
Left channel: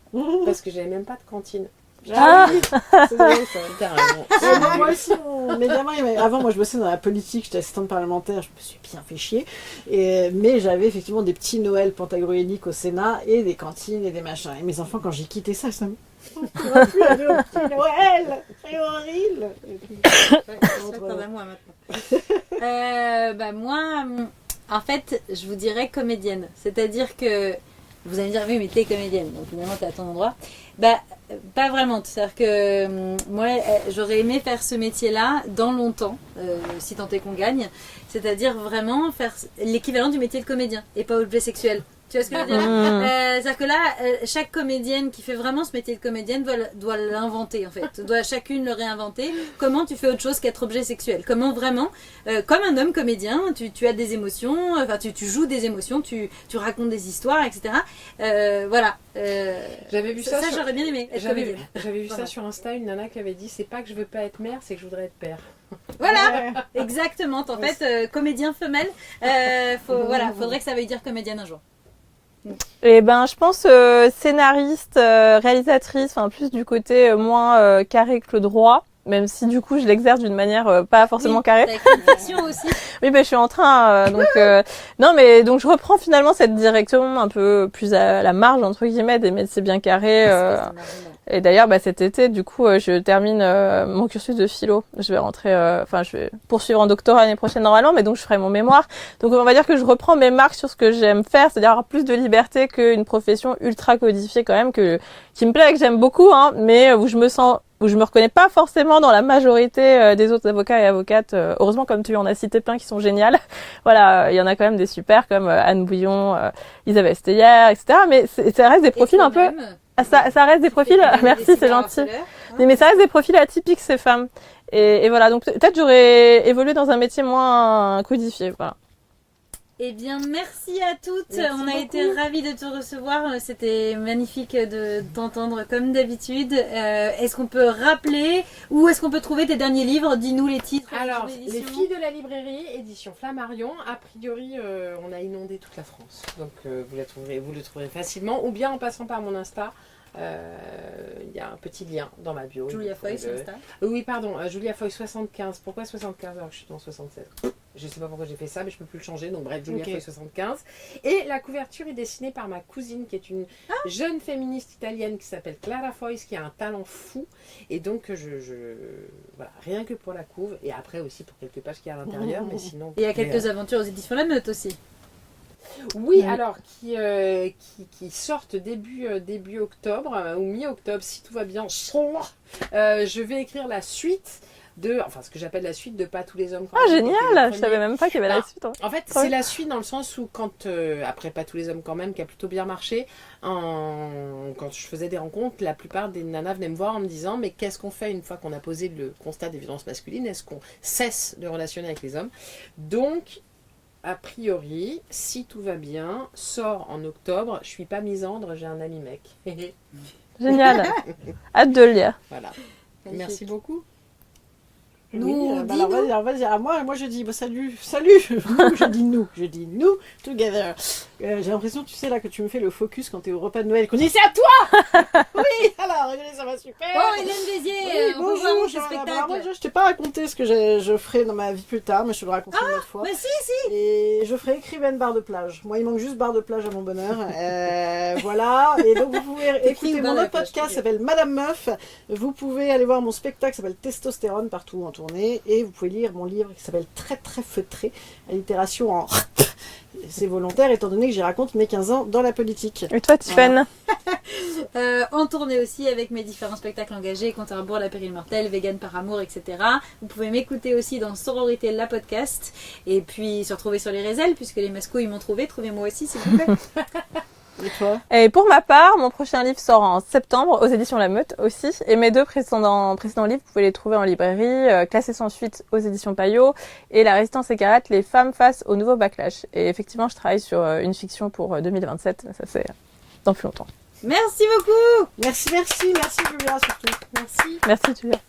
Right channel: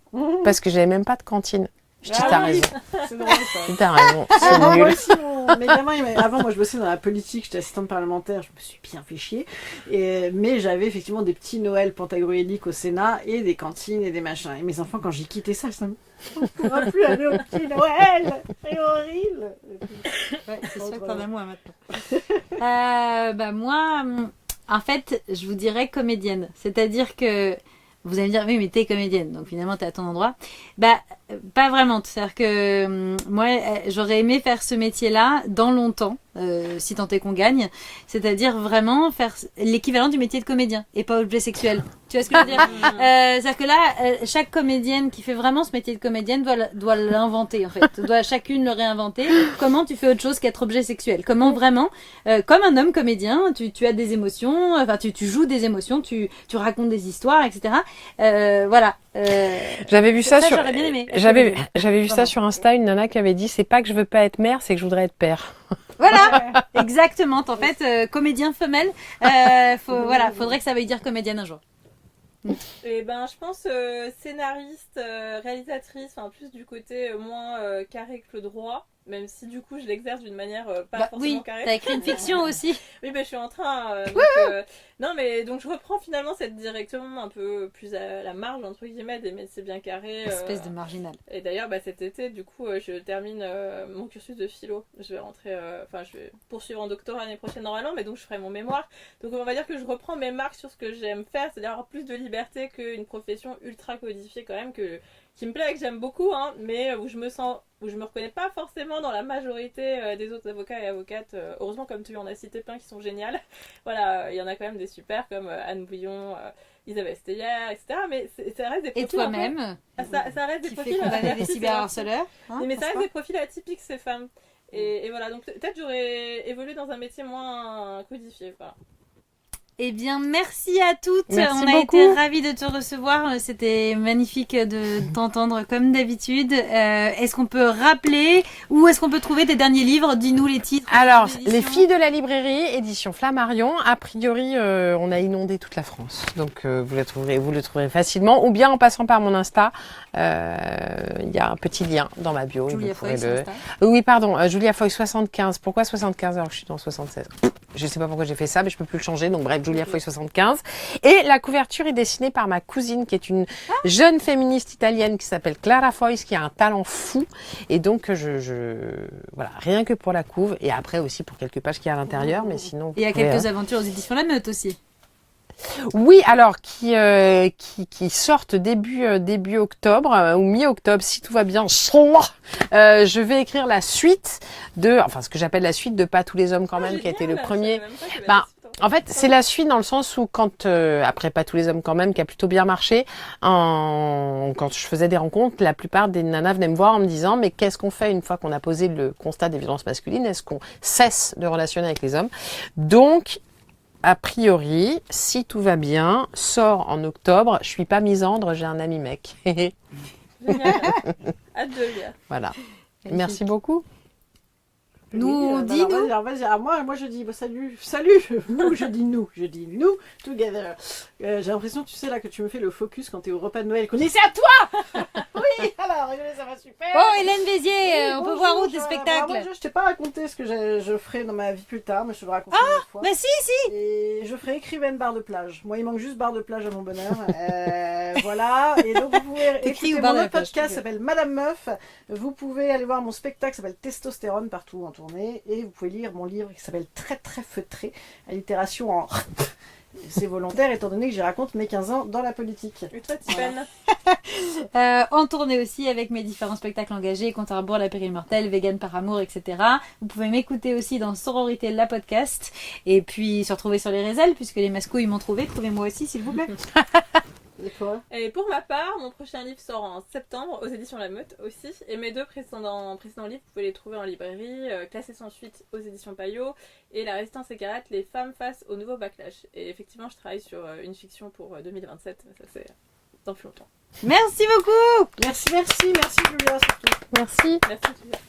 parce que j'avais même pas de cantine. Je dis t'as raison, C'est vrai, ça. t'as raison, Ah, c'est moi nul. aussi, mes gamins, avant, moi je bossais dans la politique, j'étais assistante parlementaire, je me suis bien fait chier. Mais j'avais effectivement des petits Noëls pantagruéliques au Sénat et des cantines et des machins. Et mes enfants, quand j'ai quitté ça, ça me. On va plus aller au petit Noël, c'est horrible. C'est vrai que t'en as moins maintenant. Bah moi, en fait, je vous dirais comédienne. C'est-à-dire que vous allez me dire, oui, mais t'es comédienne, donc finalement t'es à ton endroit. Bah, pas vraiment. C'est-à-dire que moi, j'aurais aimé faire ce métier-là dans longtemps, si tant est qu'on gagne. C'est-à-dire vraiment faire l'équivalent du métier de comédien et pas objet sexuel. Tu vois ce que je veux dire? C'est-à-dire que là, chaque comédienne qui fait vraiment ce métier de comédienne doit l'inventer en fait. Doit chacune le réinventer. Comment tu fais autre chose qu'être objet sexuel? Comment vraiment, comme un homme comédien, tu as des émotions, enfin tu joues des émotions, tu racontes des histoires, etc. Voilà. J'avais vu ça sur j'aurais bien aimé. j'avais vu ça sur Insta, une nana qui avait dit c'est pas que je veux pas être mère, c'est que je voudrais être père. Voilà, exactement. En fait, comédien femelle, faudrait que ça veuille dire comédienne un jour. Et ben, je pense scénariste, réalisatrice, enfin plus du côté moins carré que le droit, même si du coup je l'exerce d'une manière pas forcément carrée. T'as écrit une fiction aussi. Oui, ben je suis en train, non mais donc je reprends finalement cette direction un peu plus à la marge entre guillemets des métiers bien carrés. Espèce de marginal. Et d'ailleurs, cet été, du coup, je termine mon cursus de philo. Je vais rentrer, je vais poursuivre en doctorat l'année prochaine normalement, mais donc je ferai mon mémoire. Donc on va dire que je reprends mes marques sur ce que j'aime faire, c'est-à-dire avoir plus de liberté qu'une profession ultra codifiée quand même, qui me plaît et que j'aime beaucoup, hein, mais où je me sens où je me reconnais pas forcément dans la majorité des autres avocats et avocates. Heureusement, comme tu en as cité plein qui sont géniales. Voilà, il y en a quand même des super comme Anne Bouillon, Isabelle Steyer, etc. Mais ça reste des profils un peu... Ah, ça reste des profils... Merci, c'est gentil. Mais ça reste des profils atypiques, ces femmes. Et voilà, donc peut-être j'aurais évolué dans un métier moins codifié. Voilà. Eh bien, merci à toutes. Merci On a beaucoup. été ravis de te recevoir. C'était magnifique de t'entendre comme d'habitude. Est-ce qu'on peut rappeler où est-ce qu'on peut trouver tes derniers livres? Dis-nous les titres. Alors, d'édition. Les filles de la librairie, édition Flammarion. A priori, on a inondé toute la France. Donc, vous le trouverez facilement. Ou bien en passant par mon Insta. Il y a un petit lien dans ma bio. Julia vous pourrez Foy, le... Insta. Oui, pardon. Julia Foy 75. Pourquoi 75 alors que je suis dans 76? Je sais pas pourquoi j'ai fait ça, mais je peux plus le changer. Donc bref, Julia Foy 75. Et la couverture est dessinée par ma cousine, qui est une jeune féministe italienne qui s'appelle Clara Foy, qui a un talent fou. Et donc, voilà, rien que pour la couve. Et après aussi pour quelques pages qu'il y a à l'intérieur. Mais sinon, Et il y a vous pouvez, quelques aventures aux éditions La Meute aussi. Oui, alors qui sortent début octobre ou mi-octobre si tout va bien. Je vais écrire la suite enfin ce que j'appelle la suite de Pas tous les hommes quand même, qui était Génial, le je premier. savais même pas qu'il y avait Bah, la suite. Hein. En fait, c'est la suite dans le sens où quand après Pas tous les hommes quand même, qui a plutôt bien marché, quand je faisais des rencontres, la plupart des nanas venaient me voir en me disant mais qu'est-ce qu'on fait une fois qu'on a posé le constat des violences masculines? Est-ce qu'on cesse de relationner avec les hommes? Donc a priori, si tout va bien, sort en octobre. Je suis pas misandre, j'ai un ami mec. Génial. Hâte de le lire. Voilà. Merci beaucoup. Nous, on dit alors, nous. vas-y, alors moi je dis salut, nous, je dis nous, together. J'ai l'impression, tu sais là, que tu me fais le focus quand t'es au repas de Noël, qu'on dit c'est à toi. Oui, alors ça va super. Oh, Hélène Bézier, Oui, on peut bonjour, voir où tes moi, spectacles. je t'ai pas raconté ce que je ferai dans ma vie plus tard, mais je te le raconterai une autre fois. Mais si. Et je ferai écrivaine barre de plage. Moi, il manque juste barre de plage à mon bonheur. Voilà. Et donc, vous pouvez T'écris écouter ou barre mon de autre plage, podcast ok. s'appelle Madame Meuf. Vous pouvez aller voir mon spectacle qui s'appelle Testostérone partout en tournée. Et vous pouvez lire mon livre qui s'appelle Très très feutré. Allitération en... C'est volontaire étant donné que j'y raconte mes 15 ans dans la politique. Et toi, Tiffen? En tournée aussi avec mes différents spectacles engagés, Compte à rebours, La Pérille Mortelle, Vegan par amour, etc. Vous pouvez m'écouter aussi dans Sororité, la podcast. Et puis se retrouver sur les réseaux, puisque les mascouilles m'ont trouvé. Trouvez-moi aussi, s'il vous plaît. Et toi? Et pour ma part, mon prochain livre sort en septembre aux éditions La Meute aussi. Et mes deux précédents livres, vous pouvez les trouver en librairie, Classés sans suite aux éditions Payot et La Résistance écarlate, Les femmes face au nouveau backlash. Et effectivement, je travaille sur une fiction pour 2027. Ça, c'est dans plus longtemps. Merci beaucoup. Merci Julia surtout. Merci Julia.